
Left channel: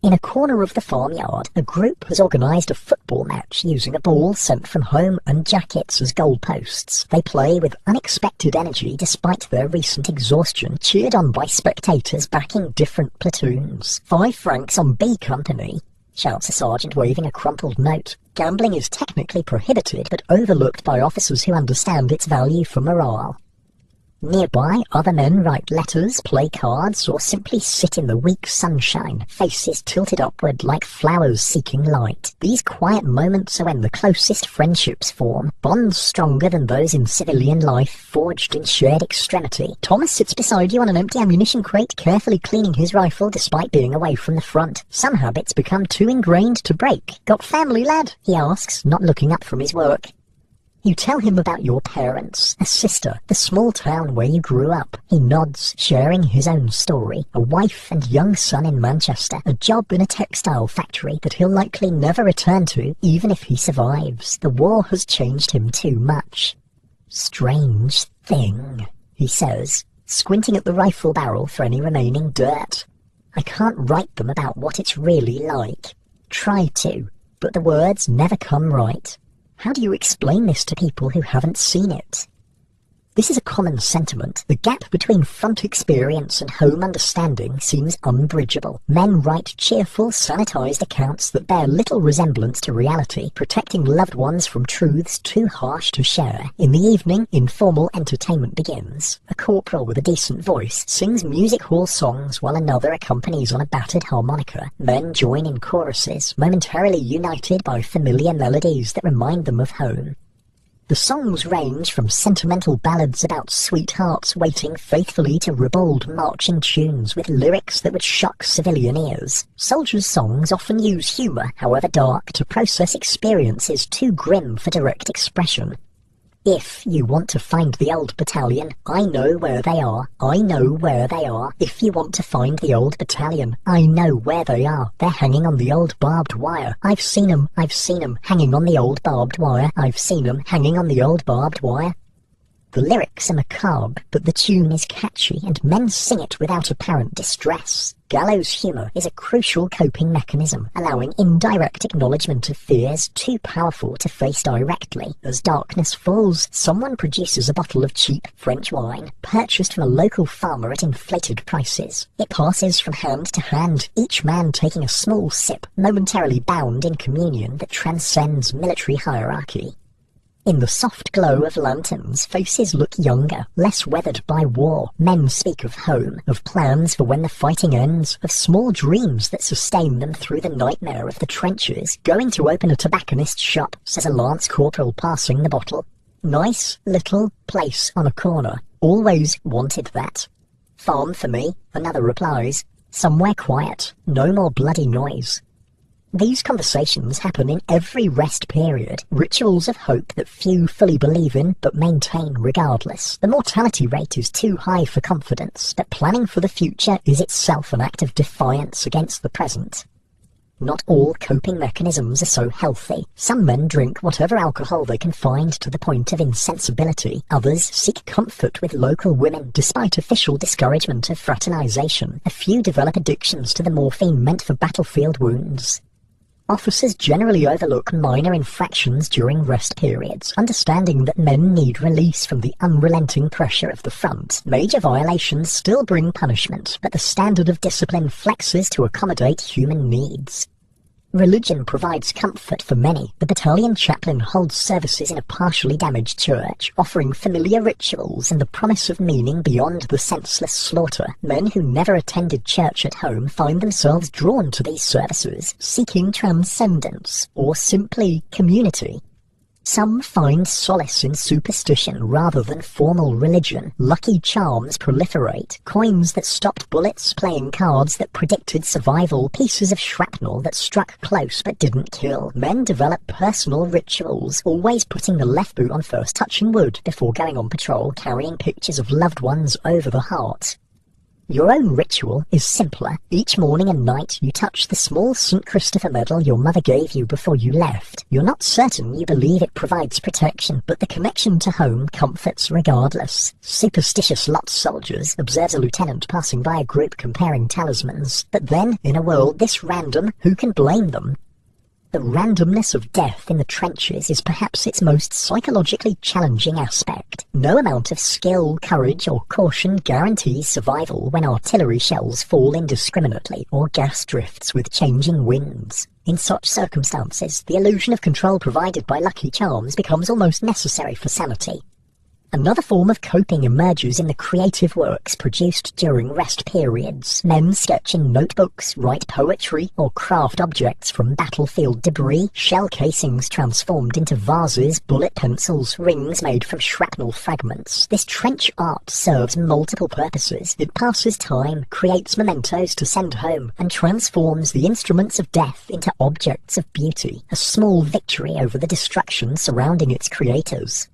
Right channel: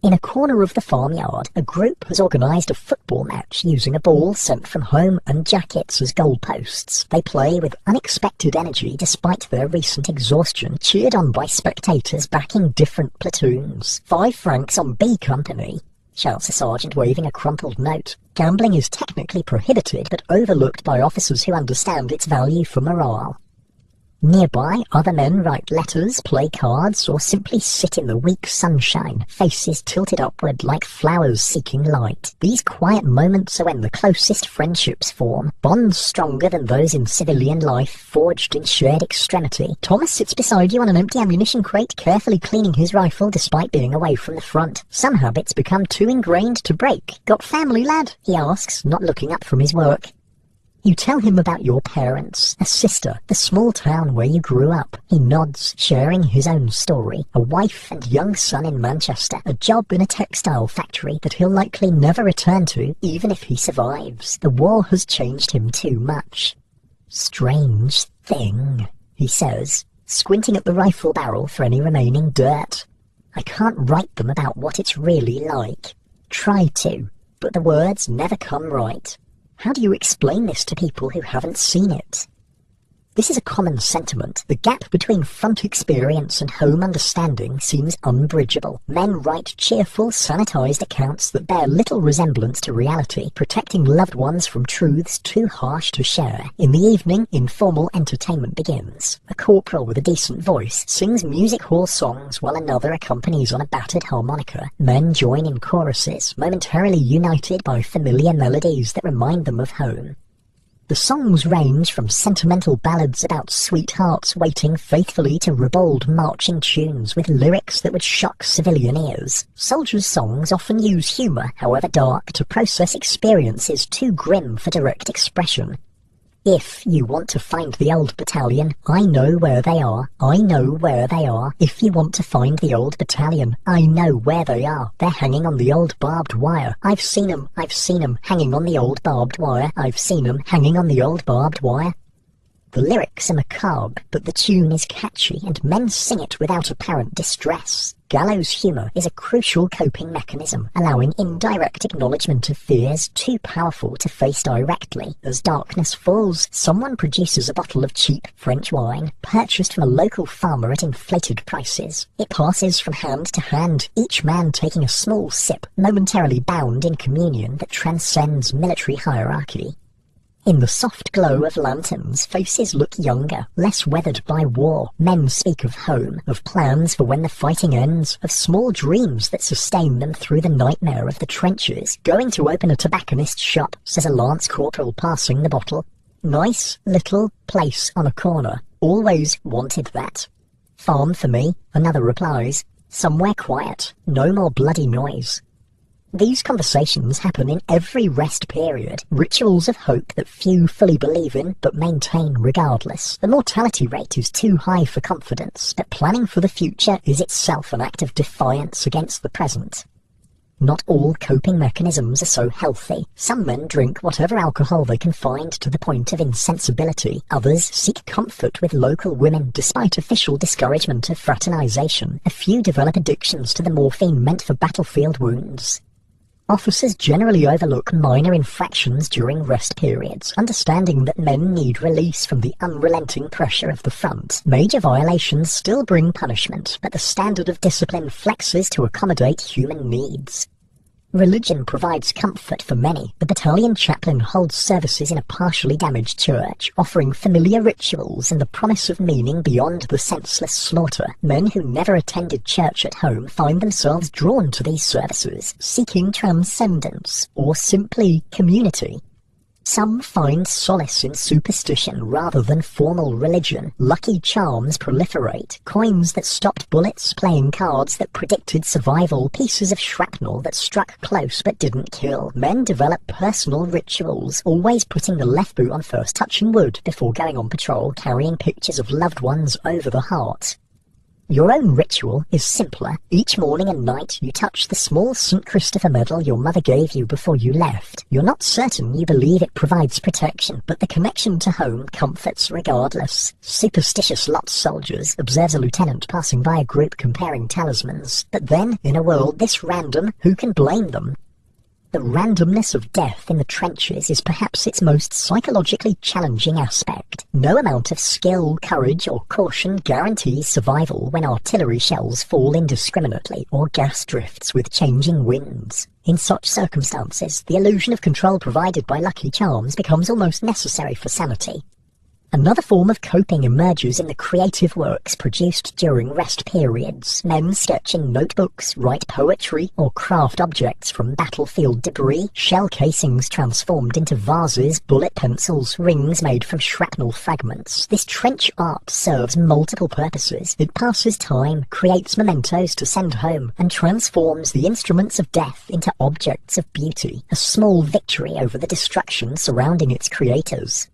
In a corner of the farmyard, a group has organised a football match using a ball sent from home and jackets as goalposts. They play with unexpected energy despite their recent exhaustion, cheered on by spectators backing different platoons. 5 francs on B Company, shouts a sergeant waving a crumpled note. Gambling is technically prohibited but overlooked by officers who understand its value for morale. Nearby, other men write letters, play cards, or simply sit in the weak sunshine, faces tilted upward like flowers seeking light. These quiet moments are when the closest friendships form, bonds stronger than those in civilian life, forged in shared extremity. Thomas sits beside you on an empty ammunition crate, carefully cleaning his rifle despite being away from the front. Some habits become too ingrained to break. "Got family, lad?" he asks, not looking up from his work. You tell him about your parents, a sister, the small town where you grew up. He nods, sharing his own story. A wife and young son in Manchester, a job in a textile factory that he'll likely never return to, even if he survives. The war has changed him too much. "Strange thing," he says, squinting at the rifle barrel for any remaining dirt. "I can't write them about what it's really like. Try to, but the words never come right. How do you explain this to people who haven't seen it?" This is a common sentiment. The gap between front experience and home understanding seems unbridgeable. Men write cheerful, sanitized accounts that bear little resemblance to reality, protecting loved ones from truths too harsh to share. In the evening, informal entertainment begins. A corporal with a decent voice sings music hall songs while another accompanies on a battered harmonica. Men join in choruses, momentarily united by familiar melodies that remind them of home. The songs range from sentimental ballads about sweethearts waiting faithfully to ribald marching tunes with lyrics that would shock civilian ears. Soldiers' songs often use humour, however dark, to process experiences too grim for direct expression. "If you want to find the old battalion, I know where they are. I know where they are. If you want to find the old battalion, I know where they are. They're hanging on the old barbed wire. I've seen 'em hanging on the old barbed wire. I've seen 'em hanging on the old barbed wire." The lyrics are macabre, but the tune is catchy, and men sing it without apparent distress. Gallows humour is a crucial coping mechanism, allowing indirect acknowledgement of fears too powerful to face directly. As darkness falls, someone produces a bottle of cheap French wine, purchased from a local farmer at inflated prices. It passes from hand to hand, each man taking a small sip, momentarily bound in communion that transcends military hierarchy. In the soft glow of lanterns, faces look younger, less weathered by war. Men speak of home, of plans for when the fighting ends, of small dreams that sustain them through the nightmare of the trenches. "Going to open a tobacconist's shop," says a lance corporal passing the bottle. Nice little place on a corner. Always wanted that. Farm for me, another replies. Somewhere quiet, no more bloody noise. These conversations happen in every rest period, rituals of hope that few fully believe in but maintain regardless. The mortality rate is too high for confidence, but planning for the future is itself an act of defiance against the present. Not all coping mechanisms are so healthy. Some men drink whatever alcohol they can find to the point of insensibility. Others seek comfort with local women despite official discouragement of fraternization. A few develop addictions to the morphine meant for battlefield wounds. Officers generally overlook minor infractions during rest periods, understanding that men need release from the unrelenting pressure of the front. Major violations still bring punishment, but the standard of discipline flexes to accommodate human needs. Religion provides comfort for many. The battalion chaplain holds services in a partially damaged church, offering familiar rituals and the promise of meaning beyond the senseless slaughter. Men who never attended church at home find themselves drawn to these services, seeking transcendence or simply community. Some find solace in superstition rather than formal religion. Lucky charms proliferate, coins that stopped bullets, playing cards that predicted survival, pieces of shrapnel that struck close but didn't kill. Men develop personal rituals, always putting the left boot on first, touching wood before going on patrol, carrying pictures of loved ones over the heart. Your own ritual is simpler. Each morning and night you touch the small St. Christopher medal your mother gave you before you left. You're not certain you believe it provides protection, but the connection to home comforts regardless. Superstitious lot soldiers, observes a lieutenant passing by a group comparing talismans. But then, in a world this random, who can blame them? The randomness of death in the trenches is perhaps its most psychologically challenging aspect. No amount of skill, courage, or caution guarantees survival when artillery shells fall indiscriminately or gas drifts with changing winds. In such circumstances, the illusion of control provided by lucky charms becomes almost necessary for sanity. Another form of coping emerges in the creative works produced during rest periods. Men sketch in notebooks, write poetry, or craft objects from battlefield debris, shell casings transformed into vases, bullet pencils, rings made from shrapnel fragments. This trench art serves multiple purposes. It passes time, creates mementos to send home, and transforms the instruments of death into objects of beauty, a small victory over the destruction surrounding its creators.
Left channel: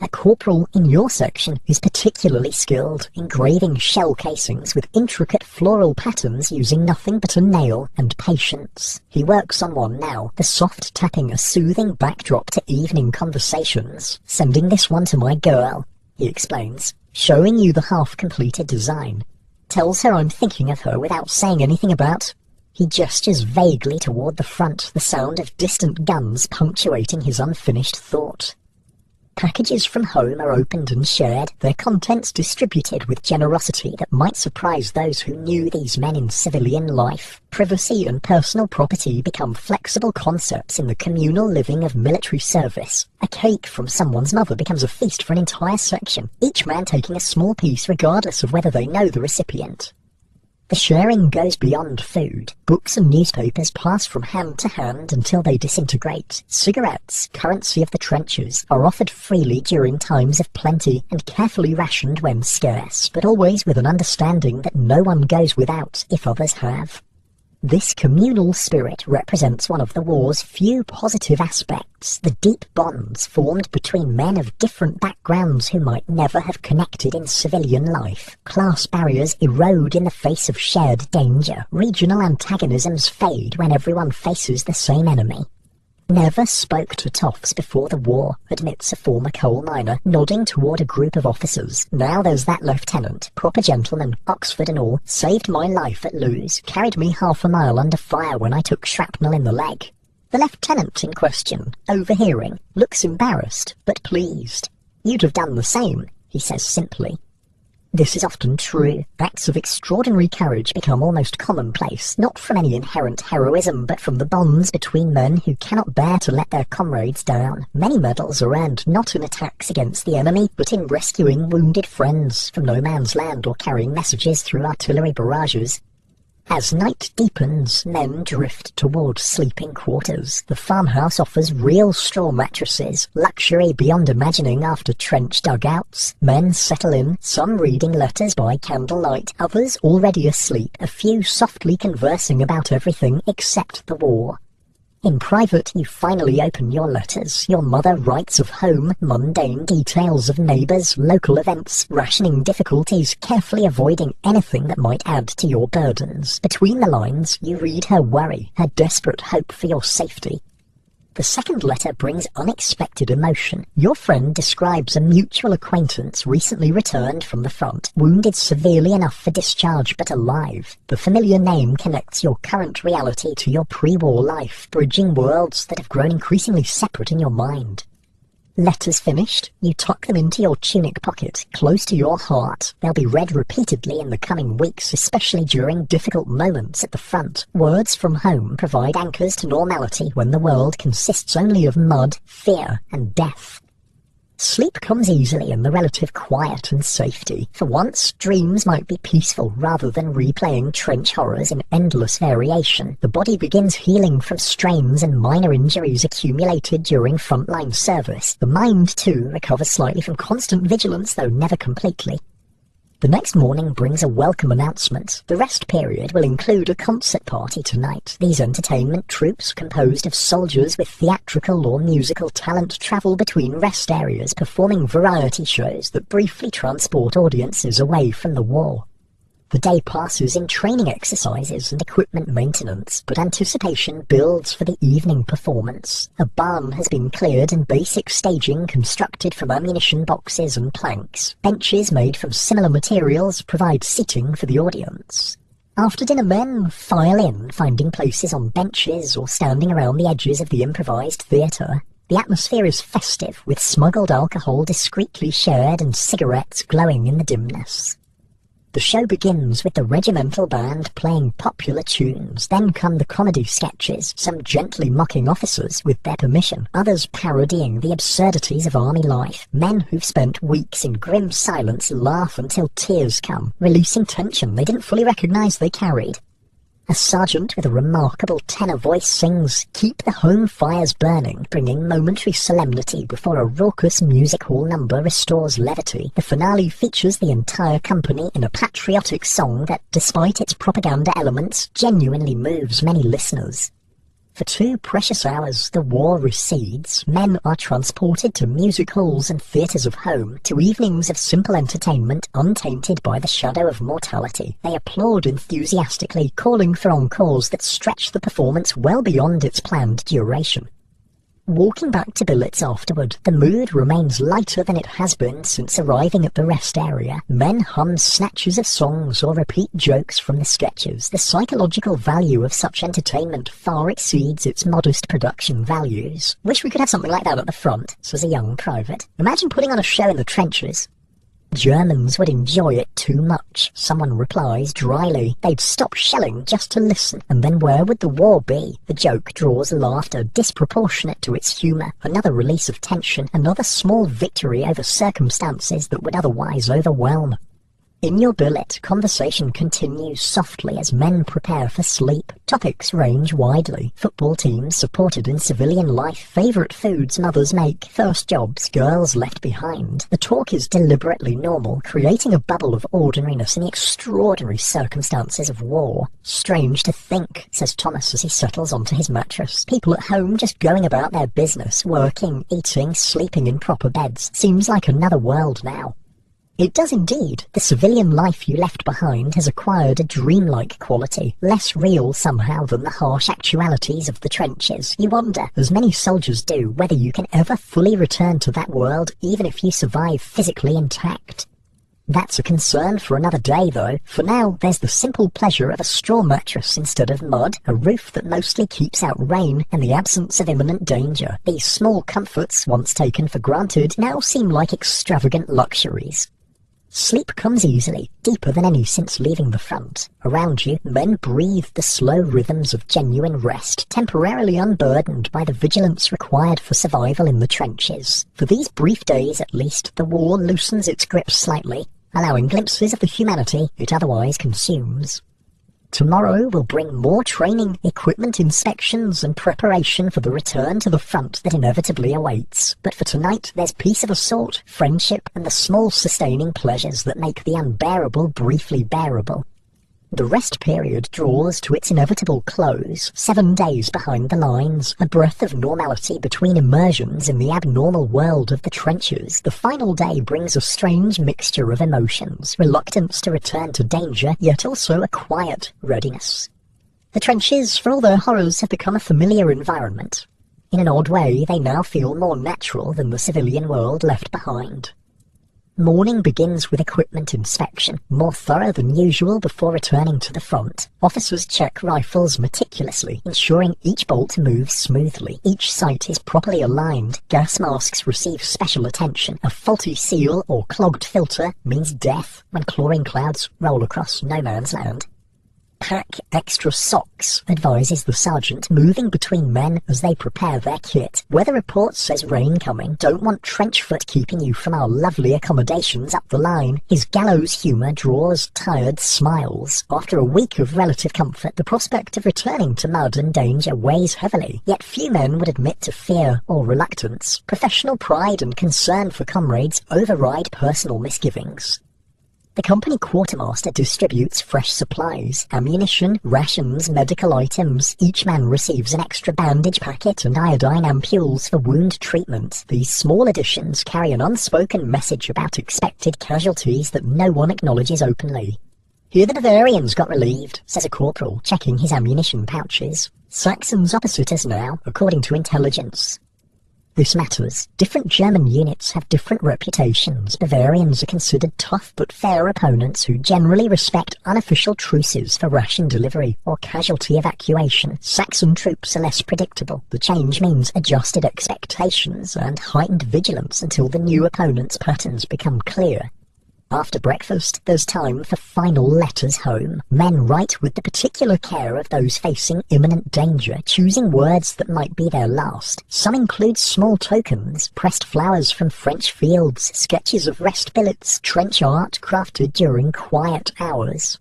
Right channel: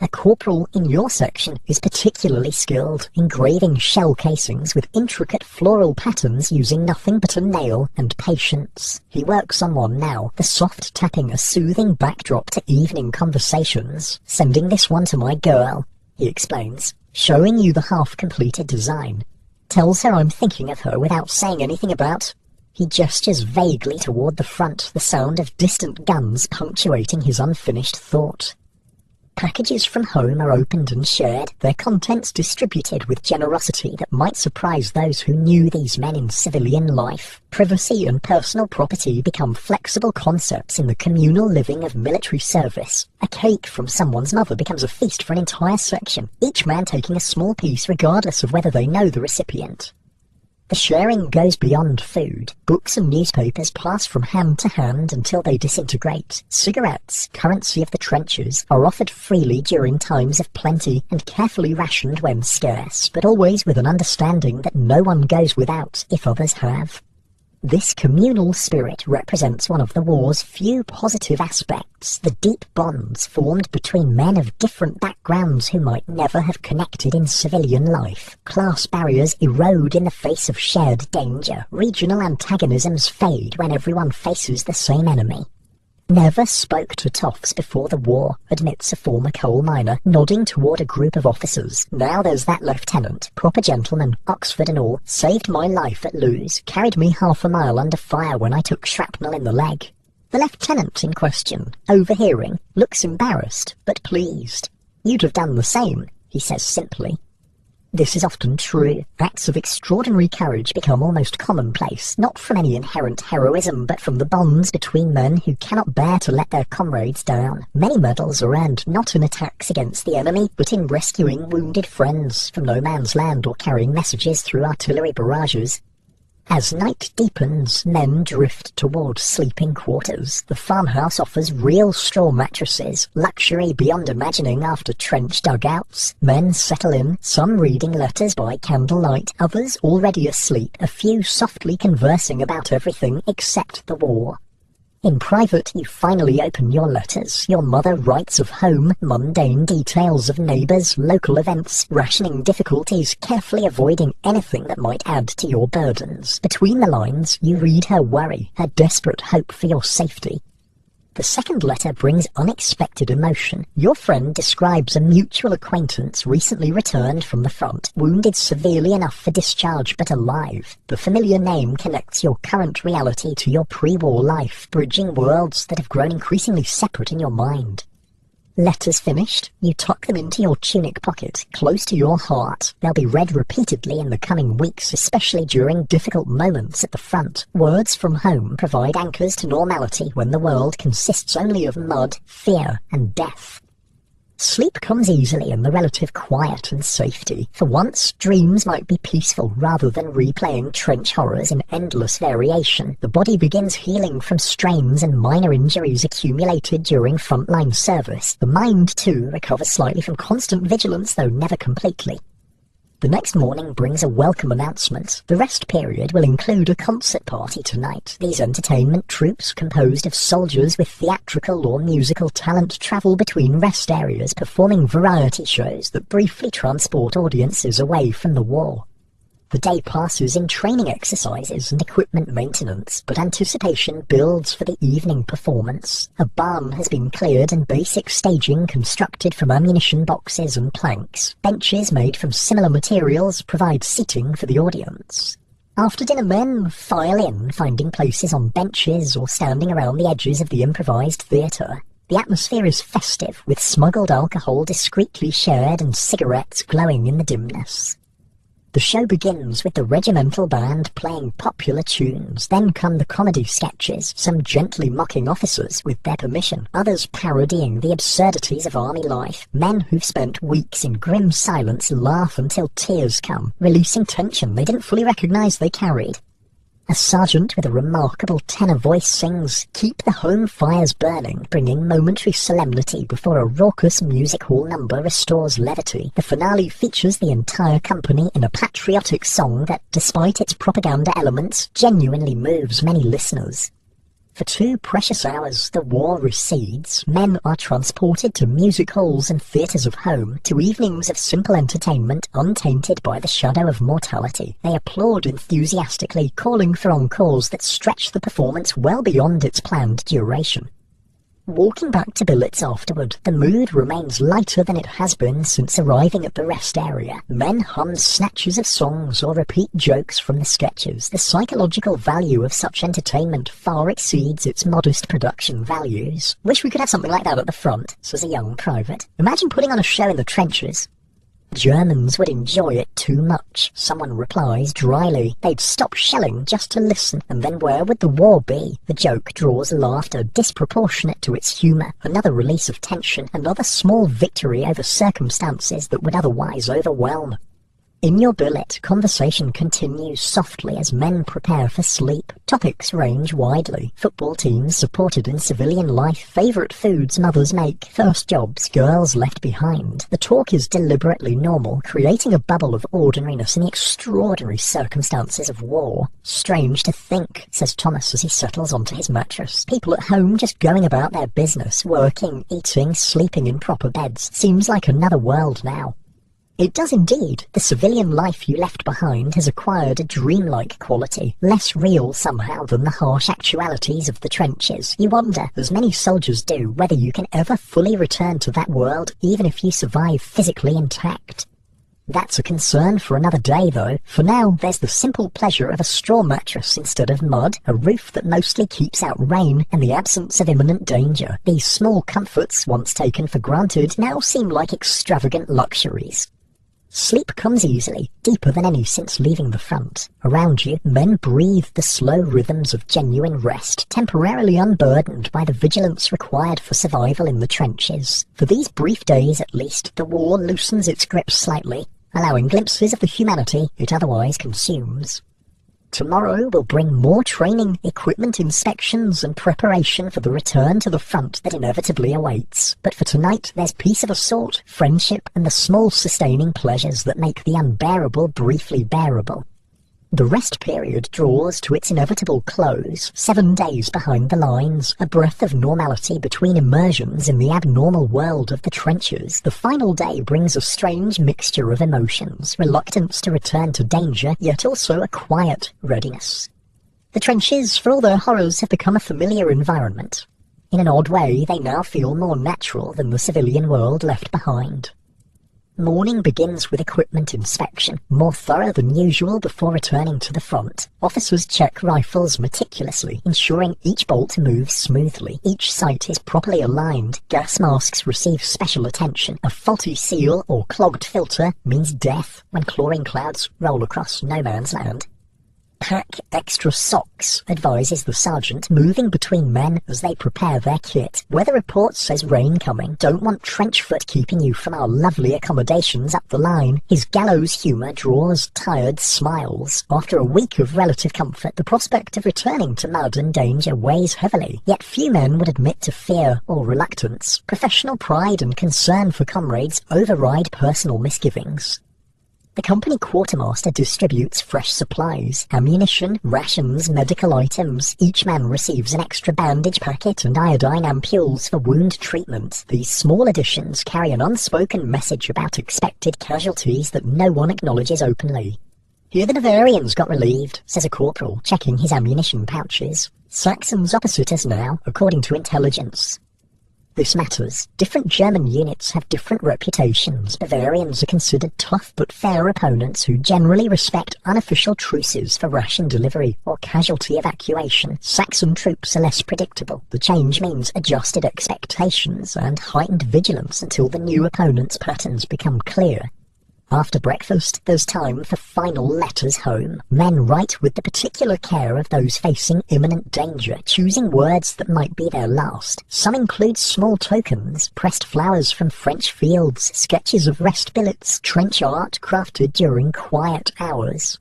A corporal in your section is particularly skilled, engraving shell casings with intricate floral patterns using nothing but a nail and patience. He works on one now, the soft tapping a soothing backdrop to evening conversations. Sending this one to my girl, he explains, showing you the half-completed design. Tells her I'm thinking of her without saying anything about. He gestures vaguely toward the front, the sound of distant guns punctuating his unfinished thought. Packages from home are opened and shared, their contents distributed with generosity that might surprise those who knew these men in civilian life. Privacy and personal property become flexible concepts in the communal living of military service. A cake from someone's mother becomes a feast for an entire section, each man taking a small piece regardless of whether they know the recipient. The sharing goes beyond food. Books and newspapers pass from hand to hand until they disintegrate. Cigarettes, currency of the trenches, are offered freely during times of plenty and carefully rationed when scarce, but always with an understanding that no one goes without if others have. This communal spirit represents one of the war's few positive aspects, the deep bonds formed between men of different backgrounds who might never have connected in civilian life. Class barriers erode in the face of shared danger. Regional antagonisms fade when everyone faces the same enemy. Never spoke to toffs before the war, admits a former coal miner, nodding toward a group of officers. Now there's that lieutenant, proper gentleman, Oxford and all, saved my life at Lewes, carried me half a mile under fire when I took shrapnel in the leg. The lieutenant in question, overhearing, looks embarrassed, but pleased. You'd have done the same, he says simply. This is often true. Acts of extraordinary courage become almost commonplace, not from any inherent heroism, but from the bonds between men who cannot bear to let their comrades down. Many medals are earned not in attacks against the enemy, but in rescuing wounded friends from no man's land or carrying messages through artillery barrages. As night deepens, men drift toward sleeping quarters. The farmhouse offers real straw mattresses, luxury beyond imagining after trench dugouts. Men settle in, some reading letters by candlelight, others already asleep, a few softly conversing about everything except the war. In private, you finally open your letters. Your mother writes of home, mundane details of neighbours, local events, rationing difficulties, carefully avoiding anything that might add to your burdens. Between the lines, you read her worry, her desperate hope for your safety. The second letter brings unexpected emotion. Your friend describes a mutual acquaintance recently returned from the front, wounded severely enough for discharge but alive. The familiar name connects your current reality to your pre-war life, bridging worlds that have grown increasingly separate in your mind. Letters finished, you tuck them into your tunic pocket, close to your heart. They'll be read repeatedly in the coming weeks, especially during difficult moments at the front. Words from home provide anchors to normality when the world consists only of mud, fear, and death. Sleep comes easily in the relative quiet and safety. For once, dreams might be peaceful rather than replaying trench horrors in endless variation. The body begins healing from strains and minor injuries accumulated during frontline service. The mind, too, recovers slightly from constant vigilance, though never completely. The next morning brings a welcome announcement. The rest period will include a concert party tonight. These entertainment troupes, composed of soldiers with theatrical or musical talent, travel between rest areas, performing variety shows that briefly transport audiences away from the war. The day passes in training exercises and equipment maintenance, but anticipation builds for the evening performance. A barn has been cleared and basic staging constructed from ammunition boxes and planks. Benches made from similar materials provide seating for the audience. After dinner, men file in, finding places on benches or standing around the edges of the improvised theatre. The atmosphere is festive, with smuggled alcohol discreetly shared and cigarettes glowing in the dimness. The show begins with the regimental band playing popular tunes. Then come the comedy sketches, some gently mocking officers with their permission, others parodying the absurdities of army life. Men who've spent weeks in grim silence laugh until tears come, releasing tension they didn't fully recognize they carried. A sergeant with a remarkable tenor voice sings, "Keep the home fires burning," bringing momentary solemnity before a raucous music hall number restores levity. The finale features the entire company in a patriotic song that, despite its propaganda elements, genuinely moves many listeners. For 2 precious hours, the war recedes. Men are transported to music halls and theatres of home, to evenings of simple entertainment, untainted by the shadow of mortality. They applaud enthusiastically, calling for encores that stretch the performance well beyond its planned duration. Walking back to billets afterward, the mood remains lighter than it has been since arriving at the rest area. Men hum snatches of songs or repeat jokes from the sketches. The psychological value of such entertainment far exceeds its modest production values. "Wish we could have something like that at the front," says a young private. "Imagine putting on a show in the trenches." "Germans would enjoy it too much," someone replies dryly. "They'd stop shelling just to listen, and then where would the war be?" The joke draws laughter disproportionate to its humour. Another release of tension, another small victory over circumstances that would otherwise overwhelm. In your billet, conversation continues softly as men prepare for sleep. Topics range widely. Football teams supported in civilian life, favourite foods mothers make, first jobs, girls left behind. The talk is deliberately normal, creating a bubble of ordinariness in the extraordinary circumstances of war. "Strange to think," says Thomas as he settles onto his mattress. "People at home just going about their business, working, eating, sleeping in proper beds. Seems like another world now." It does indeed. The civilian life you left behind has acquired a dreamlike quality, less real somehow than the harsh actualities of the trenches. You wonder, as many soldiers do, whether you can ever fully return to that world, even if you survive physically intact. That's a concern for another day, though. For now, there's the simple pleasure of a straw mattress instead of mud, a roof that mostly keeps out rain, and the absence of imminent danger. These small comforts, once taken for granted, now seem like extravagant luxuries. Sleep comes easily, deeper than any since leaving the front. Around you, men breathe the slow rhythms of genuine rest, temporarily unburdened by the vigilance required for survival in the trenches. For these brief days at least, the war loosens its grip slightly, allowing glimpses of the humanity it otherwise consumes. Tomorrow will bring more training, equipment inspections, and preparation for the return to the front that inevitably awaits. But for tonight, there's peace of a sort, friendship, and the small sustaining pleasures that make the unbearable briefly bearable. The rest period draws to its inevitable close, 7 days behind the lines, a breath of normality between immersions in the abnormal world of the trenches. The final day brings a strange mixture of emotions, reluctance to return to danger, yet also a quiet readiness. The trenches, for all their horrors, have become a familiar environment. In an odd way, they now feel more natural than the civilian world left behind. Morning begins with equipment inspection, more thorough than usual before returning to the front. Officers check rifles meticulously, ensuring each bolt moves smoothly. Each sight is properly aligned. Gas masks receive special attention. A faulty seal or clogged filter means death when chlorine clouds roll across no man's land. Pack extra socks, advises the sergeant, moving between men as they prepare their kit. Weather report says rain coming. Don't want trench foot keeping you from our lovely accommodations up the line. His gallows humour draws tired smiles. After a week of relative comfort, the prospect of returning to mud and danger weighs heavily. Yet few men would admit to fear or reluctance. Professional pride and concern for comrades override personal misgivings. The company quartermaster distributes fresh supplies, ammunition, rations, medical items. Each man receives an extra bandage packet and iodine ampules for wound treatment. These small additions carry an unspoken message about expected casualties that no one acknowledges openly. "Here the Bavarians got relieved," says a corporal, checking his ammunition pouches. "Saxons opposite us now, according to intelligence." This matters. Different German units have different reputations. Bavarians are considered tough but fair opponents who generally respect unofficial truces for ration delivery or casualty evacuation. Saxon troops are less predictable. The change means adjusted expectations and heightened vigilance until the new opponent's patterns become clear. After breakfast, there's time for final letters home. Men write with the particular care of those facing imminent danger, choosing words that might be their last. Some include small tokens, pressed flowers from French fields, sketches of rest billets, trench art crafted during quiet hours.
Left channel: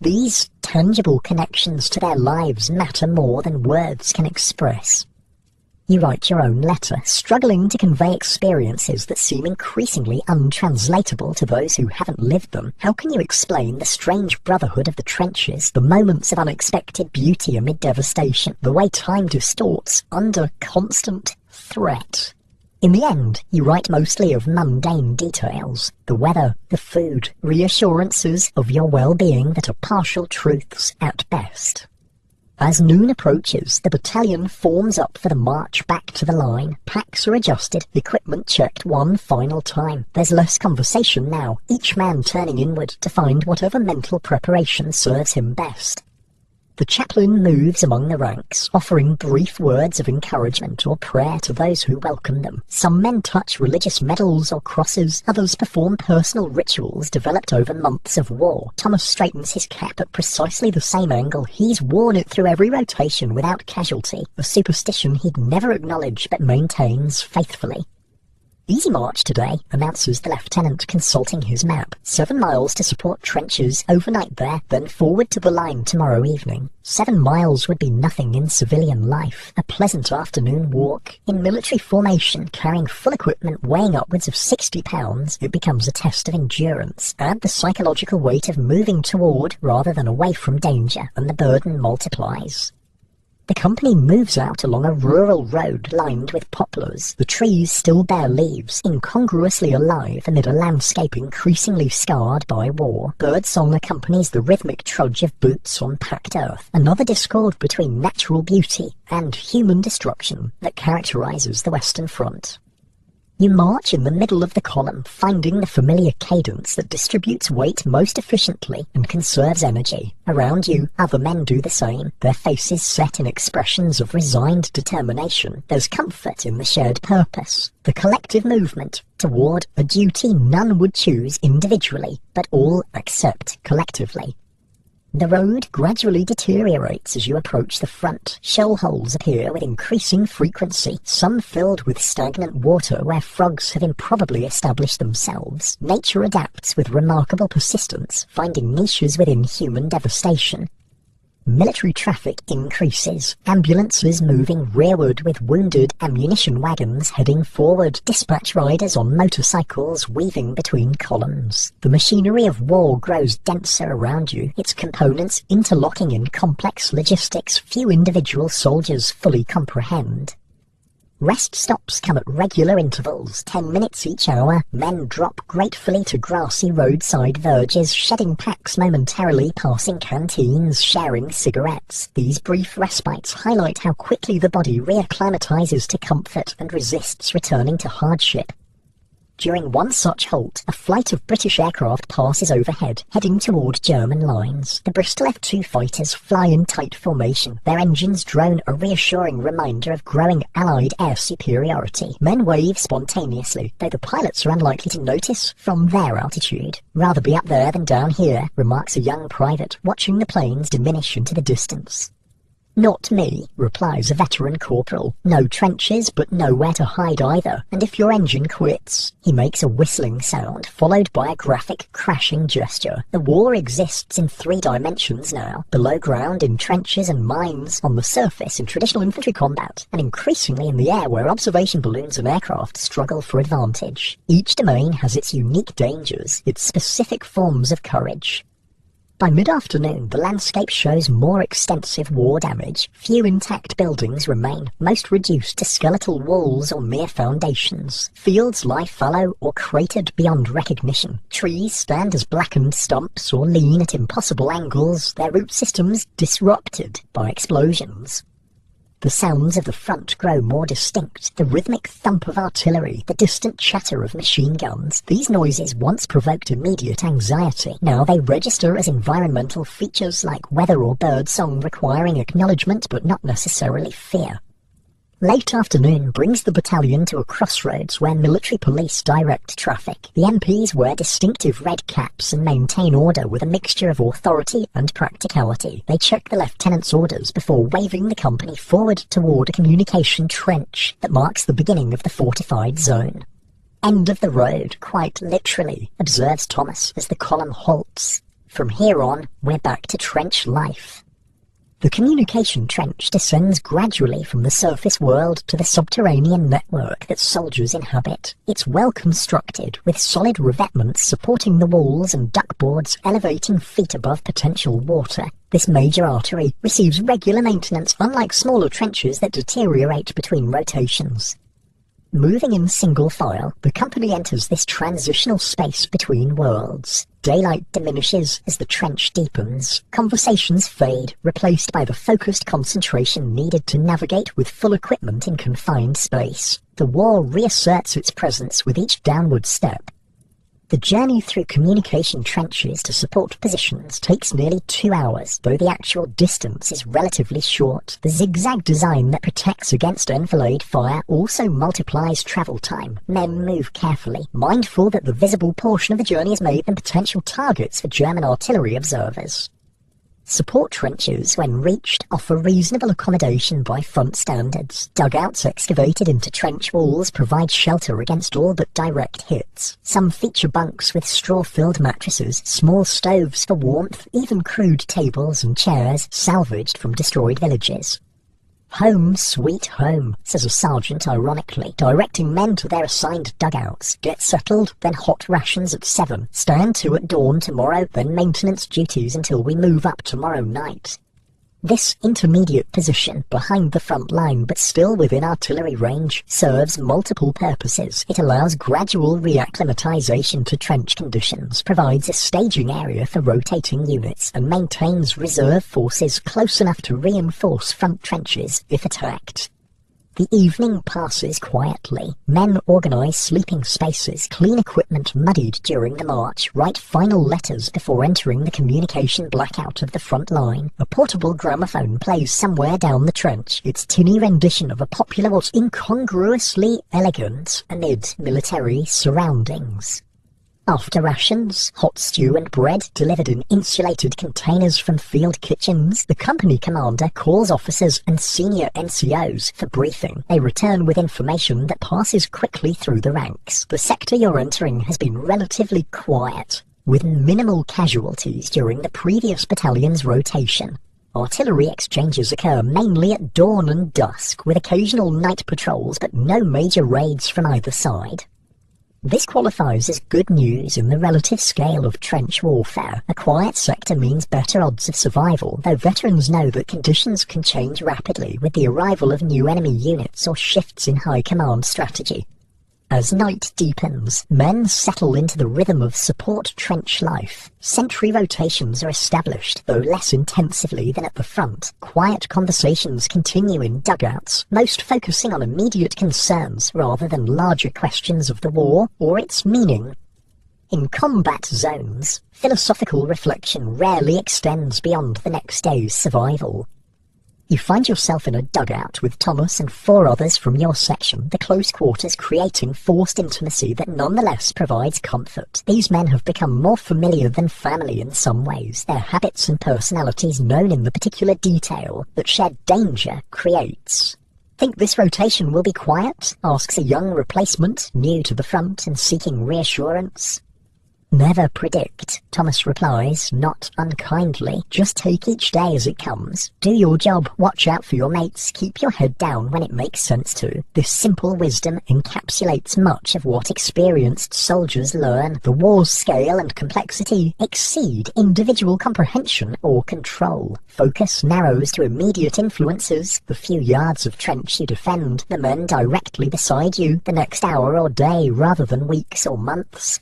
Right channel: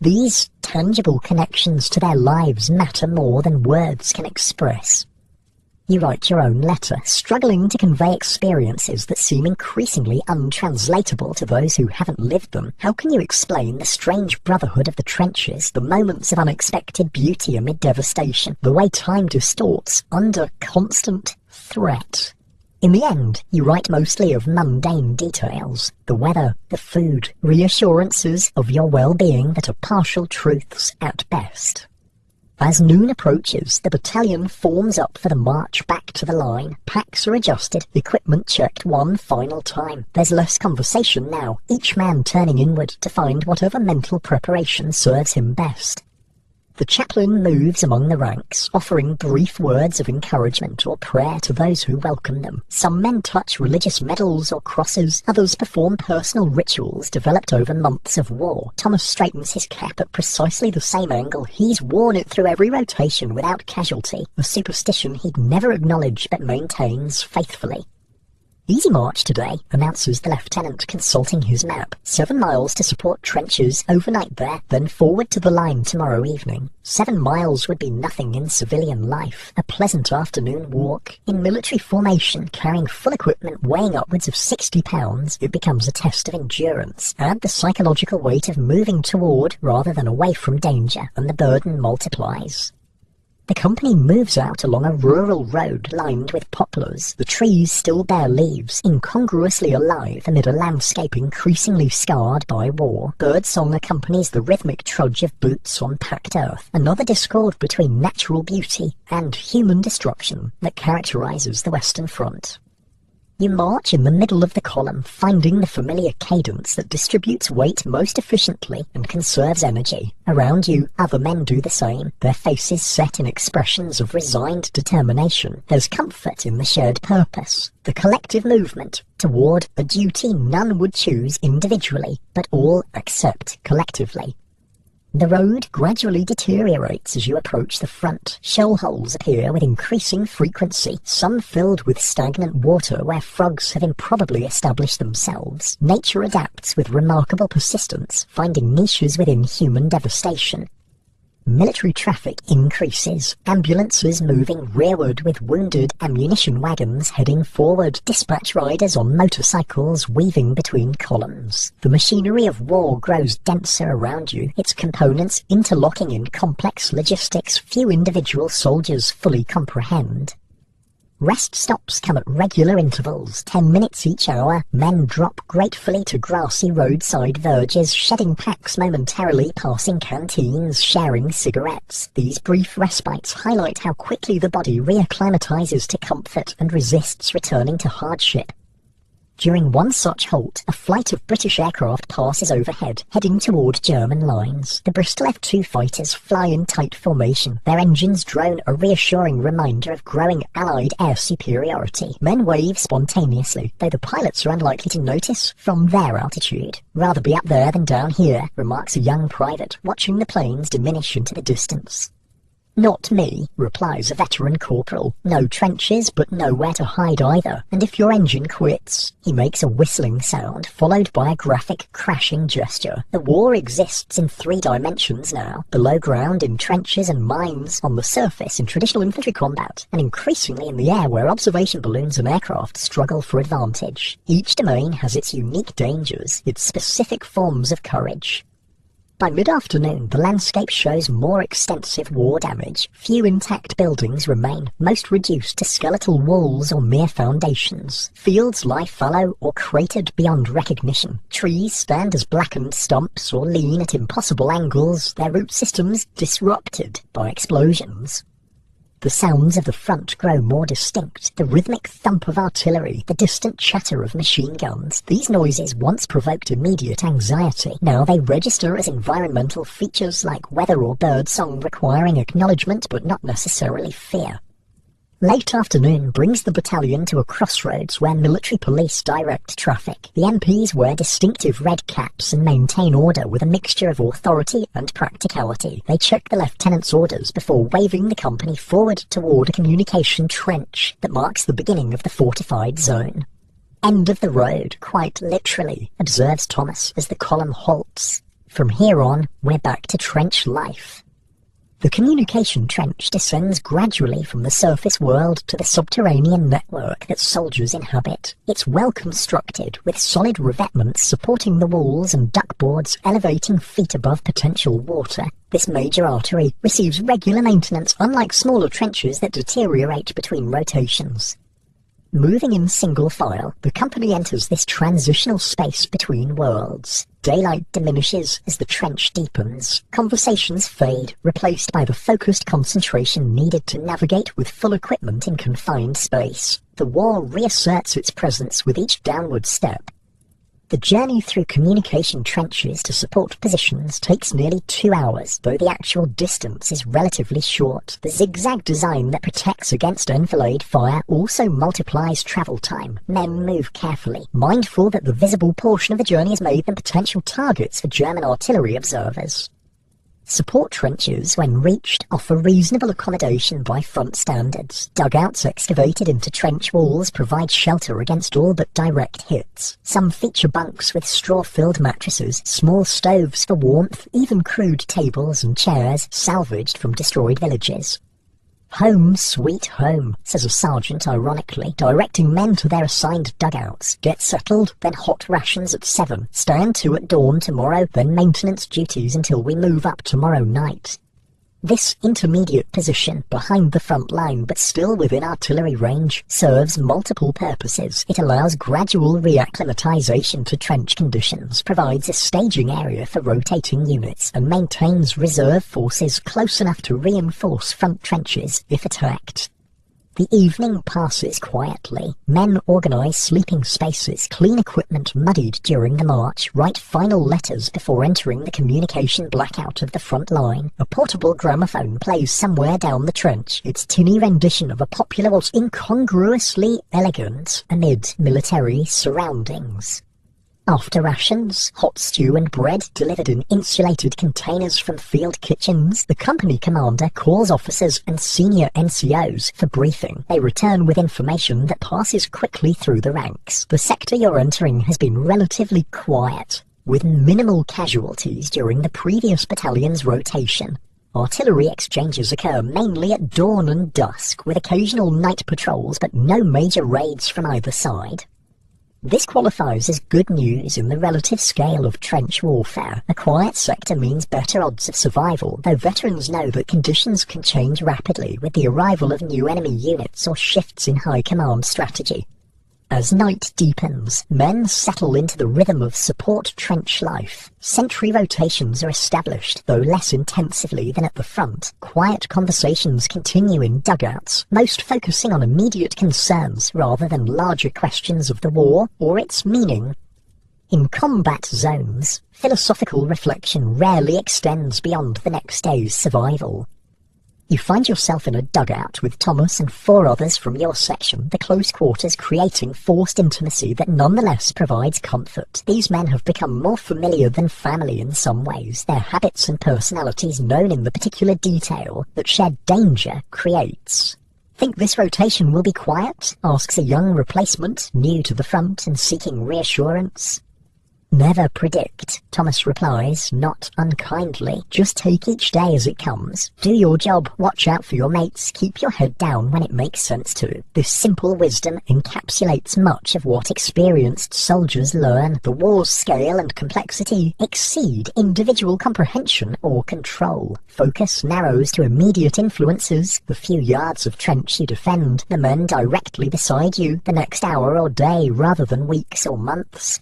These tangible connections to their lives matter more than words can express. You write your own letter, struggling to convey experiences that seem increasingly untranslatable to those who haven't lived them. How can you explain the strange brotherhood of the trenches, the moments of unexpected beauty amid devastation, the way time distorts under constant threat? In the end, you write mostly of mundane details, the weather, the food, reassurances of your well-being that are partial truths at best. As noon approaches, the battalion forms up for the march back to the line. Packs are adjusted, equipment checked one final time. There's less conversation now, each man turning inward to find whatever mental preparation serves him best. The chaplain moves among the ranks, offering brief words of encouragement or prayer to those who welcome them. Some men touch religious medals or crosses, others perform personal rituals developed over months of war. Thomas straightens his cap at precisely the same angle. He's worn it through every rotation without casualty, a superstition he'd never acknowledge but maintains faithfully. "Easy march today," announces the lieutenant, consulting his map. 7 miles to support trenches overnight there, then forward to the line tomorrow evening. 7 miles would be nothing in civilian life. A pleasant afternoon walk. In military formation, carrying full equipment weighing upwards of 60 pounds, it becomes a test of endurance. Add the psychological weight of moving toward rather than away from danger, and the burden multiplies. The company moves out along a rural road lined with poplars. The trees still bear leaves, incongruously alive amid a landscape increasingly scarred by war. Birdsong accompanies the rhythmic trudge of boots on packed earth, another discord between natural beauty and human destruction that characterizes the Western Front. You march in the middle of the column, finding the familiar cadence that distributes weight most efficiently and conserves energy. Around you, other men do the same, their faces set in expressions of resigned determination. There's comfort in the shared purpose, the collective movement toward a duty none would choose individually, but all accept collectively. The road gradually deteriorates as you approach the front. Shell holes appear with increasing frequency, some filled with stagnant water where frogs have improbably established themselves. Nature adapts with remarkable persistence, finding niches within human devastation. military traffic increases. Ambulances moving rearward with wounded ammunition wagons heading forward. Dispatch riders on motorcycles weaving between columns. The machinery of war grows denser around you, its components interlocking in complex logistics few individual soldiers fully comprehend. Rest stops come at regular intervals, 10 minutes each hour. Men drop gratefully to grassy roadside verges, shedding packs momentarily, passing canteens, sharing cigarettes. These brief respites highlight how quickly the body reacclimatizes to comfort and resists returning to hardship. During one such halt, a flight of British aircraft passes overhead, heading toward German lines. The Bristol F-2 fighters fly in tight formation. Their engines drone a reassuring reminder of growing Allied air superiority. Men wave spontaneously, though the pilots are unlikely to notice from their altitude. "Rather be up there than down here," remarks a young private, watching the planes diminish into the distance. "Not me," replies a veteran corporal. "No trenches, but nowhere to hide either. And if your engine quits..." He makes a whistling sound, followed by a graphic crashing gesture. The war exists in 3 dimensions now. Below ground in trenches and mines, on the surface in traditional infantry combat, and increasingly in the air where observation balloons and aircraft struggle for advantage. Each domain has its unique dangers, its specific forms of courage. By mid-afternoon, the landscape shows more extensive war damage. Few intact buildings remain, most reduced to skeletal walls or mere foundations. Fields lie fallow or cratered beyond recognition. Trees stand as blackened stumps or lean at impossible angles, their root systems disrupted by explosions. The sounds of the front grow more distinct, the rhythmic thump of artillery, the distant chatter of machine guns. These noises once provoked immediate anxiety. Now they register as environmental features like weather or bird song requiring acknowledgement but not necessarily fear. Late afternoon brings the battalion to a crossroads where military police direct traffic. The MPs wear distinctive red caps and maintain order with a mixture of authority and practicality. They check the lieutenant's orders before waving the company forward toward a communication trench that marks the beginning of the fortified zone. "End of the road, quite literally," observes Thomas as the column halts. "From here on, we're back to trench life." The communication trench descends gradually from the surface world to the subterranean network that soldiers inhabit. It's well constructed, with solid revetments supporting the walls and duckboards elevating feet above potential water. This major artery receives regular maintenance, unlike smaller trenches that deteriorate between rotations. Moving in single file, the company enters this transitional space between worlds. Daylight diminishes as the trench deepens. Conversations fade, replaced by the focused concentration needed to navigate with full equipment in confined space. The war reasserts its presence with each downward step. The journey through communication trenches to support positions takes nearly 2 hours, though the actual distance is relatively short. The zigzag design that protects against enfilade fire also multiplies travel time. Men move carefully, mindful that the visible portion of the journey has made them potential targets for German artillery observers. Support trenches, when reached, offer reasonable accommodation by front standards. Dugouts excavated into trench walls provide shelter against all but direct hits. Some feature bunks with straw-filled mattresses, small stoves for warmth, even crude tables and chairs salvaged from destroyed villages. "Home, sweet home," says a sergeant ironically, directing men to their assigned dugouts. "Get settled, then hot rations at 7. Stand to at dawn tomorrow, then maintenance duties until we move up tomorrow night." This intermediate position, behind the front line but still within artillery range, serves multiple purposes. It allows gradual reacclimatization to trench conditions, provides a staging area for rotating units, and maintains reserve forces close enough to reinforce front trenches if attacked. The evening passes quietly. Men organise sleeping spaces, clean equipment muddied during the march, write final letters before entering the communication blackout of the front line. A portable gramophone plays somewhere down the trench, its tinny rendition of a popular but incongruously elegant amid military surroundings. After rations, hot stew and bread delivered in insulated containers from field kitchens, the company commander calls officers and senior NCOs for briefing. They return with information that passes quickly through the ranks. The sector you're entering has been relatively quiet, with minimal casualties during the previous battalion's rotation. Artillery exchanges occur mainly at dawn and dusk, with occasional night patrols but no major raids from either side. This qualifies as good news in the relative scale of trench warfare. A quiet sector means better odds of survival, though veterans know that conditions can change rapidly with the arrival of new enemy units or shifts in high command strategy. As night deepens, men settle into the rhythm of support trench life. Sentry rotations are established, though less intensively than at the front. Quiet conversations continue in dugouts, most focusing on immediate concerns rather than larger questions of the war or its meaning. In combat zones, philosophical reflection rarely extends beyond the next day's survival. You find yourself in a dugout with Thomas and 4 others from your section, the close quarters creating forced intimacy that nonetheless provides comfort. These men have become more familiar than family in some ways, their habits and personalities known in the particular detail that shared danger creates. "Think this rotation will be quiet?" asks a young replacement, new to the front and seeking reassurance. "Never predict," Thomas replies, not unkindly. "Just take each day as it comes. Do your job, watch out for your mates, keep your head down when it makes sense to." This simple wisdom encapsulates much of what experienced soldiers learn. The war's scale and complexity exceed individual comprehension or control. Focus narrows to immediate influences, the few yards of trench you defend, the men directly beside you, the next hour or day rather than weeks or months.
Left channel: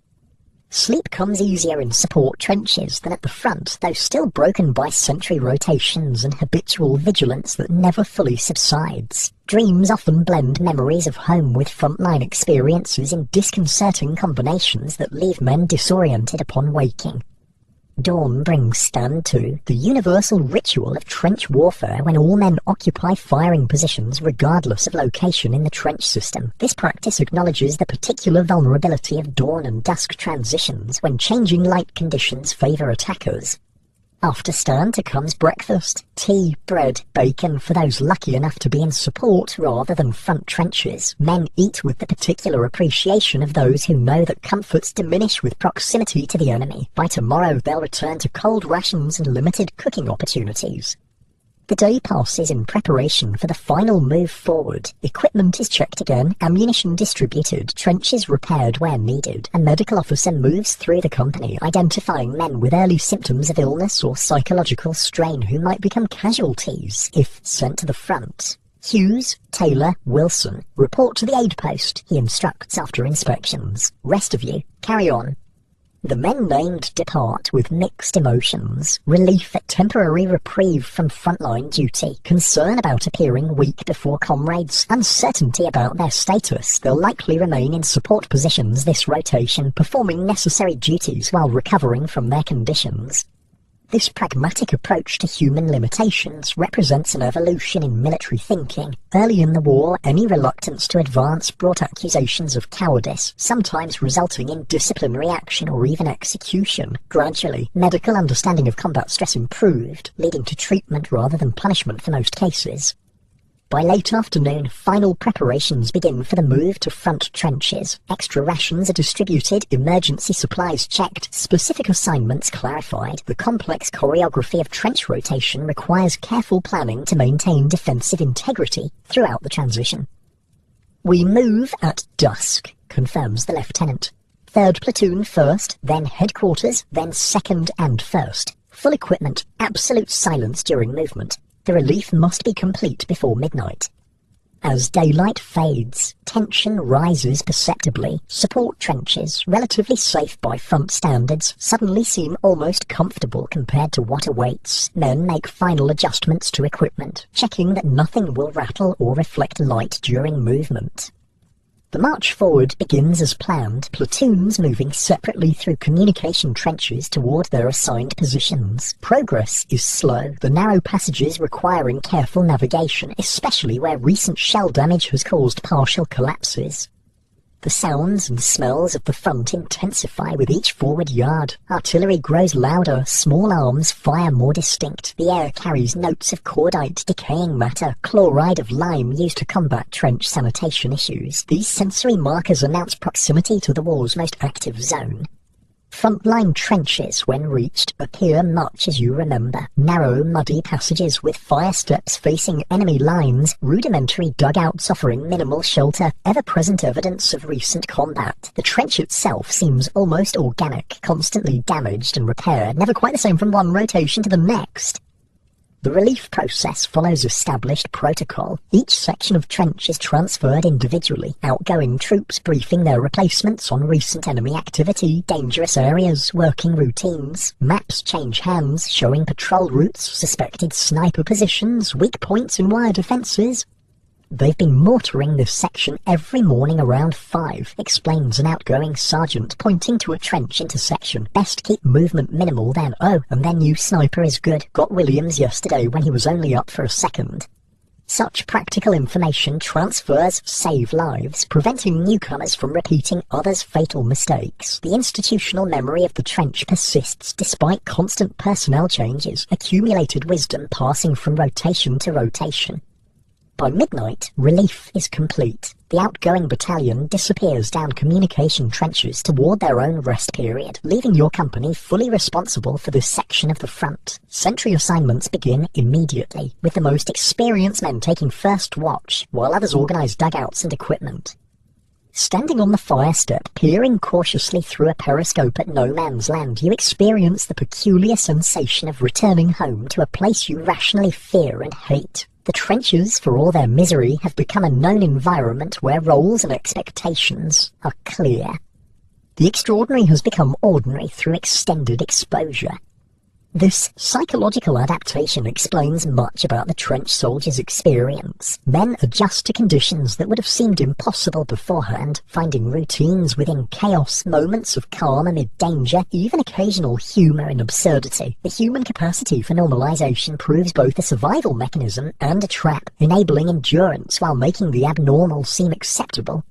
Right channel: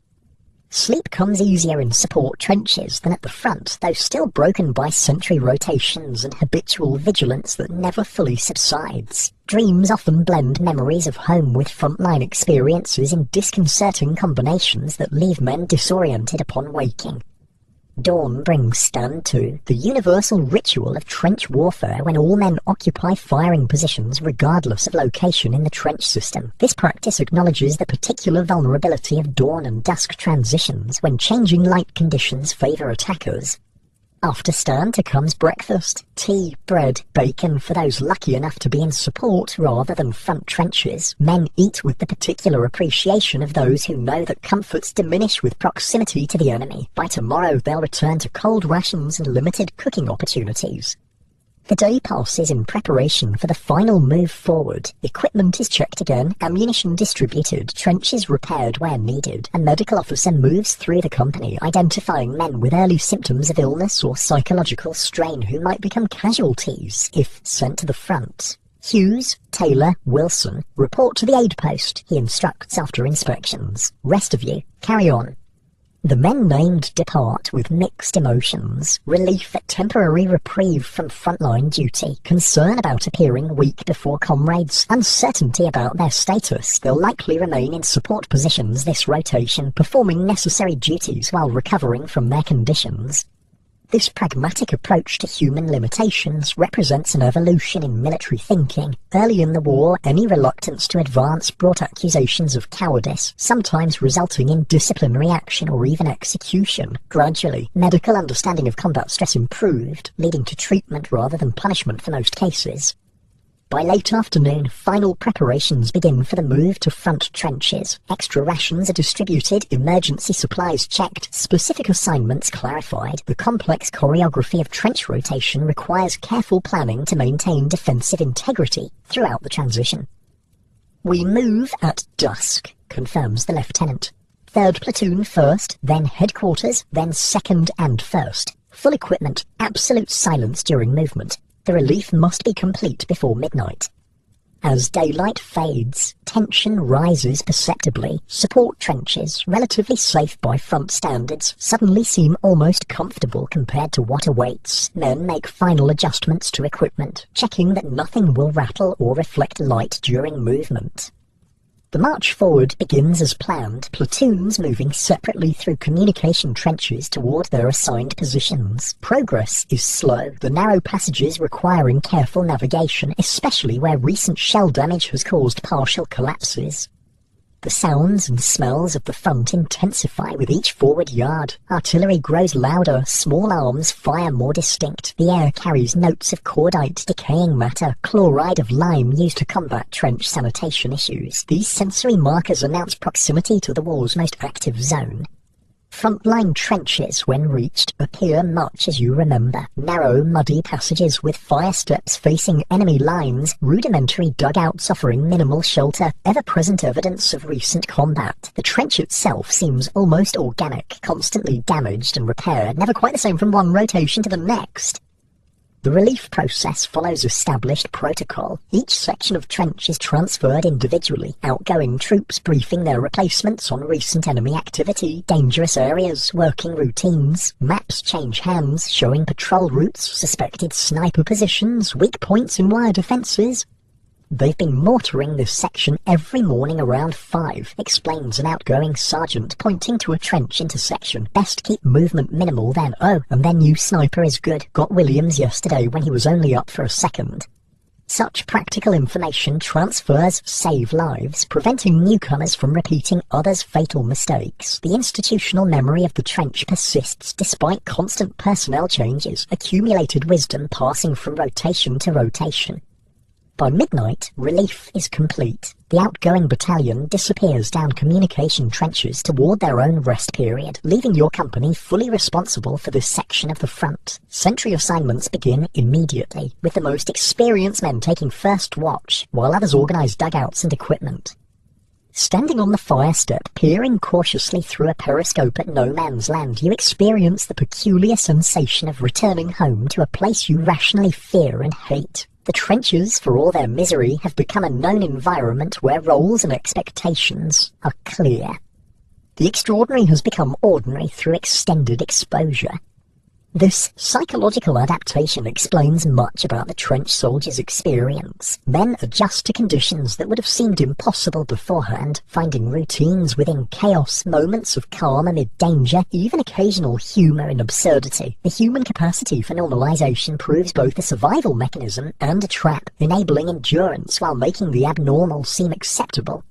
Sleep comes easier in support trenches than at the front, though still broken by sentry rotations and habitual vigilance that never fully subsides. Dreams often blend memories of home with frontline experiences in disconcerting combinations that leave men disoriented upon waking. Dawn brings stand to the universal ritual of trench warfare when all men occupy firing positions regardless of location in the trench system. This practice acknowledges the particular vulnerability of dawn and dusk transitions when changing light conditions favour attackers. After stand comes breakfast, tea, bread, bacon for those lucky enough to be in support rather than front trenches. Men eat with the particular appreciation of those who know that comforts diminish with proximity to the enemy. By tomorrow they'll return to cold rations and limited cooking opportunities. The day passes in preparation for the final move forward. Equipment is checked again, ammunition distributed, trenches repaired where needed. A medical officer moves through the company, identifying men with early symptoms of illness or psychological strain who might become casualties if sent to the front. Hughes, Taylor, Wilson, report to the aid post, he instructs after inspections. Rest of you, carry on. The men named depart with mixed emotions, relief at temporary reprieve from frontline duty, concern about appearing weak before comrades, uncertainty about their status. They'll likely remain in support positions this rotation, performing necessary duties while recovering from their conditions. This pragmatic approach to human limitations represents an evolution in military thinking. Early in the war, any reluctance to advance brought accusations of cowardice, sometimes resulting in disciplinary action or even execution. Gradually, medical understanding of combat stress improved, leading to treatment rather than punishment for most cases. By late afternoon, final preparations begin for the move to front trenches. Extra rations are distributed, emergency supplies checked, specific assignments clarified. The complex choreography of trench rotation requires careful planning to maintain defensive integrity throughout the transition. "We move at dusk," confirms the lieutenant. "Third platoon first, then headquarters, then second and first. Full equipment, absolute silence during movement. The relief must be complete before midnight." As daylight fades, tension rises perceptibly. Support trenches, relatively safe by front standards, suddenly seem almost comfortable compared to what awaits. Men make final adjustments to equipment, checking that nothing will rattle or reflect light during movement. The march forward begins as planned, platoons moving separately through communication trenches toward their assigned positions. Progress is slow, the narrow passages requiring careful navigation, especially where recent shell damage has caused partial collapses. The sounds and smells of the front intensify with each forward yard. Artillery grows louder, small arms fire more distinct. The air carries notes of cordite, decaying matter, chloride of lime used to combat trench sanitation issues. These sensory markers announce proximity to the war's most active zone. Frontline trenches, when reached, appear much as you remember. Narrow, muddy passages with fire steps facing enemy lines, rudimentary dugouts offering minimal shelter, ever-present evidence of recent combat. The trench itself seems almost organic, constantly damaged and repaired, never quite the same from one rotation to the next. The relief process follows established protocol. Each section of trench is transferred individually, outgoing troops briefing their replacements on recent enemy activity, dangerous areas, working routines. Maps change hands, showing patrol routes, suspected sniper positions, weak points and wire defences. They've been mortaring this section every morning around 5, explains an outgoing sergeant, pointing to a trench intersection. Best keep movement minimal then. Oh, and their new sniper is good. Got Williams yesterday when he was only up for a second. Such practical information transfers save lives, preventing newcomers from repeating others' fatal mistakes. The institutional memory of the trench persists despite constant personnel changes, accumulated wisdom passing from rotation to rotation. By midnight, relief is complete. The outgoing battalion disappears down communication trenches toward their own rest period, leaving your company fully responsible for this section of the front. Sentry assignments begin immediately, with the most experienced men taking first watch, while others organize dugouts and equipment. Standing on the fire step, peering cautiously through a periscope at no man's land, you experience the peculiar sensation of returning home to a place you rationally fear and hate. The trenches, for all their misery, have become a known environment where roles and expectations are clear. The extraordinary has become ordinary through extended exposure. This psychological adaptation explains much about the trench soldier's experience. Men adjust to conditions that would have seemed impossible beforehand, finding routines within chaos, moments of calm amid danger, even occasional humour in absurdity. The human capacity for normalisation proves both a survival mechanism and a trap, enabling endurance while making the abnormal seem acceptable.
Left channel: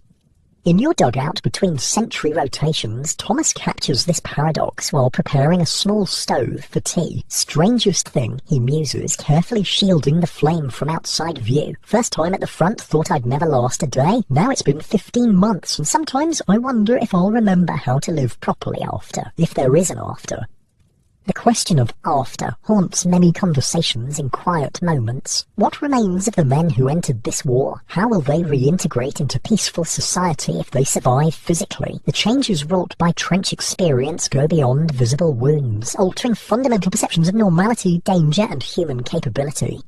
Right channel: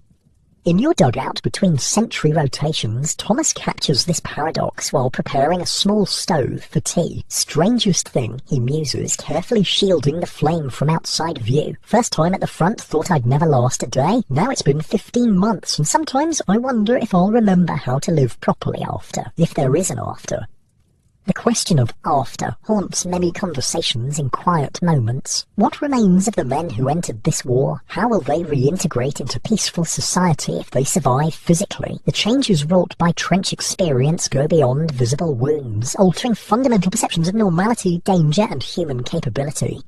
In your dugout between sentry rotations, Thomas captures this paradox while preparing a small stove for tea. Strangest thing, he muses, carefully shielding the flame from outside view. First time at the front, thought I'd never last a day. Now it's been 15 months, and sometimes I wonder if I'll remember how to live properly after, if there is an after. The question of after haunts many conversations in quiet moments. What remains of the men who entered this war? How will they reintegrate into peaceful society if they survive physically? The changes wrought by trench experience go beyond visible wounds, altering fundamental perceptions of normality, danger, and human capability.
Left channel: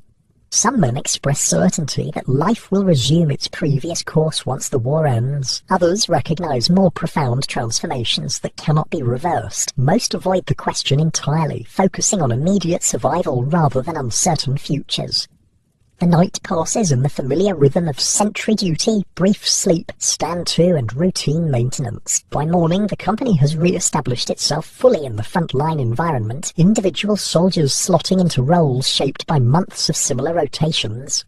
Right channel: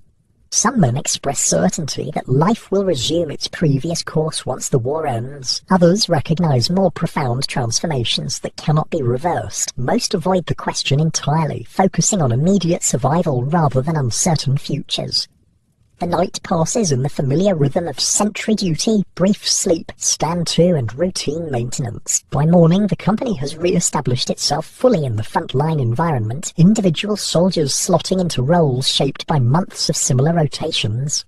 Some men express certainty that life will resume its previous course once the war ends. Others recognize more profound transformations that cannot be reversed. Most avoid the question entirely, focusing on immediate survival rather than uncertain futures. The night passes in the familiar rhythm of sentry duty, brief sleep, stand to, and routine maintenance. By morning, the company has re-established itself fully in the front-line environment, individual soldiers slotting into roles shaped by months of similar rotations.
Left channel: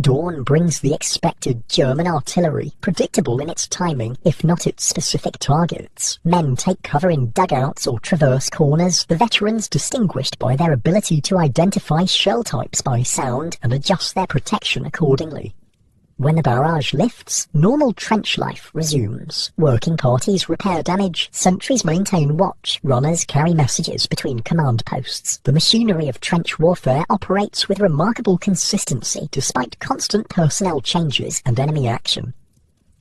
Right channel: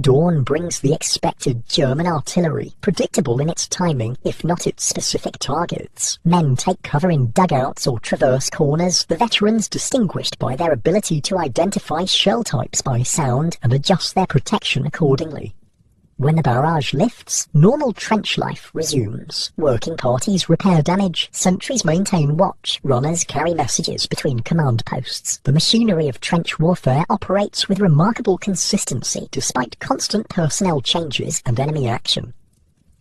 Dawn brings the expected German artillery, predictable in its timing, if not its specific targets. Men take cover in dugouts or traverse corners, the veterans distinguished by their ability to identify shell types by sound and adjust their protection accordingly. When the barrage lifts, normal trench life resumes. Working parties repair damage, sentries maintain watch, runners carry messages between command posts. The machinery of trench warfare operates with remarkable consistency despite constant personnel changes and enemy action.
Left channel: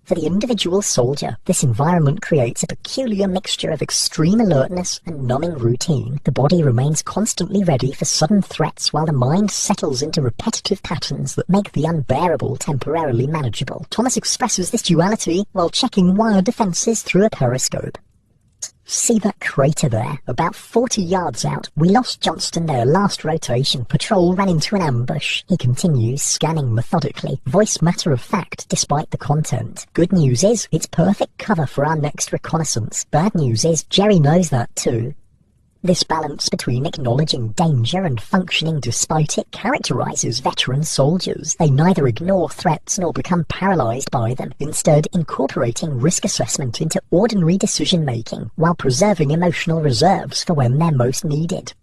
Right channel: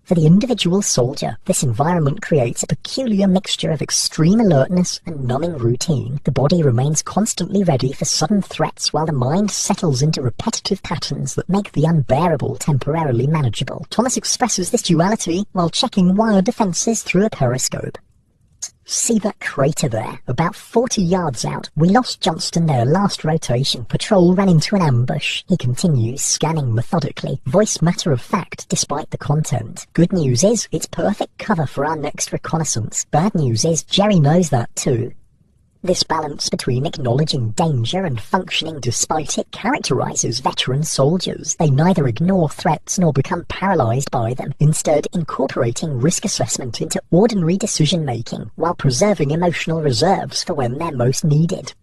For the individual soldier, this environment creates a peculiar mixture of extreme alertness and numbing routine. The body remains constantly ready for sudden threats while the mind settles into repetitive patterns that make the unbearable temporarily manageable. Thomas expresses this duality while checking wire defences through a periscope. See that crater there? About 40 yards out. We lost Johnston there last rotation. Patrol ran into an ambush. He continues, scanning methodically. Voice matter of fact, despite the content. Good news is, it's perfect cover for our next reconnaissance. Bad news is, Jerry knows that too. This balance between acknowledging danger and functioning despite it characterizes veteran soldiers. They neither ignore threats nor become paralyzed by them, instead incorporating risk assessment into ordinary decision-making while preserving emotional reserves for when they're most needed.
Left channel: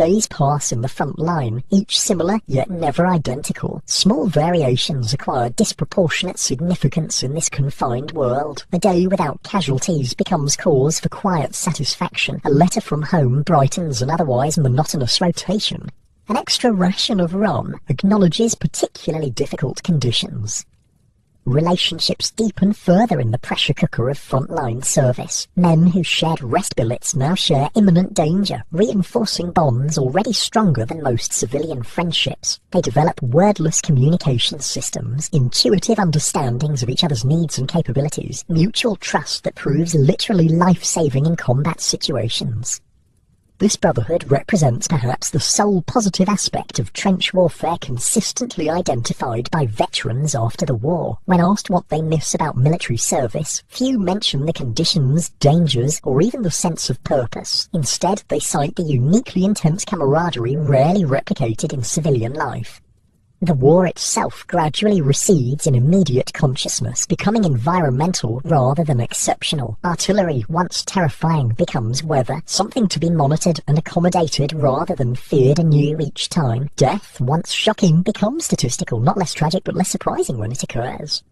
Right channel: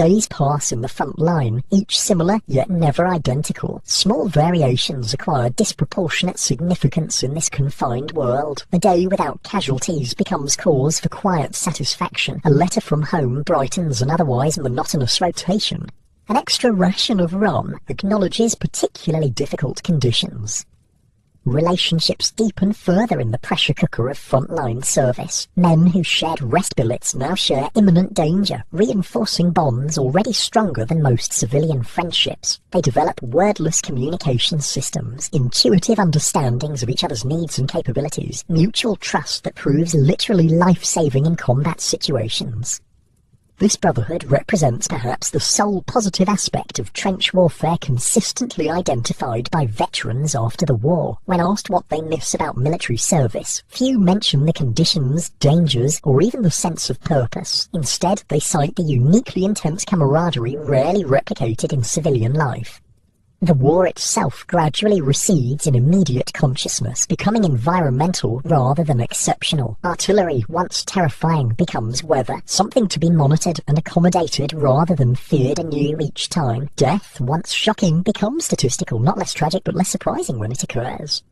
days pass in the front line, each similar yet never identical. Small variations acquire disproportionate significance in this confined world. A day without casualties becomes cause for quiet satisfaction. A letter from home brightens an otherwise monotonous rotation. An extra ration of rum acknowledges particularly difficult conditions. Relationships deepen further in the pressure cooker of frontline service. Men who shared rest billets now share imminent danger, reinforcing bonds already stronger than most civilian friendships. They develop wordless communication systems, intuitive understandings of each other's needs and capabilities, mutual trust that proves literally life-saving in combat situations. This brotherhood represents perhaps the sole positive aspect of trench warfare consistently identified by veterans after the war. When asked what they miss about military service, few mention the conditions, dangers, or even the sense of purpose. Instead, they cite the uniquely intense camaraderie rarely replicated in civilian life. The war itself gradually recedes in immediate consciousness, becoming environmental rather than exceptional. Artillery, once terrifying, becomes weather, something to be monitored and accommodated rather than feared anew each time. Death, once shocking, becomes statistical, not less tragic but less surprising when it occurs.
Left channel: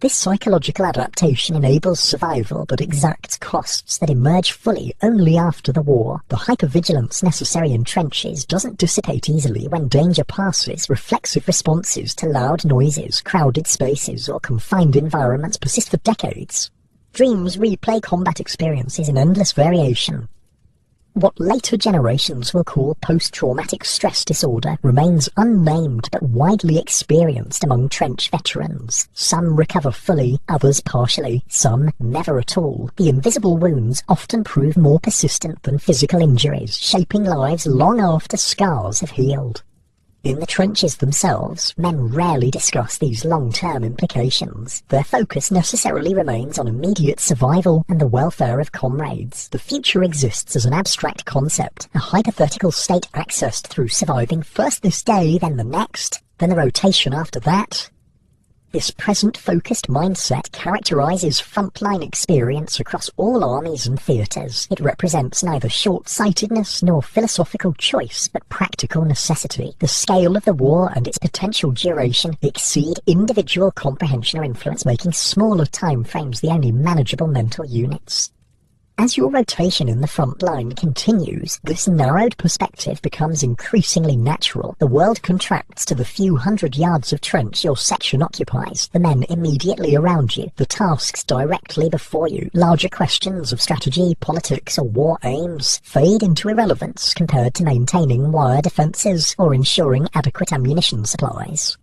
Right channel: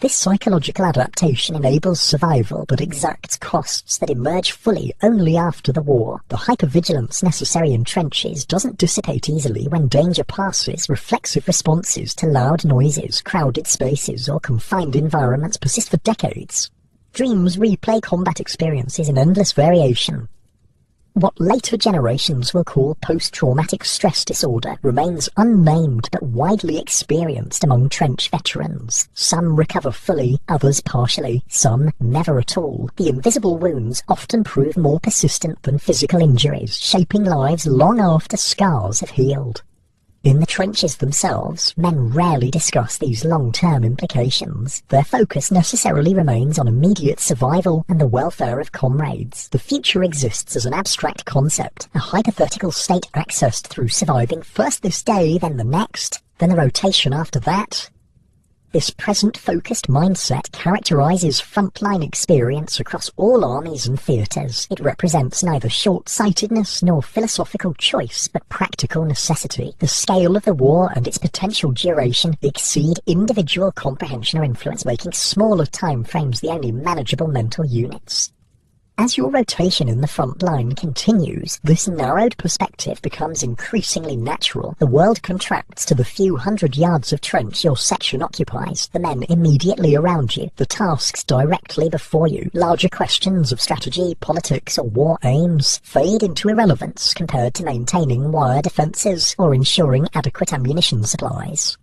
This psychological adaptation enables survival but exacts costs that emerge fully only after the war. The hypervigilance necessary in trenches doesn't dissipate easily when danger passes. Reflexive responses to loud noises, crowded spaces, or confined environments persist for decades. Dreams replay combat experiences in endless variation. What later generations will call post-traumatic stress disorder remains unnamed but widely experienced among trench veterans. Some recover fully, others partially, some never at all. The invisible wounds often prove more persistent than physical injuries, shaping lives long after scars have healed. In the trenches themselves, men rarely discuss these long-term implications. Their focus necessarily remains on immediate survival and the welfare of comrades. The future exists as an abstract concept, a hypothetical state accessed through surviving first this day, then the next, then the rotation after that. This present-focused mindset characterizes frontline experience across all armies and theatres. It represents neither short-sightedness nor philosophical choice, but practical necessity. The scale of the war and its potential duration exceed individual comprehension or influence, making smaller time frames the only manageable mental units. As your rotation in the front line continues, this narrowed perspective becomes increasingly natural. The world contracts to the few hundred yards of trench your section occupies, the men immediately around you, the tasks directly before you. Larger questions of strategy, politics, or war aims fade into irrelevance compared to maintaining wire defences or ensuring adequate ammunition supplies.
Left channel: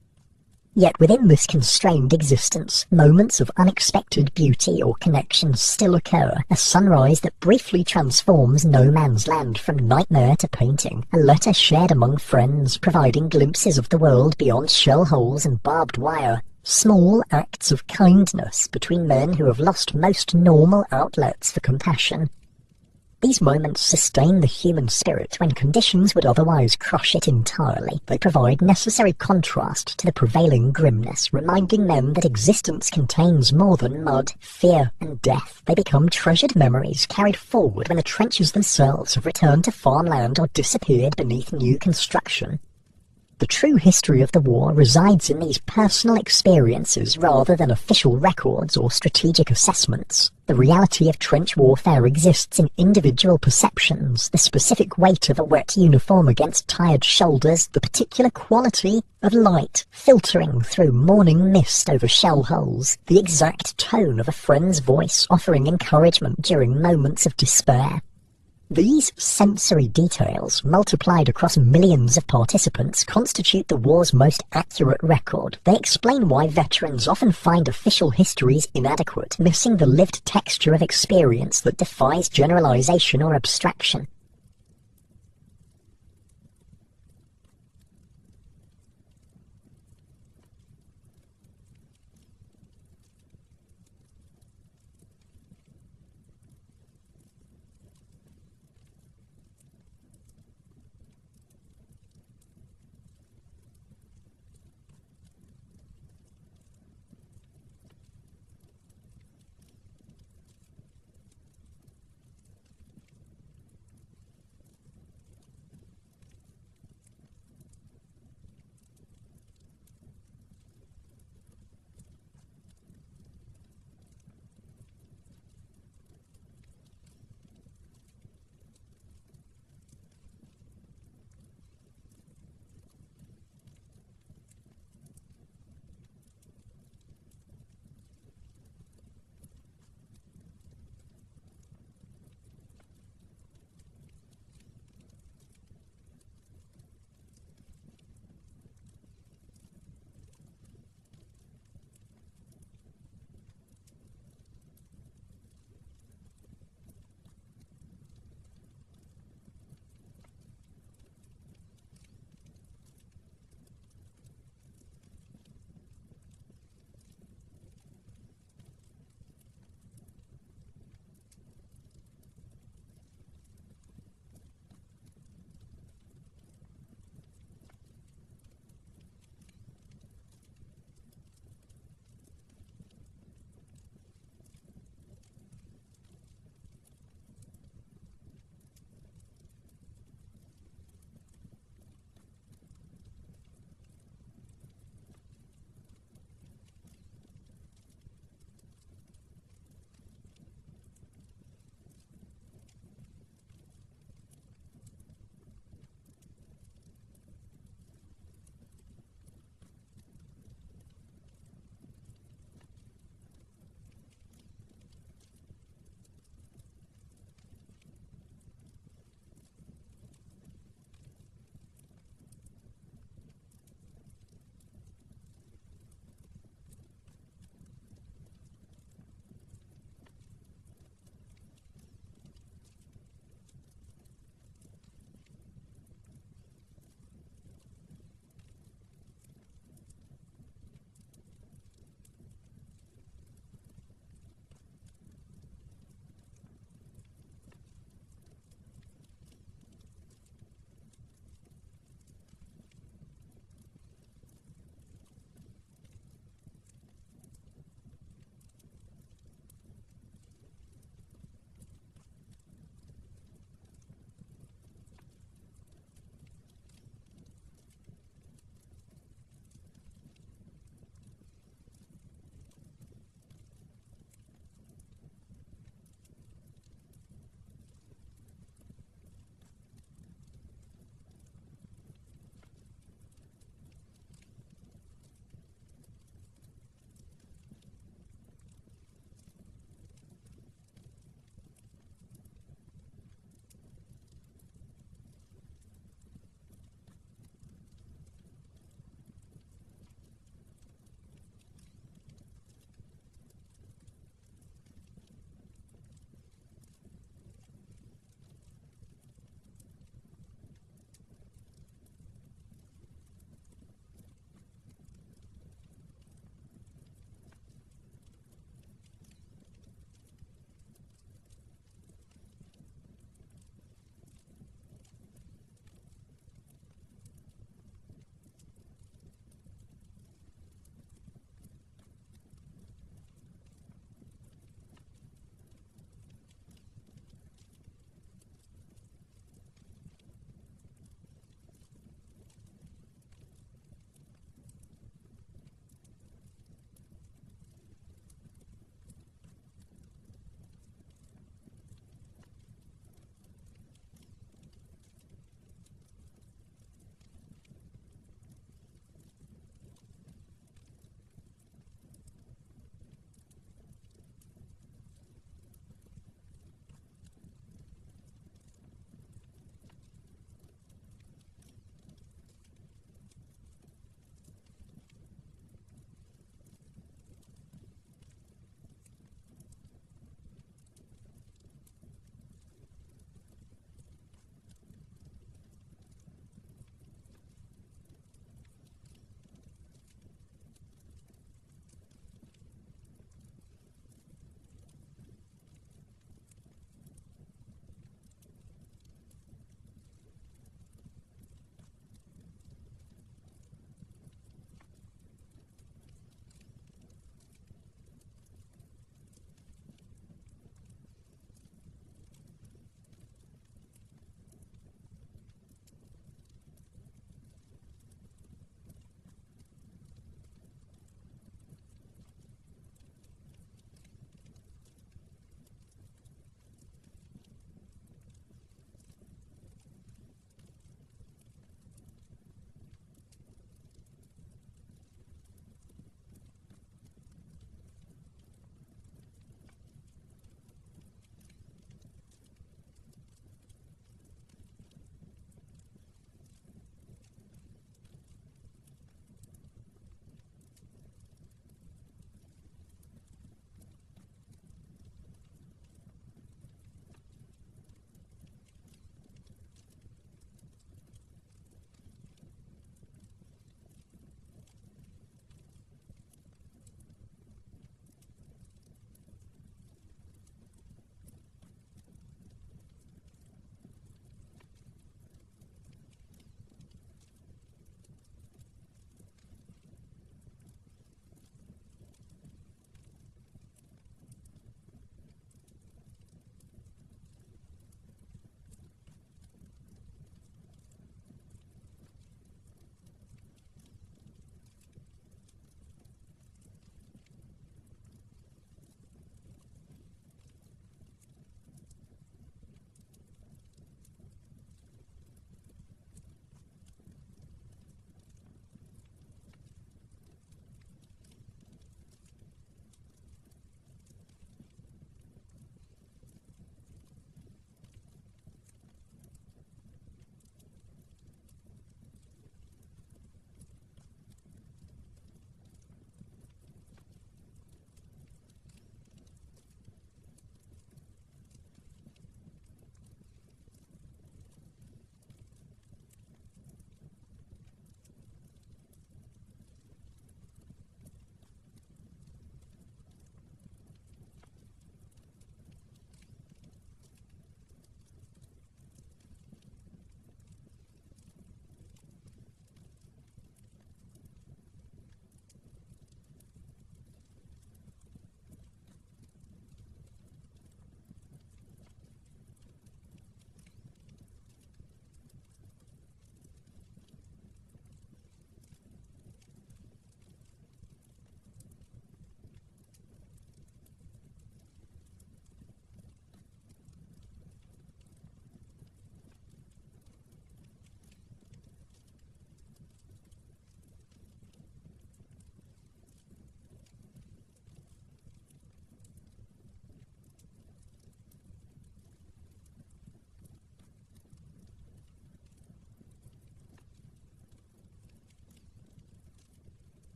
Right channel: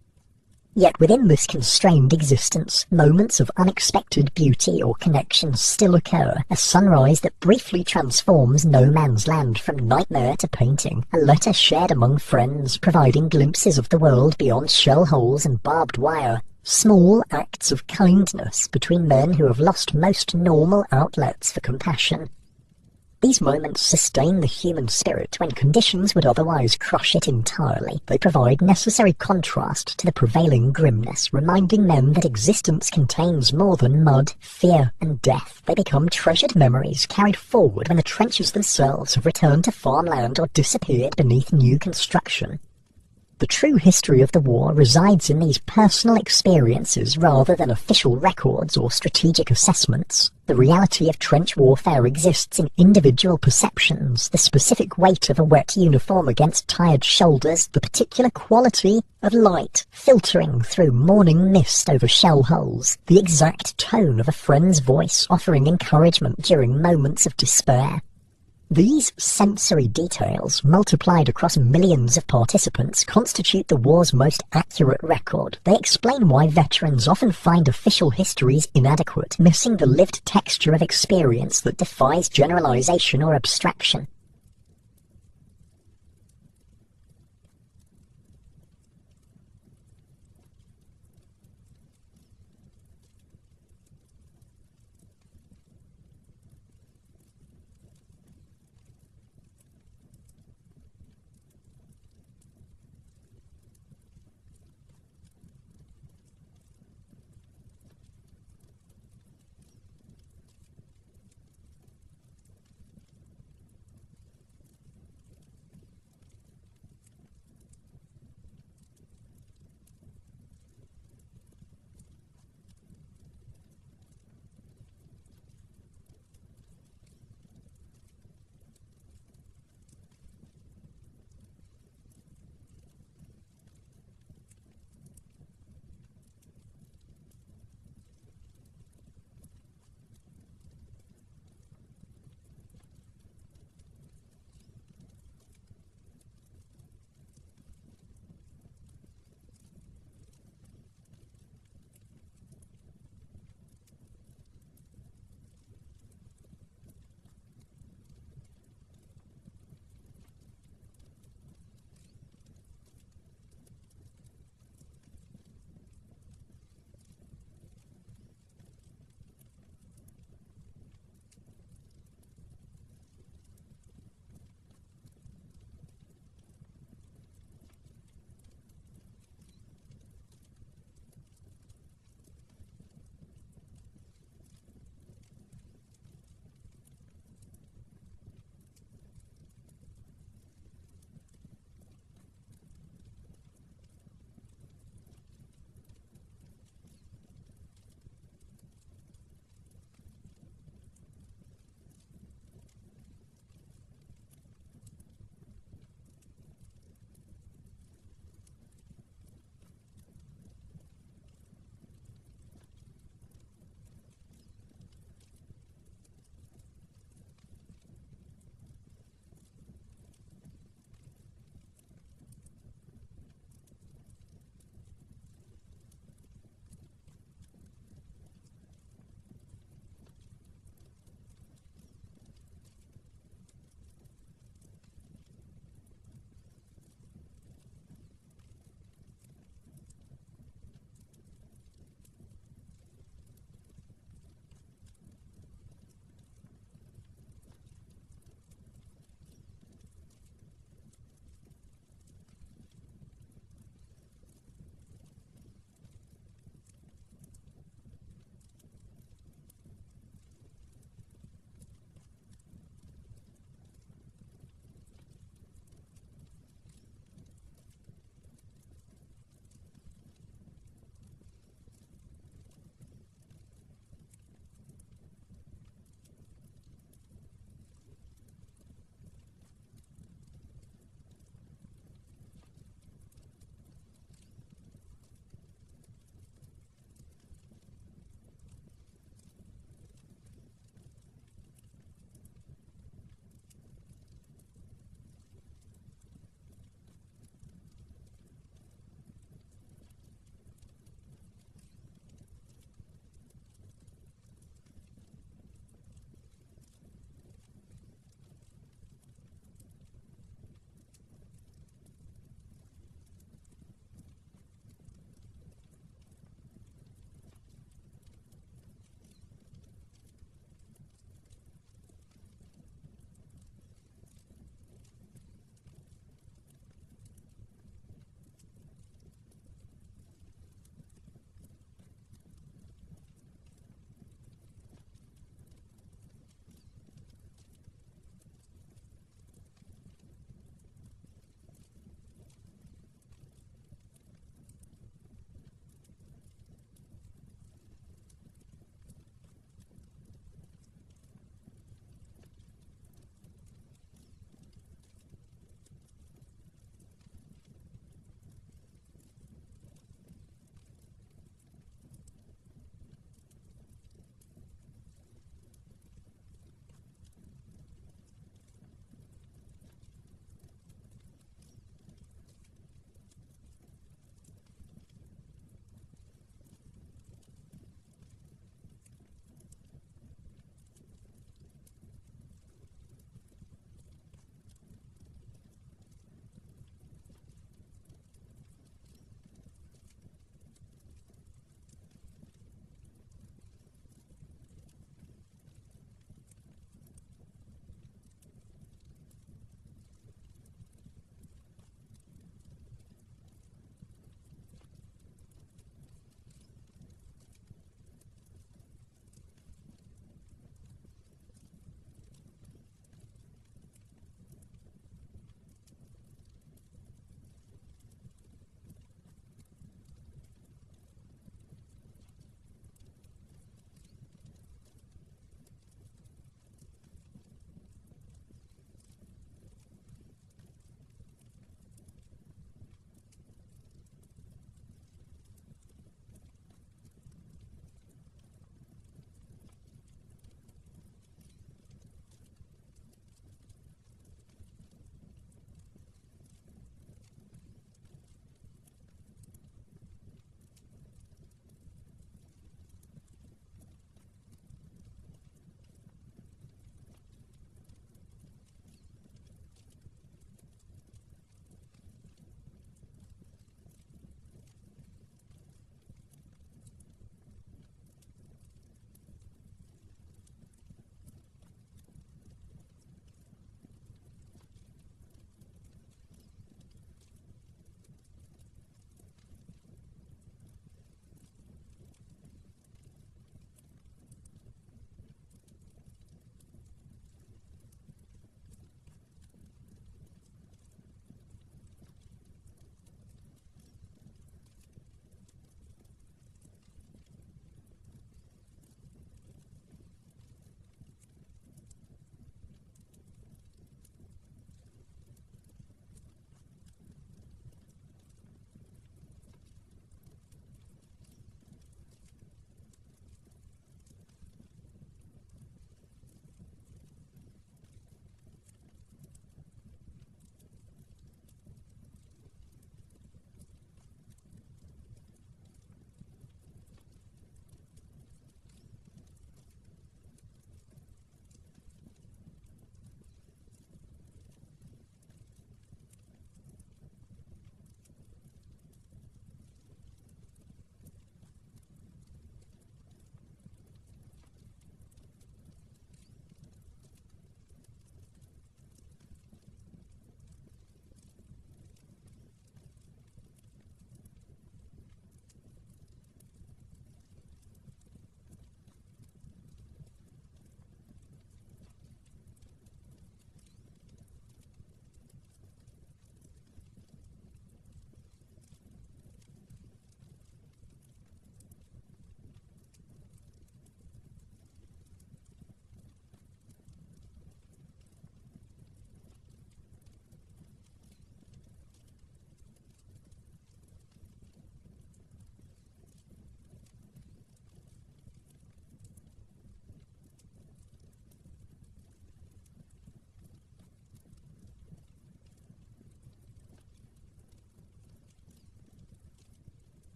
Yet within this constrained existence, moments of unexpected beauty or connection still occur. A sunrise that briefly transforms no man's land from nightmare to painting. A letter shared among friends, providing glimpses of the world beyond shell holes and barbed wire. Small acts of kindness between men who have lost most normal outlets for compassion. These moments sustain the human spirit when conditions would otherwise crush it entirely. They provide necessary contrast to the prevailing grimness, reminding men that existence contains more than mud, fear, and death. They become treasured memories carried forward when the trenches themselves have returned to farmland or disappeared beneath new construction. The true history of the war resides in these personal experiences rather than official records or strategic assessments. The reality of trench warfare exists in individual perceptions, the specific weight of a wet uniform against tired shoulders, the particular quality of light filtering through morning mist over shell holes, the exact tone of a friend's voice offering encouragement during moments of despair. These sensory details, multiplied across millions of participants, constitute the war's most accurate record. They explain why veterans often find official histories inadequate, missing the lived texture of experience that defies generalization or abstraction.